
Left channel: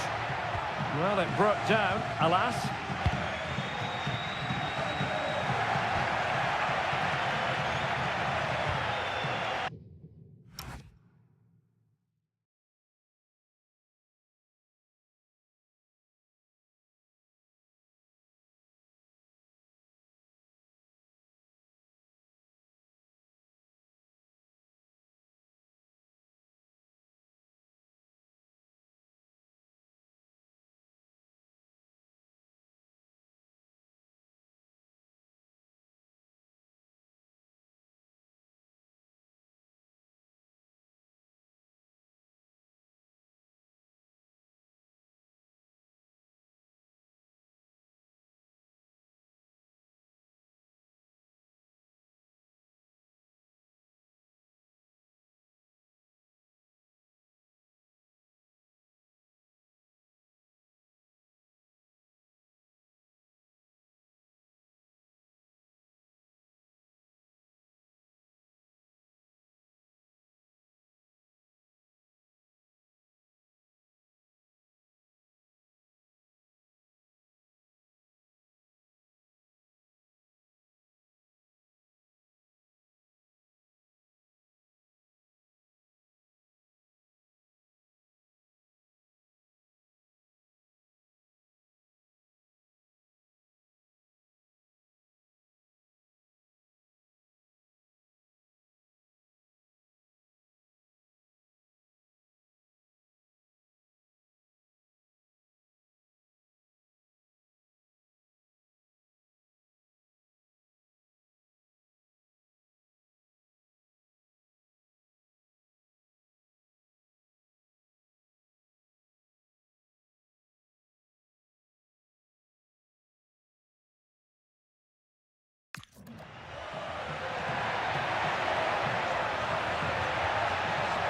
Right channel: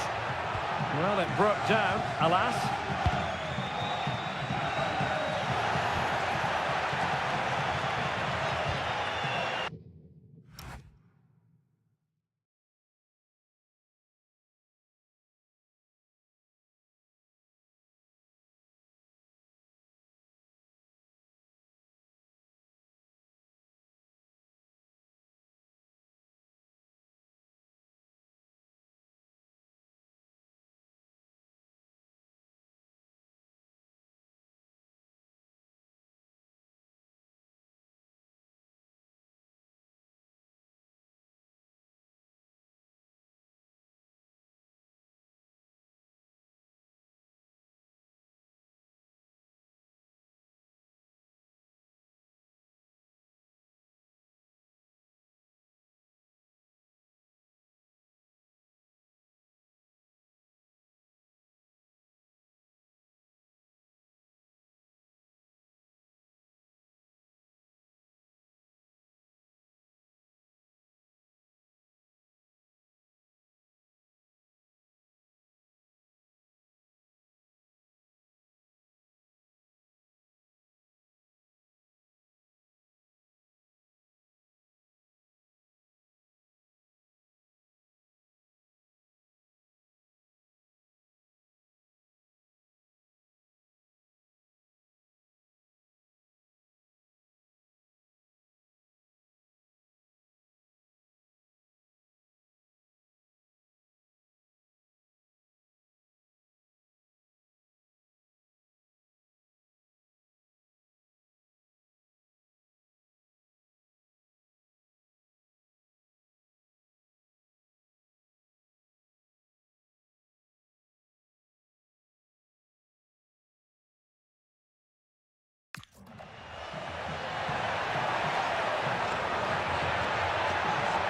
Well, it broke down, alas.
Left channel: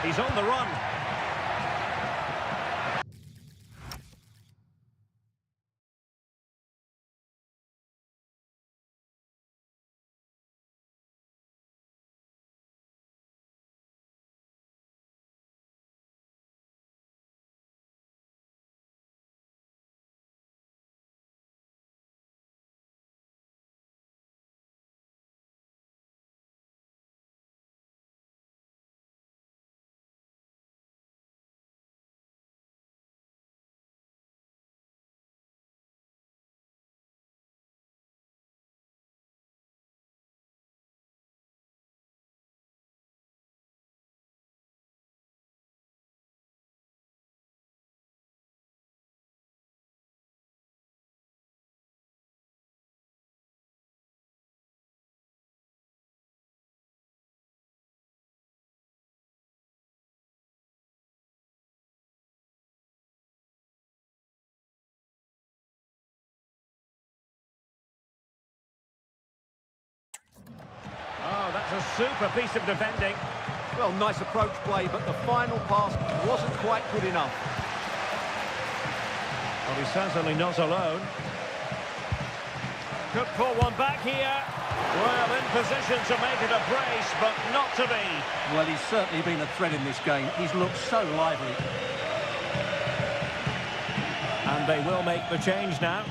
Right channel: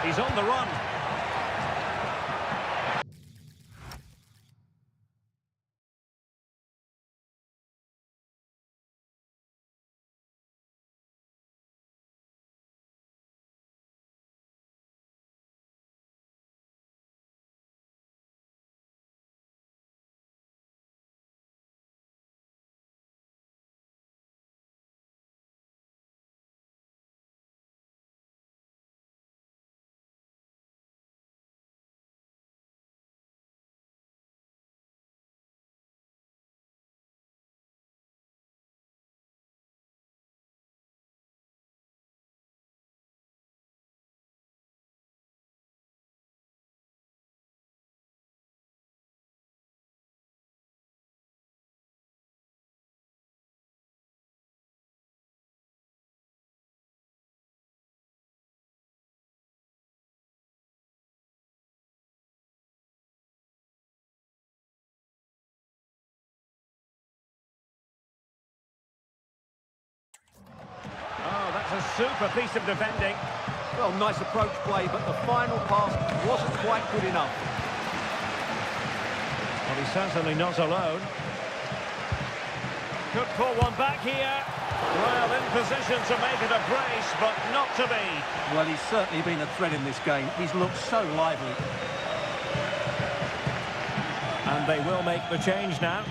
He's on the run. Oh, that's a super piece of defending. Well, nice approach play, but the final pass wasn't quite good enough. Well, he's certainly not alone. Could pull one back here. Well, in position to make it a brace, but not to be. Well, he's certainly been a threat in this game. He's looked so lively. And they will make the change now.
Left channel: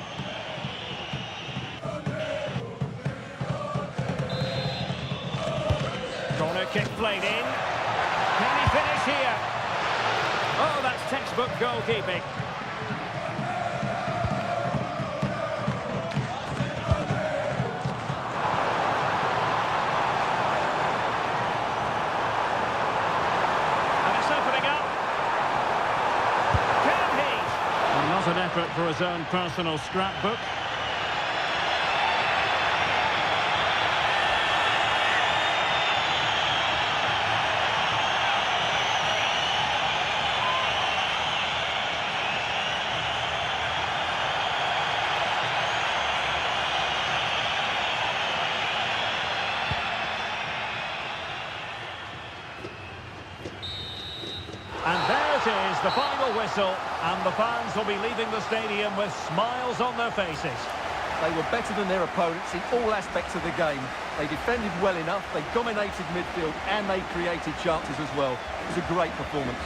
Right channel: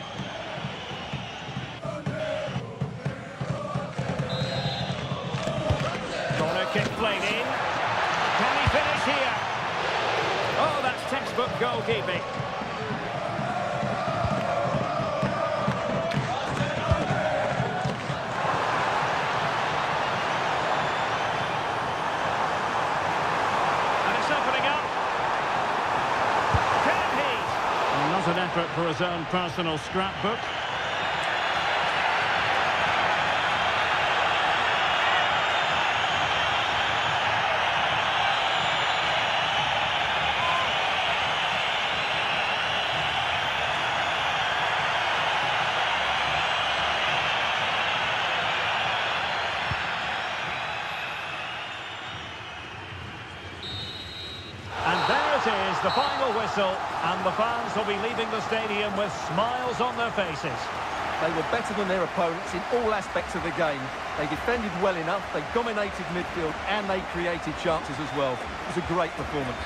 Corner kick played in. Can he finish here? Oh, that's textbook goalkeeping. And it's opening up. Can he? Well, not an effort for his own personal scrapbook. And there it is, the final whistle, and the fans will be leaving the stadium with smiles on their faces. They were better than their opponents in all aspects of the game. They defended well enough, they dominated midfield, and they created chances as well. It was a great performance.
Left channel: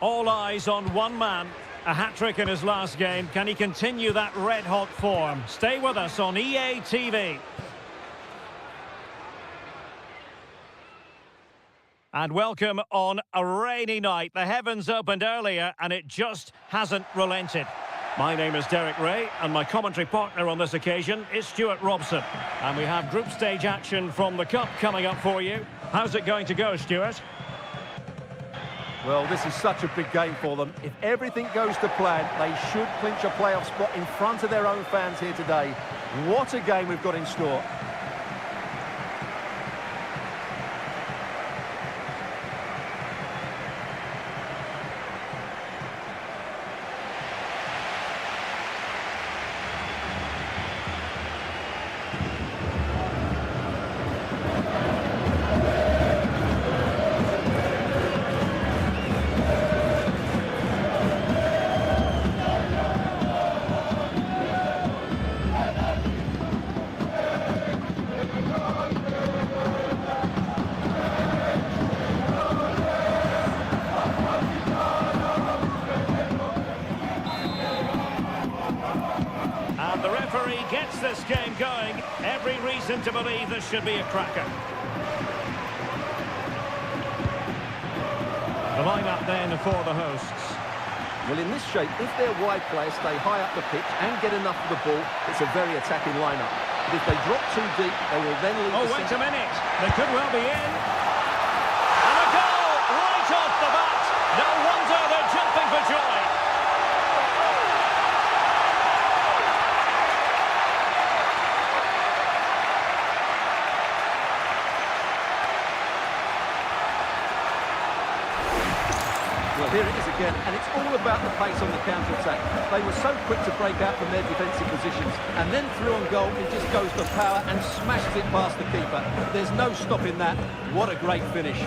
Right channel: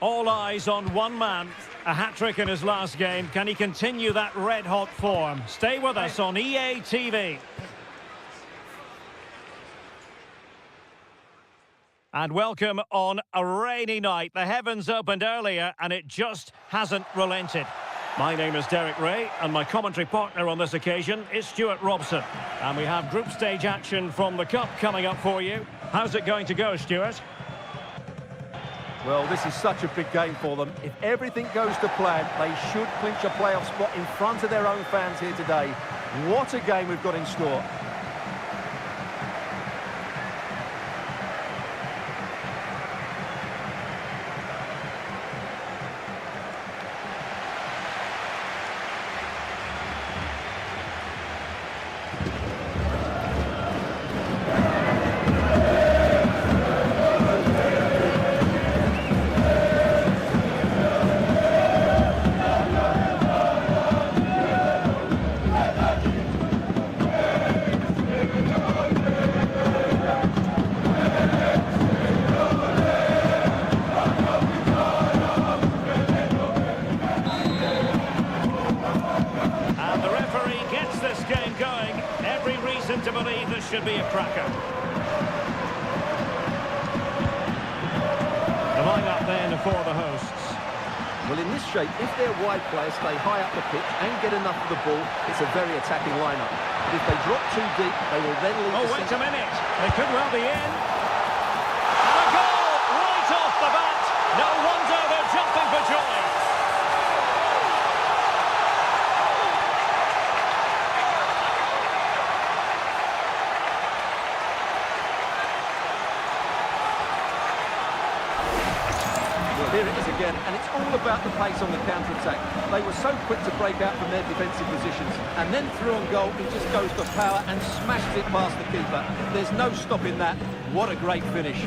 All eyes on one man. A hat-trick in his last game. Can he continue that red-hot form? Stay with us on EA TV. And welcome on a rainy night. The heavens opened earlier and it just hasn't relented. My name is Derek Ray and my commentary partner on this occasion is Stuart Robson. And we have group stage action from the Cup coming up for you. How's it going to go, Stuart? Well, this is such a big game for them. If everything goes to plan, they should clinch a playoff spot in front of their own fans here today. What a game we've got in store. Gets this game going. Every reason to believe this should be a cracker. The line-up then for the hosts. Well, in this shape, if their wide players stay high up the pitch and get enough of the ball, it's a very attacking line-up. But if they drop too deep, they will then leave Oh, the wait a minute. They could well be in. And a goal right off the bat. No wonder they're jumping for joy. Well, here it is again, and it's all about the pace on the counter-attack. They were so quick to break out from their defensive positions, and then through on goal, he just goes for power and smashes it past the keeper. There's no stopping that. What a great finish.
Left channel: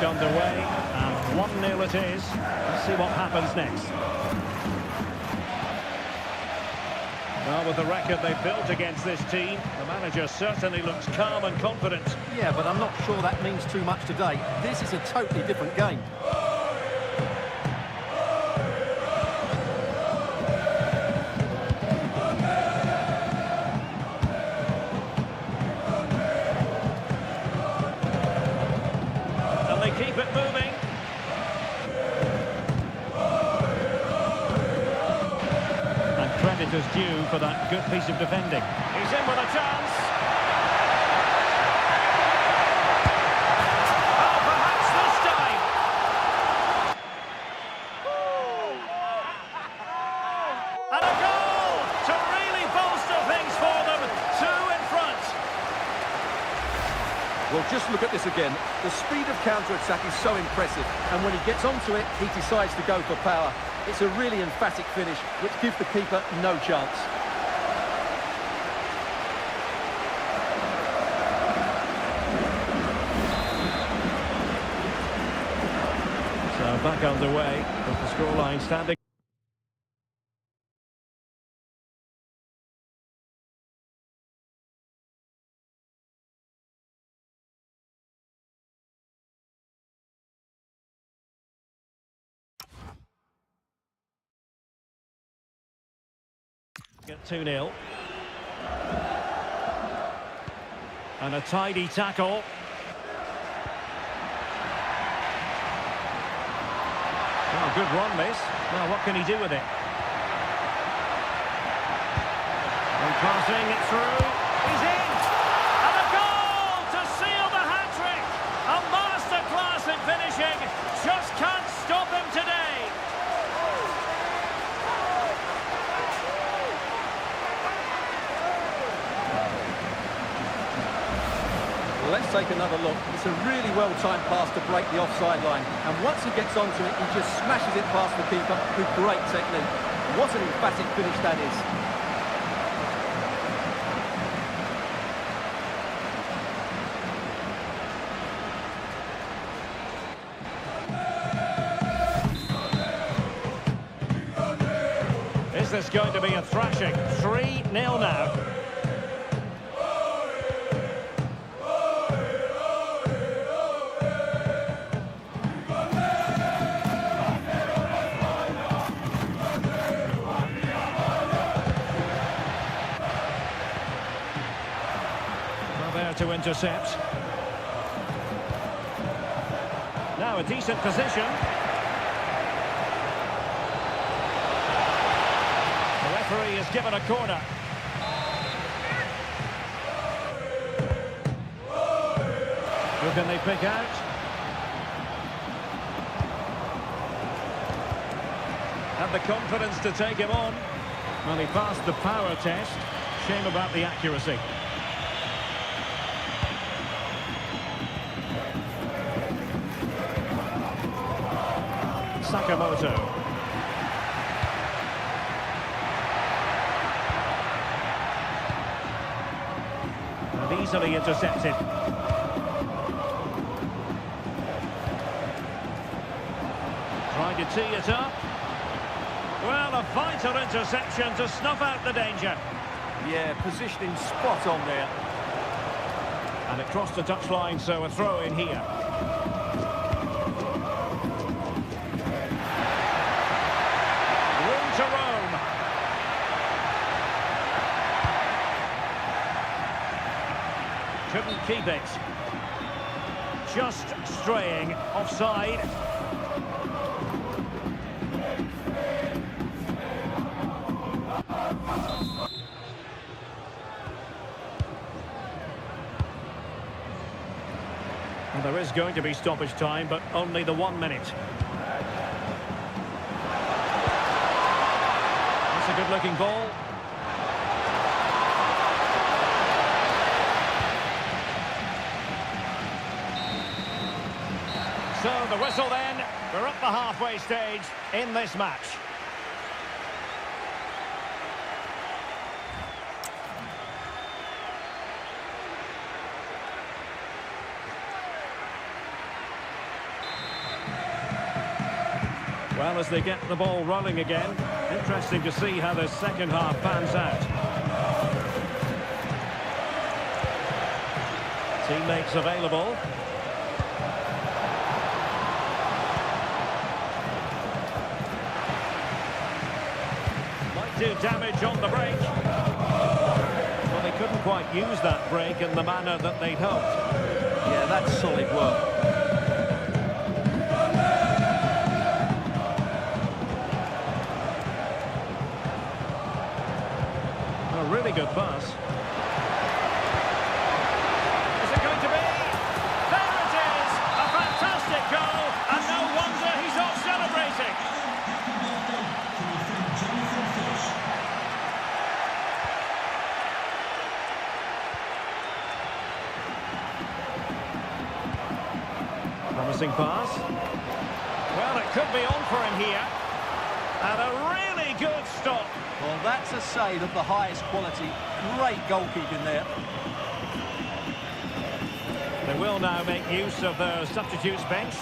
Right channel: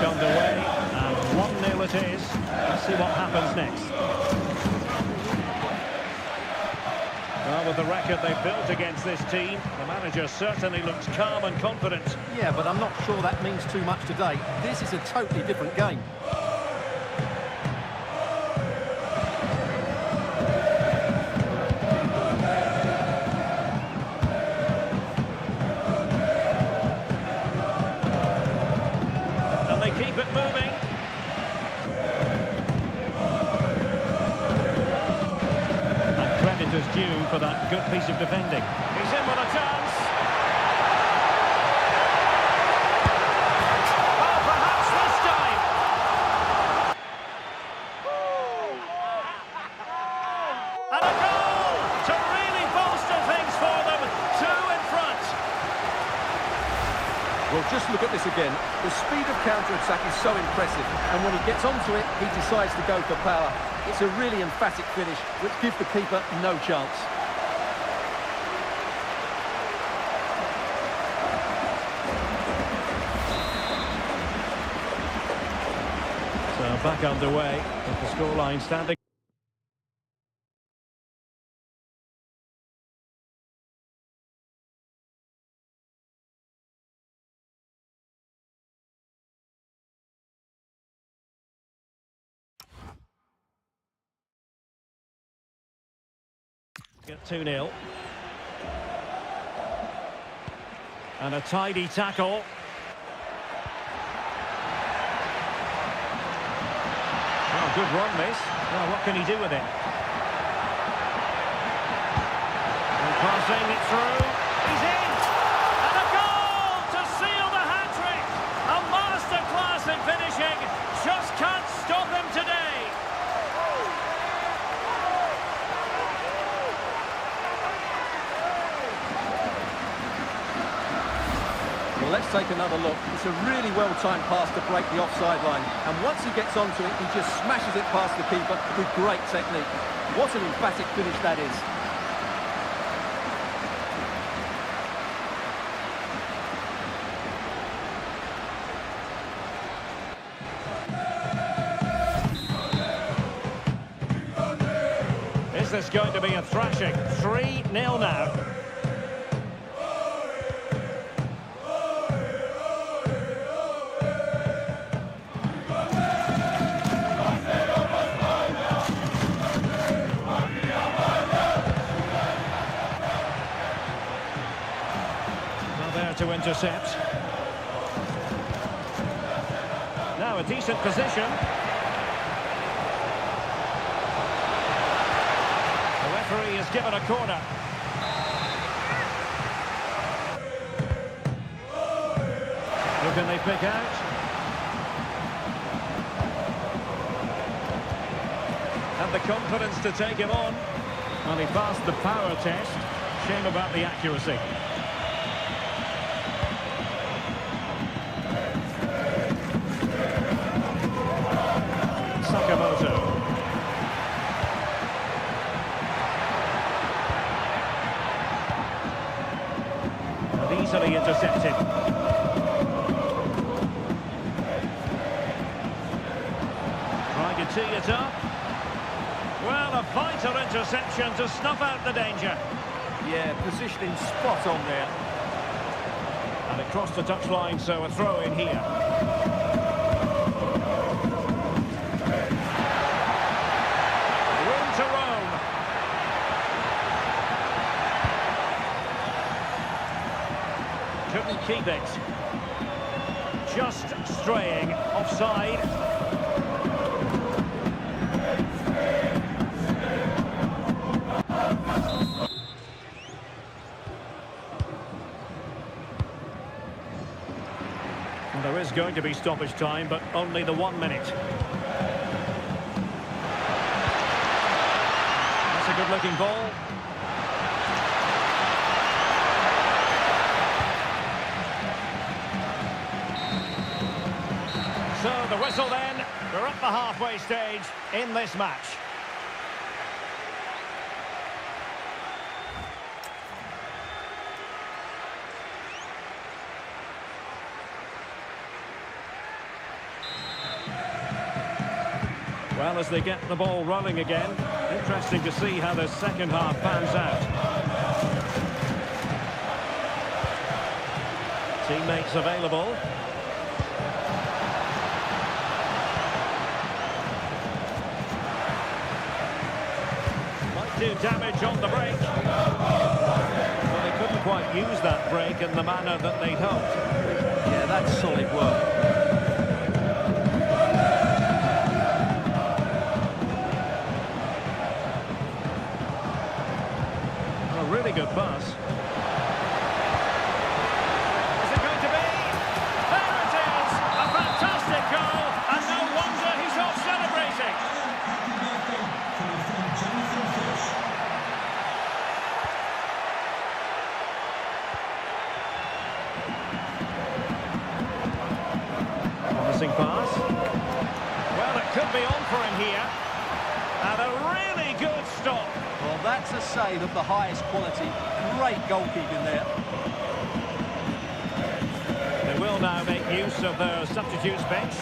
Underway and 1-0 it is. Let's see what happens next. Well, with the record they've built against this team, the manager certainly looks calm and confident. Yeah, but I'm not sure that means too much today. This is a totally different game. Keep it moving. And credit is due for that good piece of defending. He's in with a chance. Oh, perhaps this time. And a goal to really bolster things for them. 2 in front. Well, just look at this again. The speed of counter-attack is so impressive, and when he gets onto it, he decides to go for power. It's a really emphatic finish, which gives the keeper no chance. So back underway, with the scoreline standing. Get 2-0. And a tidy tackle. Oh, good run, this. Now, what can he do with it? And passing it through. He's in! And a goal to seal the hat-trick! A masterclass in finishing. Just can't stop him today. Well, let's take another look. It's a really well-timed pass to break the offside line. And once he gets onto it, he just smashes it past the keeper with great technique. What an emphatic finish that is. Is this going to be a thrashing? 3-0 now. Well, there to intercept. Now a decent position. The referee has given a corner. Who can they pick out? Had the confidence to take him on. Well, he passed the power test. Shame about the accuracy. Sakamoto. And easily intercepted. Trying to tee it up. Well, a vital interception to snuff out the danger. Yeah, positioning spot on there. And it crossed the touchline, so a throw in here. Room to roam. Couldn't keep it. Just straying offside. Well, there is going to be stoppage time, but only the 1 minute. That's a good-looking ball. So the whistle then. We're at the halfway stage in this match. Well, as they get the ball rolling again, interesting to see how the second half pans out. Teammates available. Might do damage on the break. Well, they couldn't quite use that break in the manner that they'd hoped. Yeah, that's solid work. Really good pass. Is it going to be? There it is! A fantastic goal, and no wonder he's off celebrating. Promising pass. Well, it could be on for him here. And a really good stop. Well, that's a save of the highest quality. Great goalkeeping there. They will now make use of their substitutes bench.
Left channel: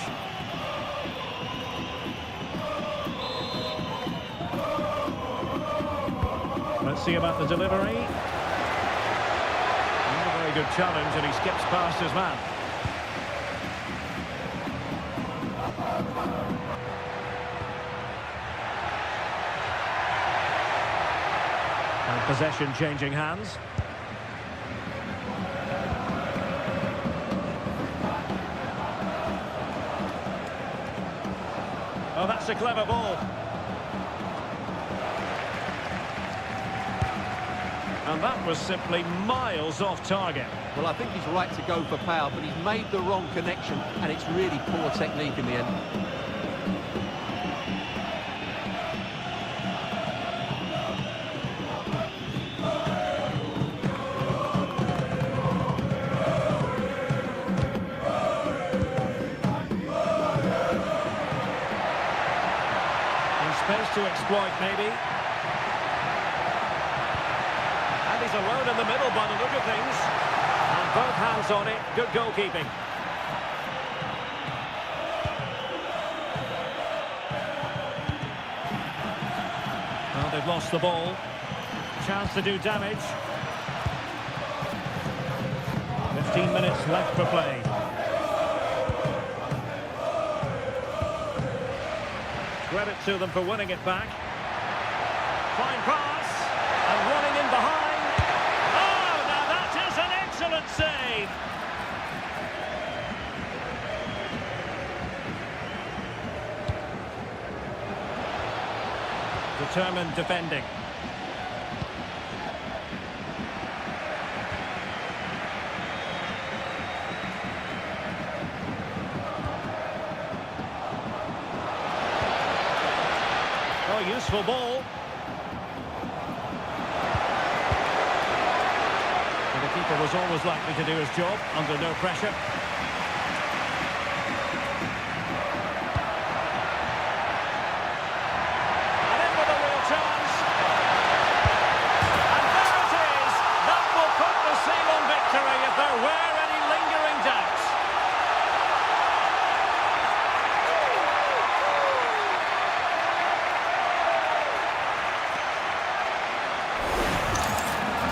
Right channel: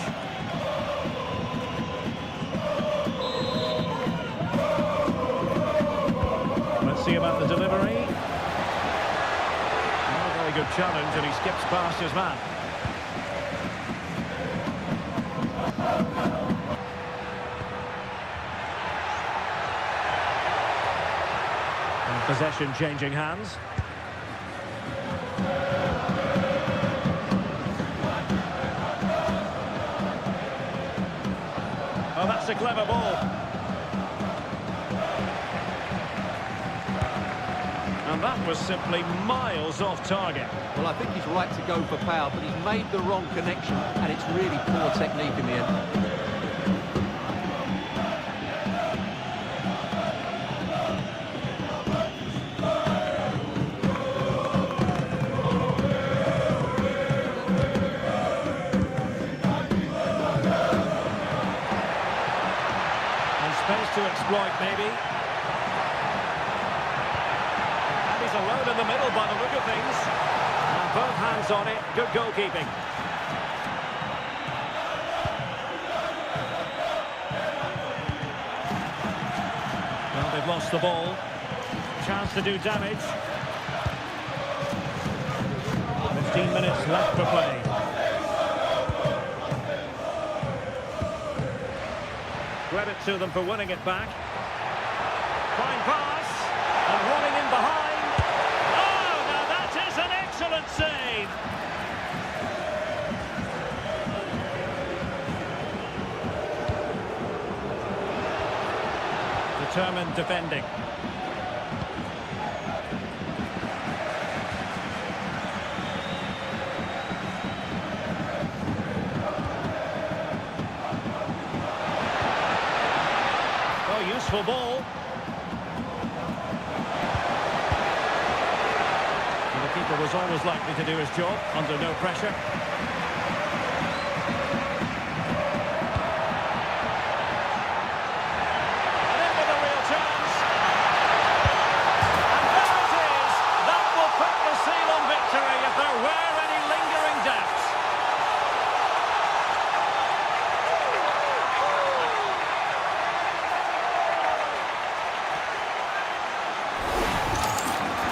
Let's see about the delivery. Not a very good challenge, and he skips past his man. And possession changing hands. Oh, that's a clever ball. And that was simply miles off target. Well, I think he's right to go for power, but he's made the wrong connection, and it's really poor technique in the end. Space to exploit, maybe. And he's alone in the middle by the look of things. And both hands on it. Good goalkeeping. Well, they've They've lost the ball. Chance to do damage. 15 minutes left for play. Credit to them for winning it back. Fine pass. And running in behind. Oh, now that is an excellent save. Determined defending. Oh, useful ball. And the keeper was always likely to do his job under no pressure. And in with a real chance. And there it is. That will put the seal on victory if there were any lingering doubts.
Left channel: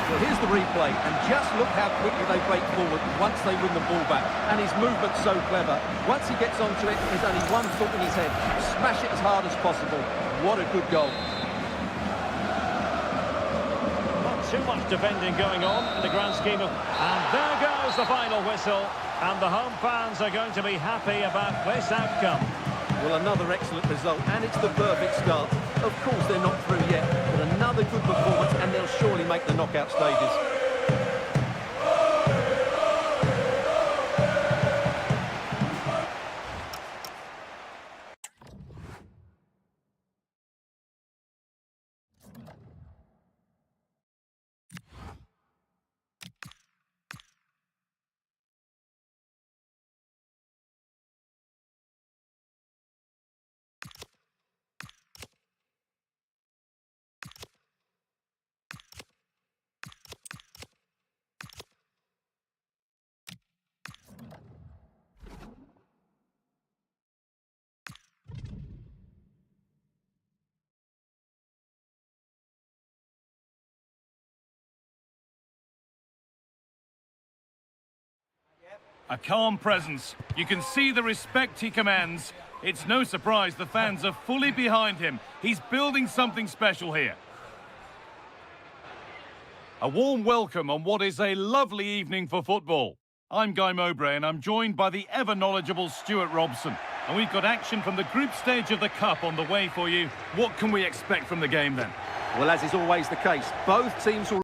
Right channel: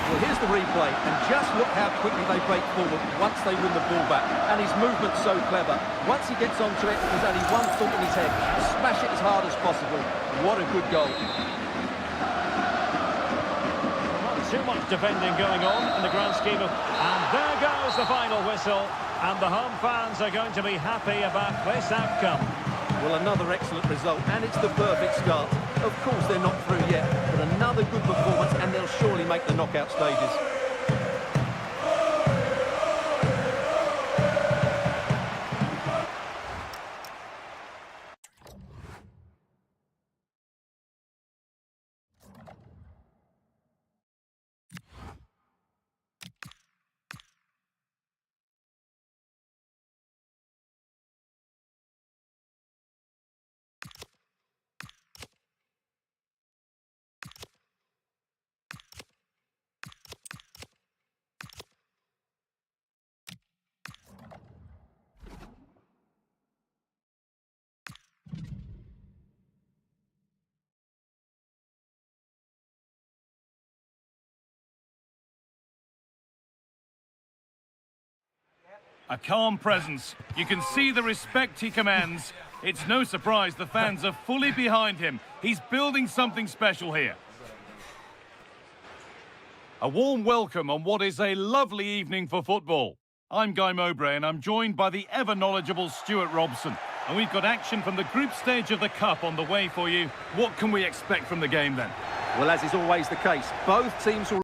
Well, here's the replay, and just look how quickly they break forward once they win the ball back. And his movement's so clever. Once he gets onto it, there's only one thought in his head. Smash it as hard as possible. What a good goal. Well, not too much defending going on in the grand scheme of... And there goes the final whistle. And the home fans are going to be happy about this outcome. Well, another excellent result, and it's the perfect start. Of course, they're not through yet, but another good performance, and they'll surely make the knockout stages. A calm presence. You can see the respect he commands. It's no surprise the fans are fully behind him. He's building something special here. A warm welcome on what is a lovely evening for football. I'm Guy Mowbray and I'm joined by the ever-knowledgeable Stuart Robson. And we've got action from the group stage of the Cup on the way for you. What can we expect from the game then? Well, as is always the case, both teams will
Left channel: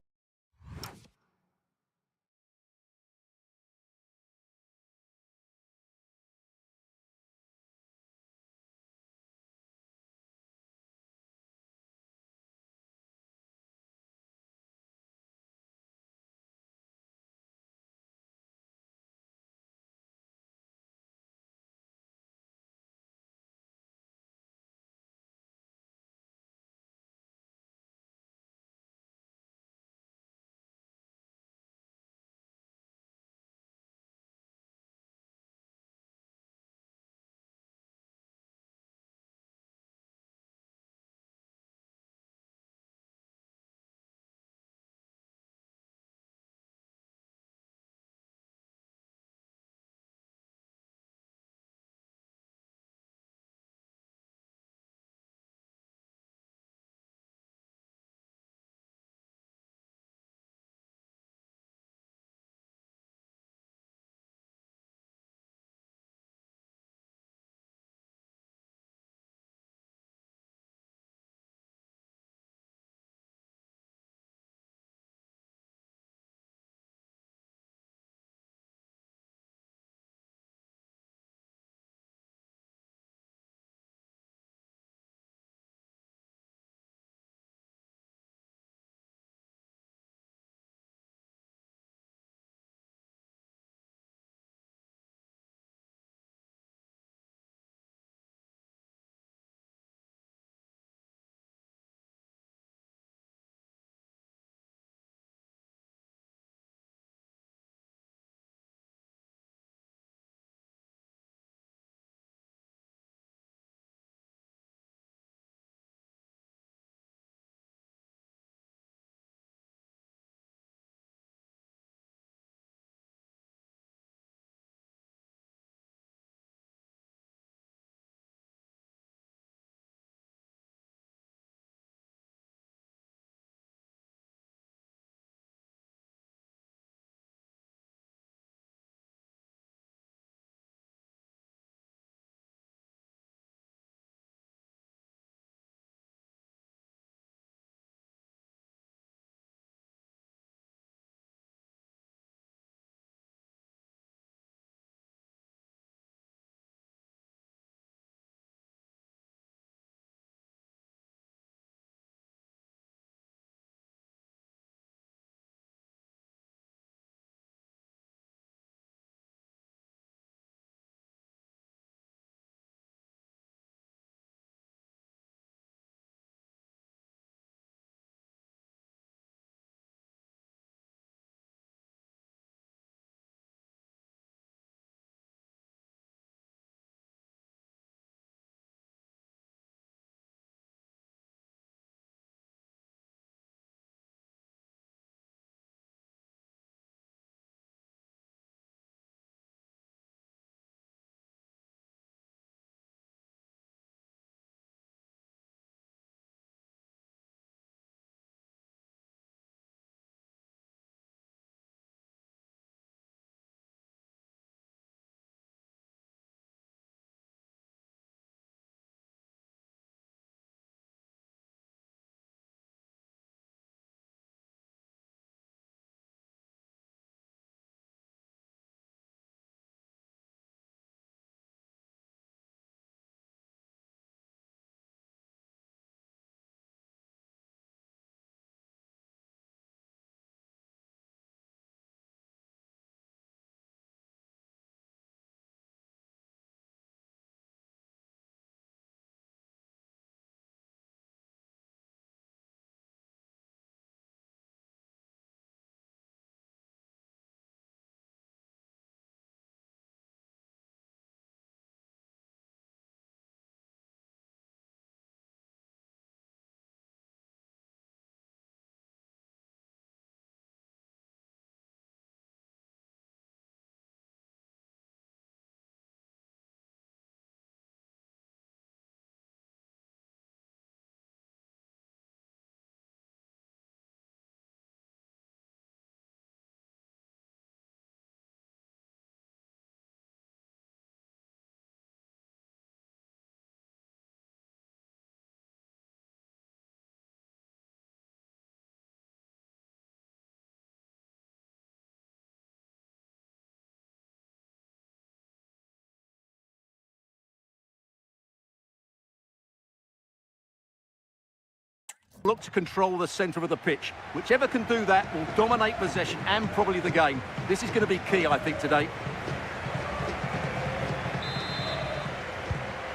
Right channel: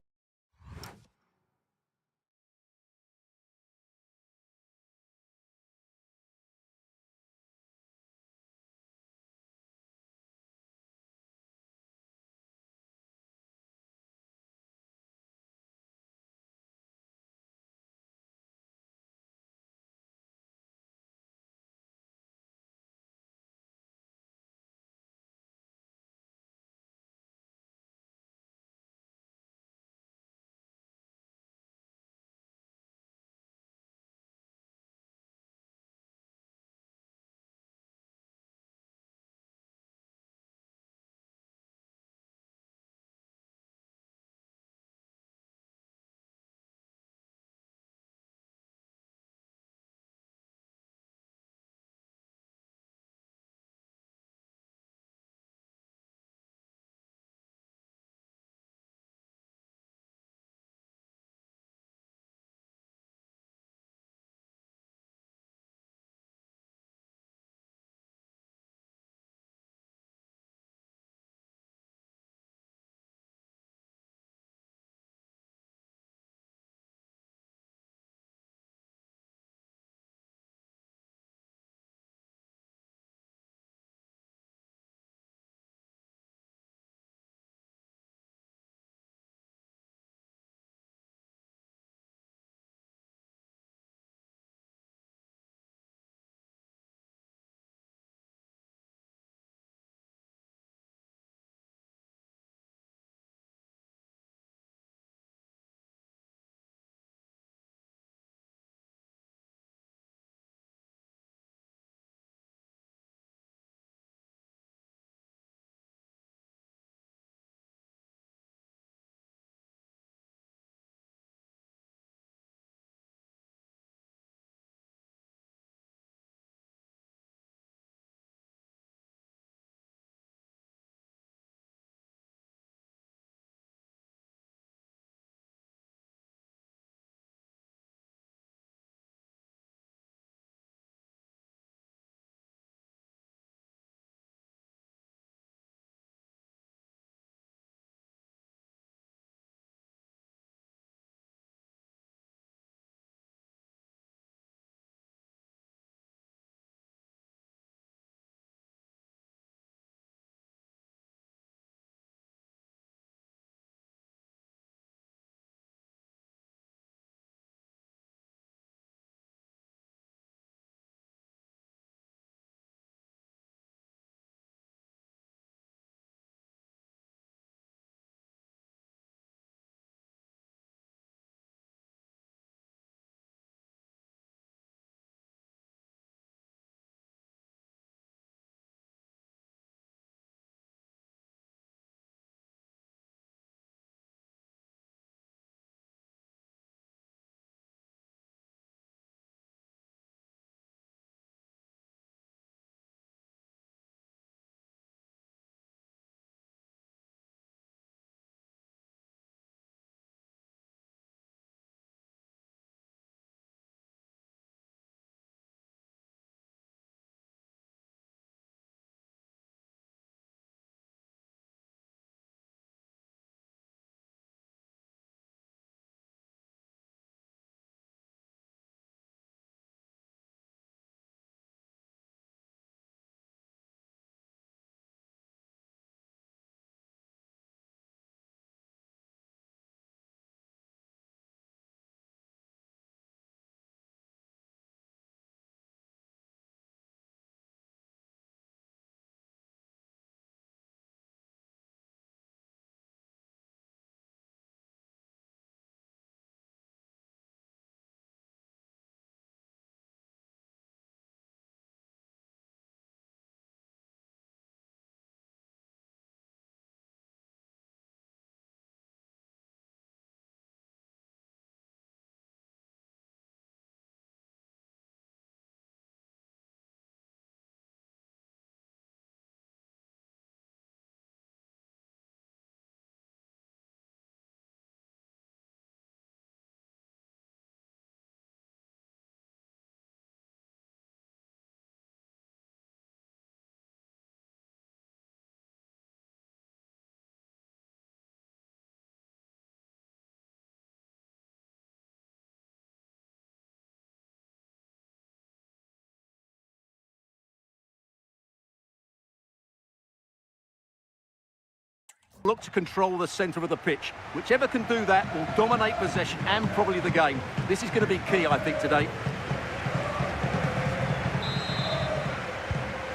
Look to control the centre of the pitch. Whichever can do that will dominate possession and probably the game. This is going to be key, I think, today.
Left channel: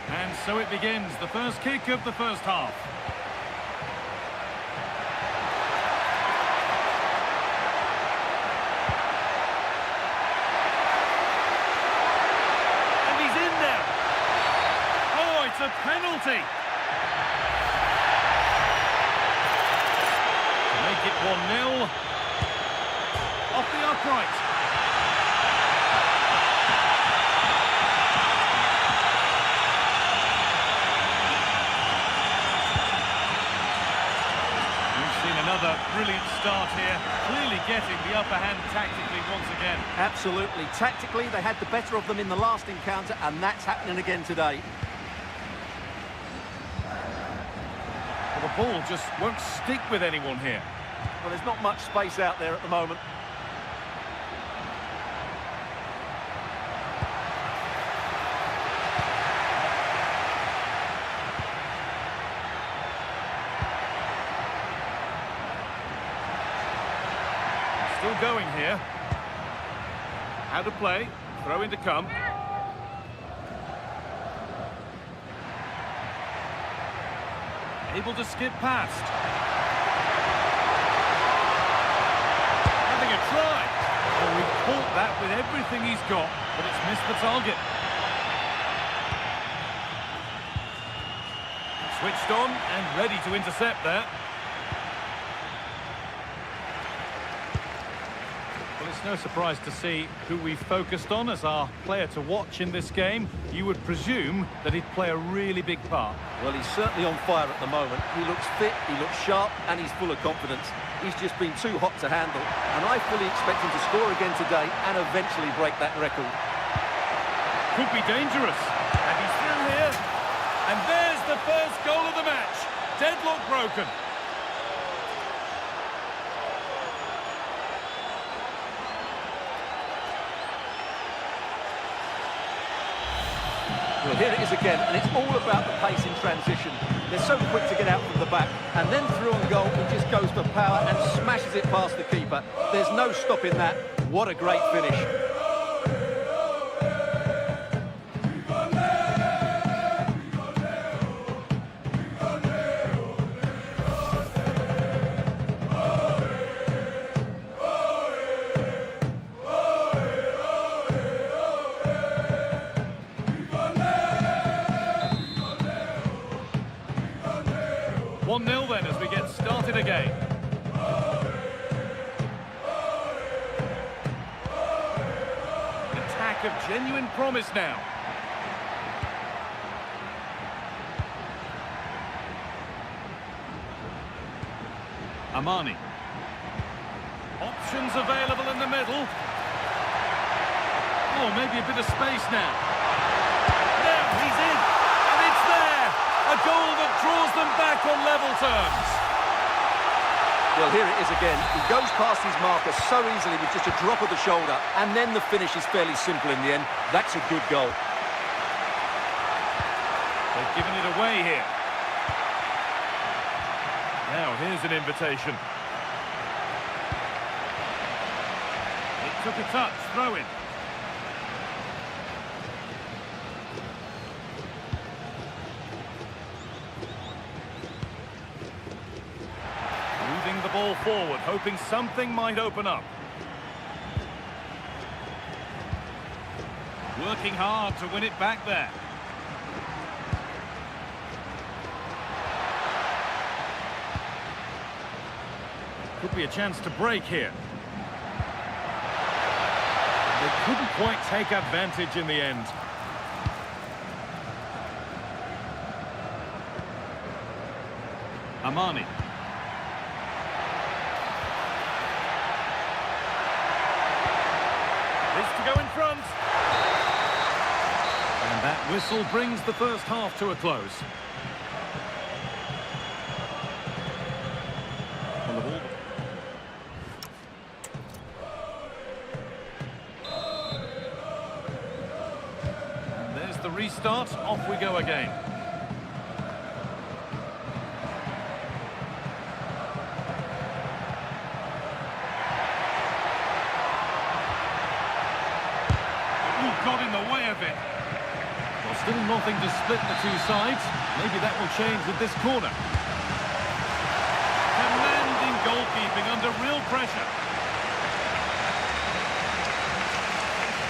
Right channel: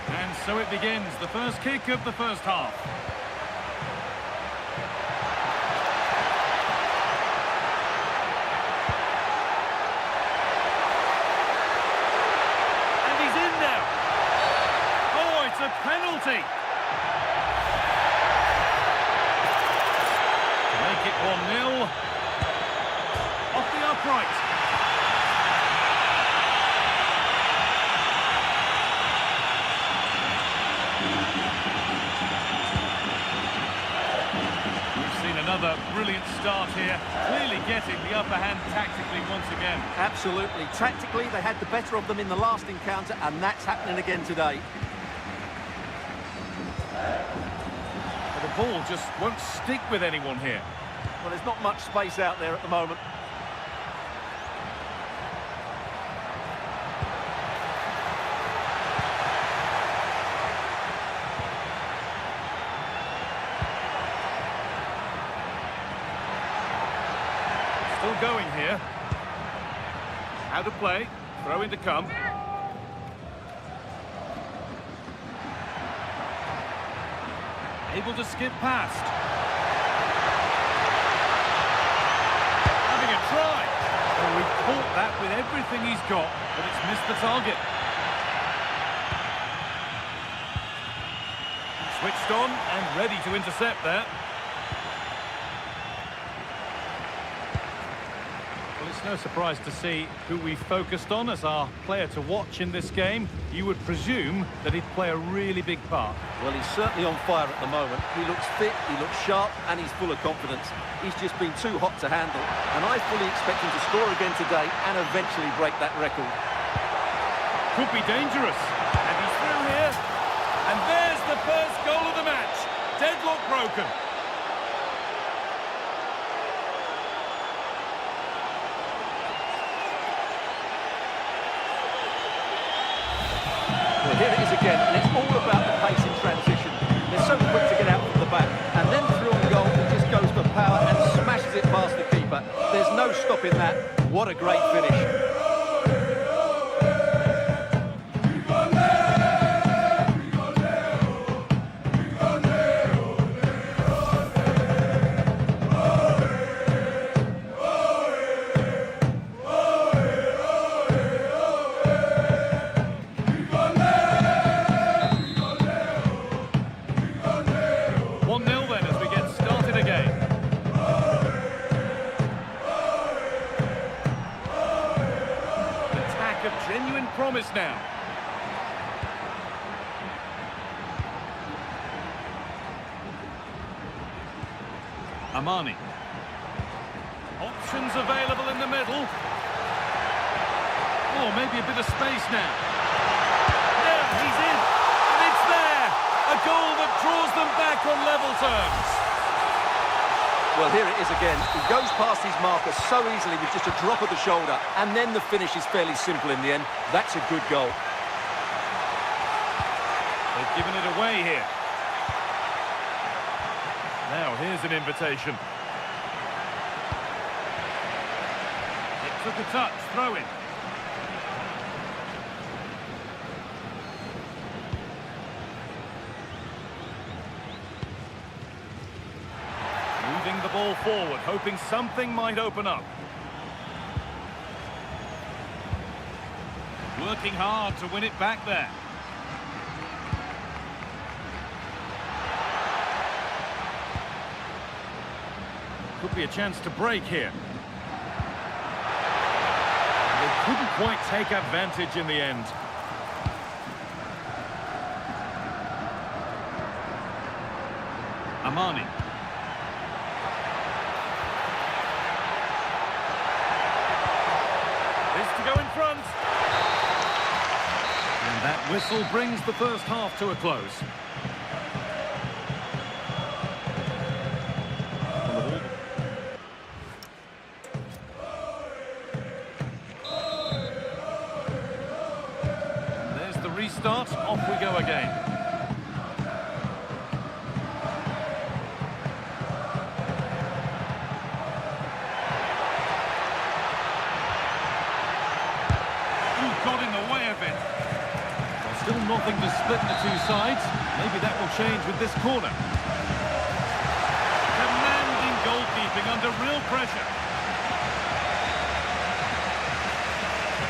And so it begins, the first kick of the first half. And he's in now. Oh, it's a penalty. Make it 1-0. Off the upright. We've seen another brilliant start here, clearly getting the upper hand tactically once again. Absolutely. Tactically, they had the better of them in the last encounter, and that's happening again today. Well, the ball just won't stick with anyone here. Well, there's not much space out there at the moment. Still going here. How to play. Throw in to come. Able to skip past. Having a try. Oh, he caught that with everything he's got, but it's missed the target. Switched on and ready to intercept there. Well, it's no surprise to see who we focused on as our player to watch in this game. You would presume that he'd play a really big part. Well, he's certainly on fire at the moment. He looks fit, he looks sharp, and he's full of confidence. He's just been too hot to handle, and I fully expect him to score again today and eventually break that record. Could be dangerous. And he's through here. And there's the first goal of the match. Deadlock broken. Well, here it is again, and it's all about the pace in transition. They're so quick to get out from the back, and then through on goal, he just goes for power and smashes it past the keeper. There's no stopping that. What a great finish. 1-0 then as we get started again. An attack of genuine promise now. Amani. Options available in the middle. Oh, maybe a bit of space now. Now he's in, and it's there. A goal that draws them back on level terms. Well, here it is again. He goes past his marker so easily with just a drop of the shoulder, and then the finish is fairly simple in the end. That's a good goal. They've given it away here. Now, here's an invitation. It took a touch, throw in. Moving the ball forward, hoping something might open up. Working hard to win it back there. Could be a chance to break here. They couldn't quite take advantage in the end. Amani. This to go in front. And that whistle brings the first half to a close. And there's the restart. Off we go again. got in the way of it. Well, still nothing to split the two sides. Maybe that will change with this corner. Commanding goalkeeping under real pressure.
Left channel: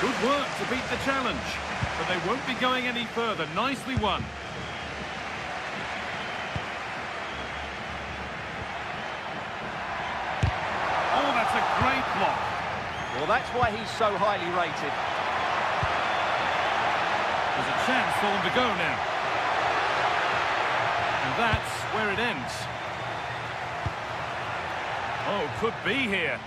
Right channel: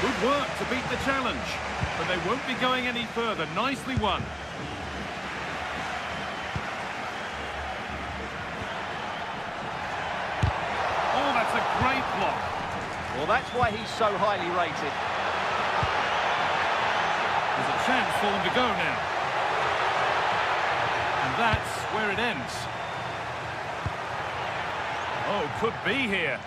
Good work to beat the challenge, but they won't be going any further. Nicely won. Oh, that's a great block. Well, that's why he's so highly rated. There's a chance for them to go now. And that's where it ends. Oh, could be here.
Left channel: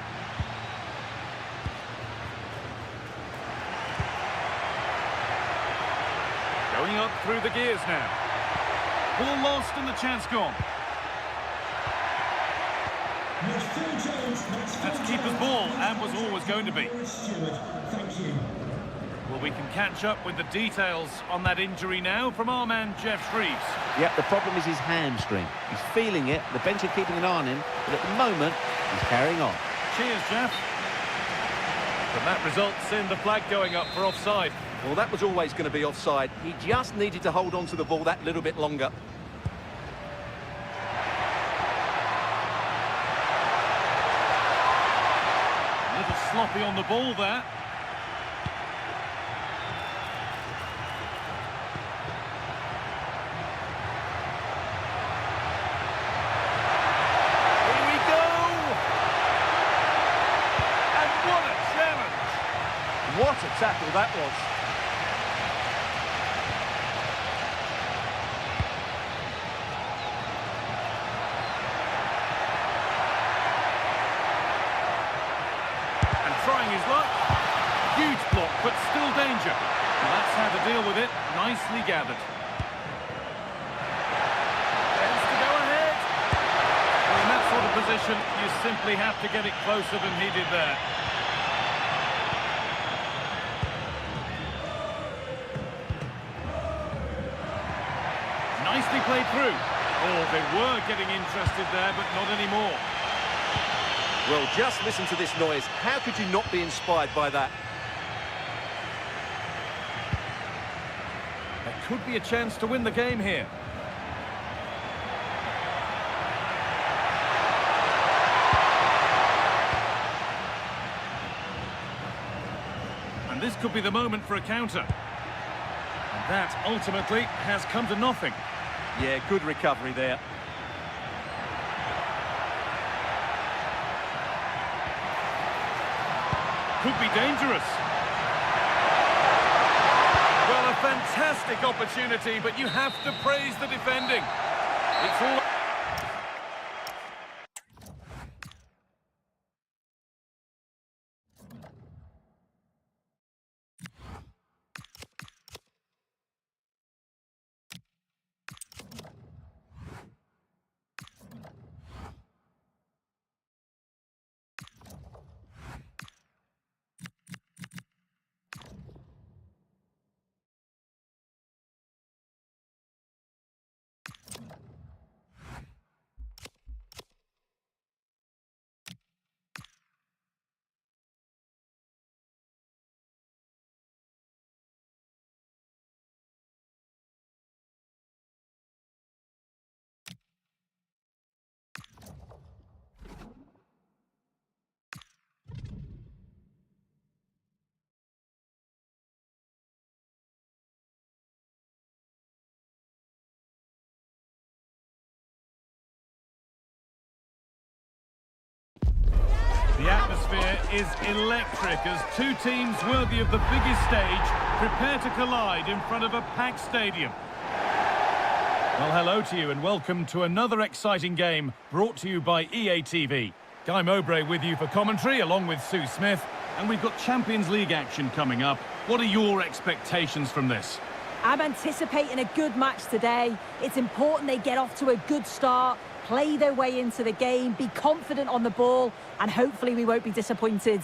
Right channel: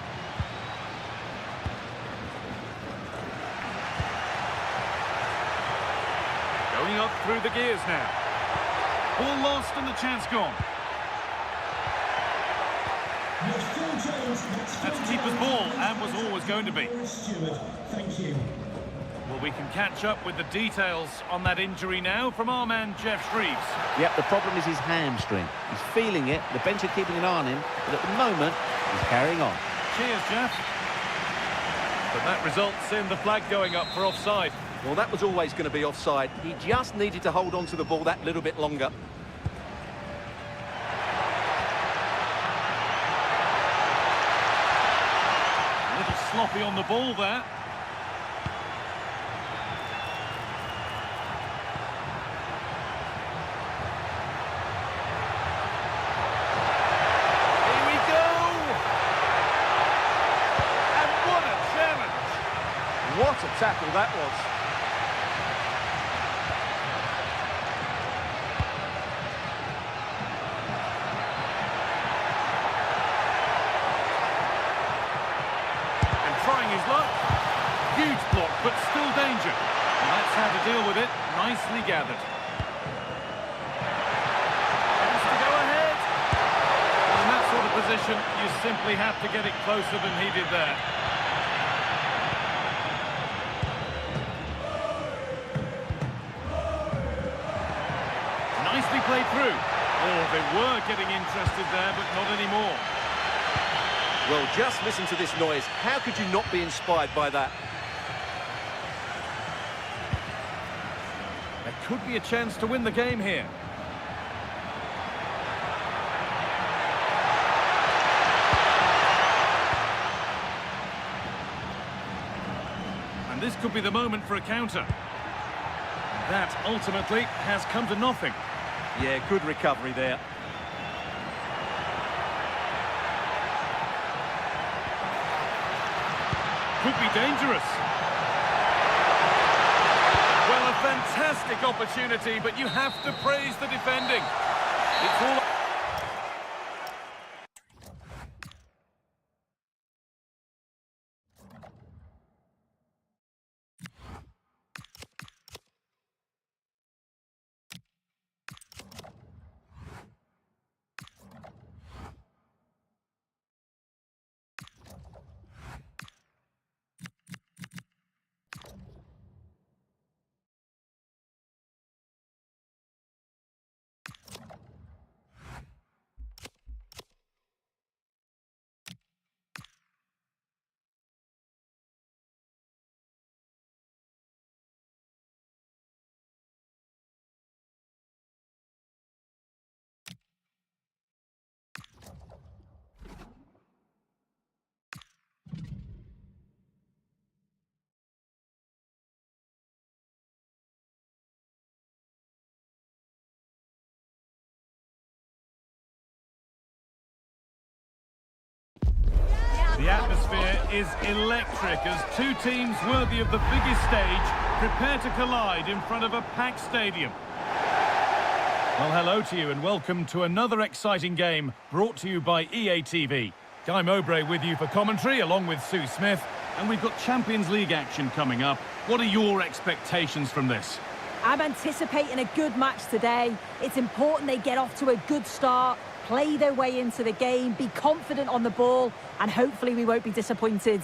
Going up through the gears now. Ball lost and the chance gone. That's keeper's ball and was always going to be. Thank you. Well, we can catch up with the details on that injury now from our man Jeff Shreves. Yep, the problem is his hamstring. He's feeling it, the bench are keeping an eye on him, but at the moment, he's carrying on. Cheers, Jeff. But that results in the flag going up for offside. Well, that was always going to be offside. He just needed to hold on to the ball that little bit longer. A little sloppy on the ball there. Here we go! And what a challenge! What a tackle that was. And trying his luck. Huge block, but still danger. And that's how to deal with it. Nicely gathered. Chance to go ahead. Well, in that sort of position, you simply have to get it closer than he did there. Nicely played through. Oh, they were getting interested there, but not anymore. Well, just listen to this noise. How could you not be inspired by that? There could be a chance to win the game here. And this could be the moment for a counter. And that ultimately has come to nothing. Yeah, good recovery there. Could be dangerous. Well, a fantastic opportunity, but you have to praise the defending. It's all... The atmosphere is electric as two teams worthy of the biggest stage prepare to collide in front of a packed stadium. Well, hello to you and welcome to another exciting game brought to you by EA TV. Guy Mowbray with you for commentary along with Sue Smith, and we've got Champions League action coming up. What are your expectations from this? I'm anticipating a good match today. It's important they get off to a good start, play their way into the game, be confident on the ball, and hopefully we won't be disappointed.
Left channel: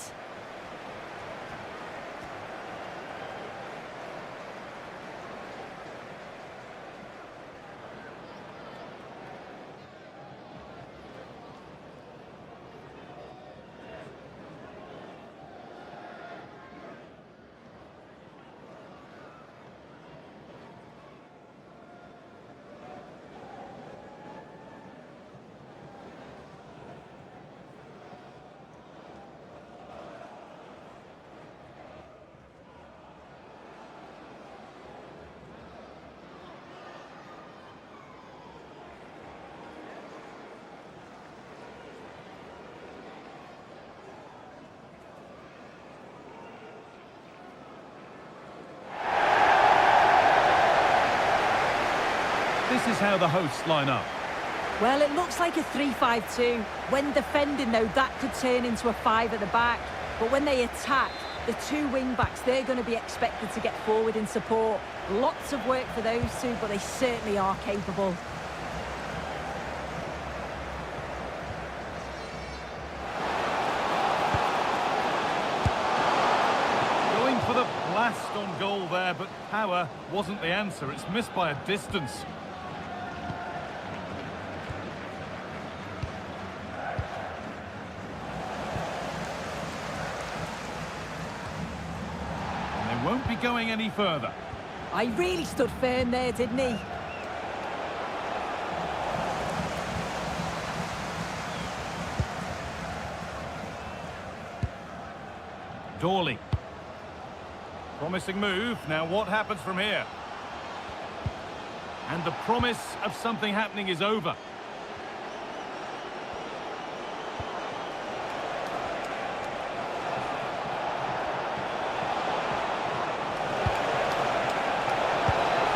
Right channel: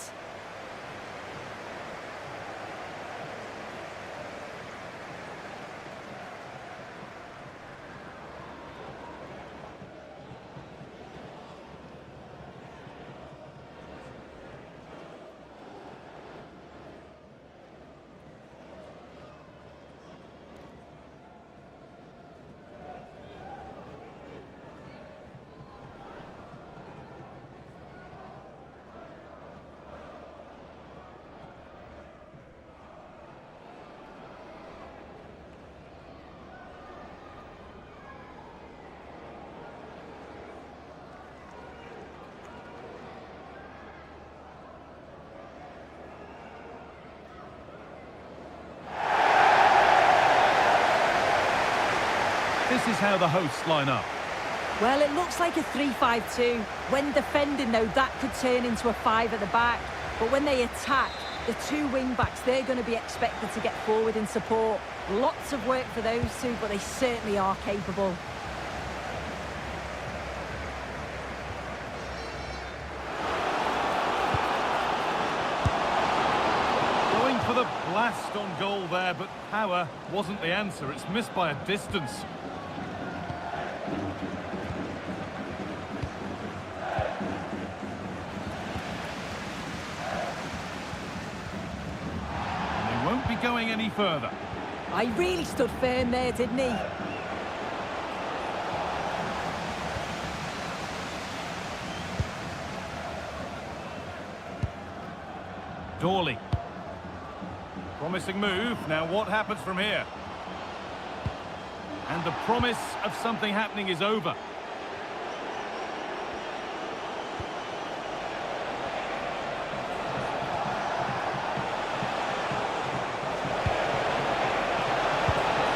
This is how the hosts line up. Well, it looks like a 3-5-2. When defending, though, that could turn into a 5 at the back. But when they attack, the two wing-backs, they're going to be expected to get forward in support. Lots of work for those two, but they certainly are capable. Going for the blast on goal there, but power wasn't the answer. It's missed by a distance. And they won't be going any further. I really stood firm there, didn't he? Dawley. Promising move. Now what happens from here? And the promise of something happening is over.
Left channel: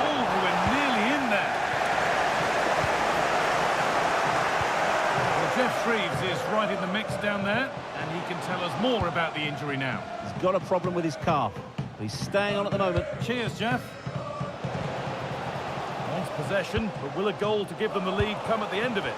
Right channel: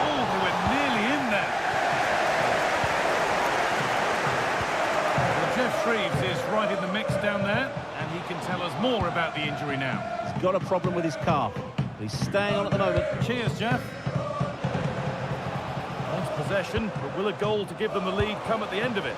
Oh, they were nearly in there. Well, Jeff Shreves is right in the mix down there, and he can tell us more about the injury now. He's got a problem with his calf. But he's staying on at the moment. Cheers, Jeff. Nice possession, but will a goal to give them the lead come at the end of it?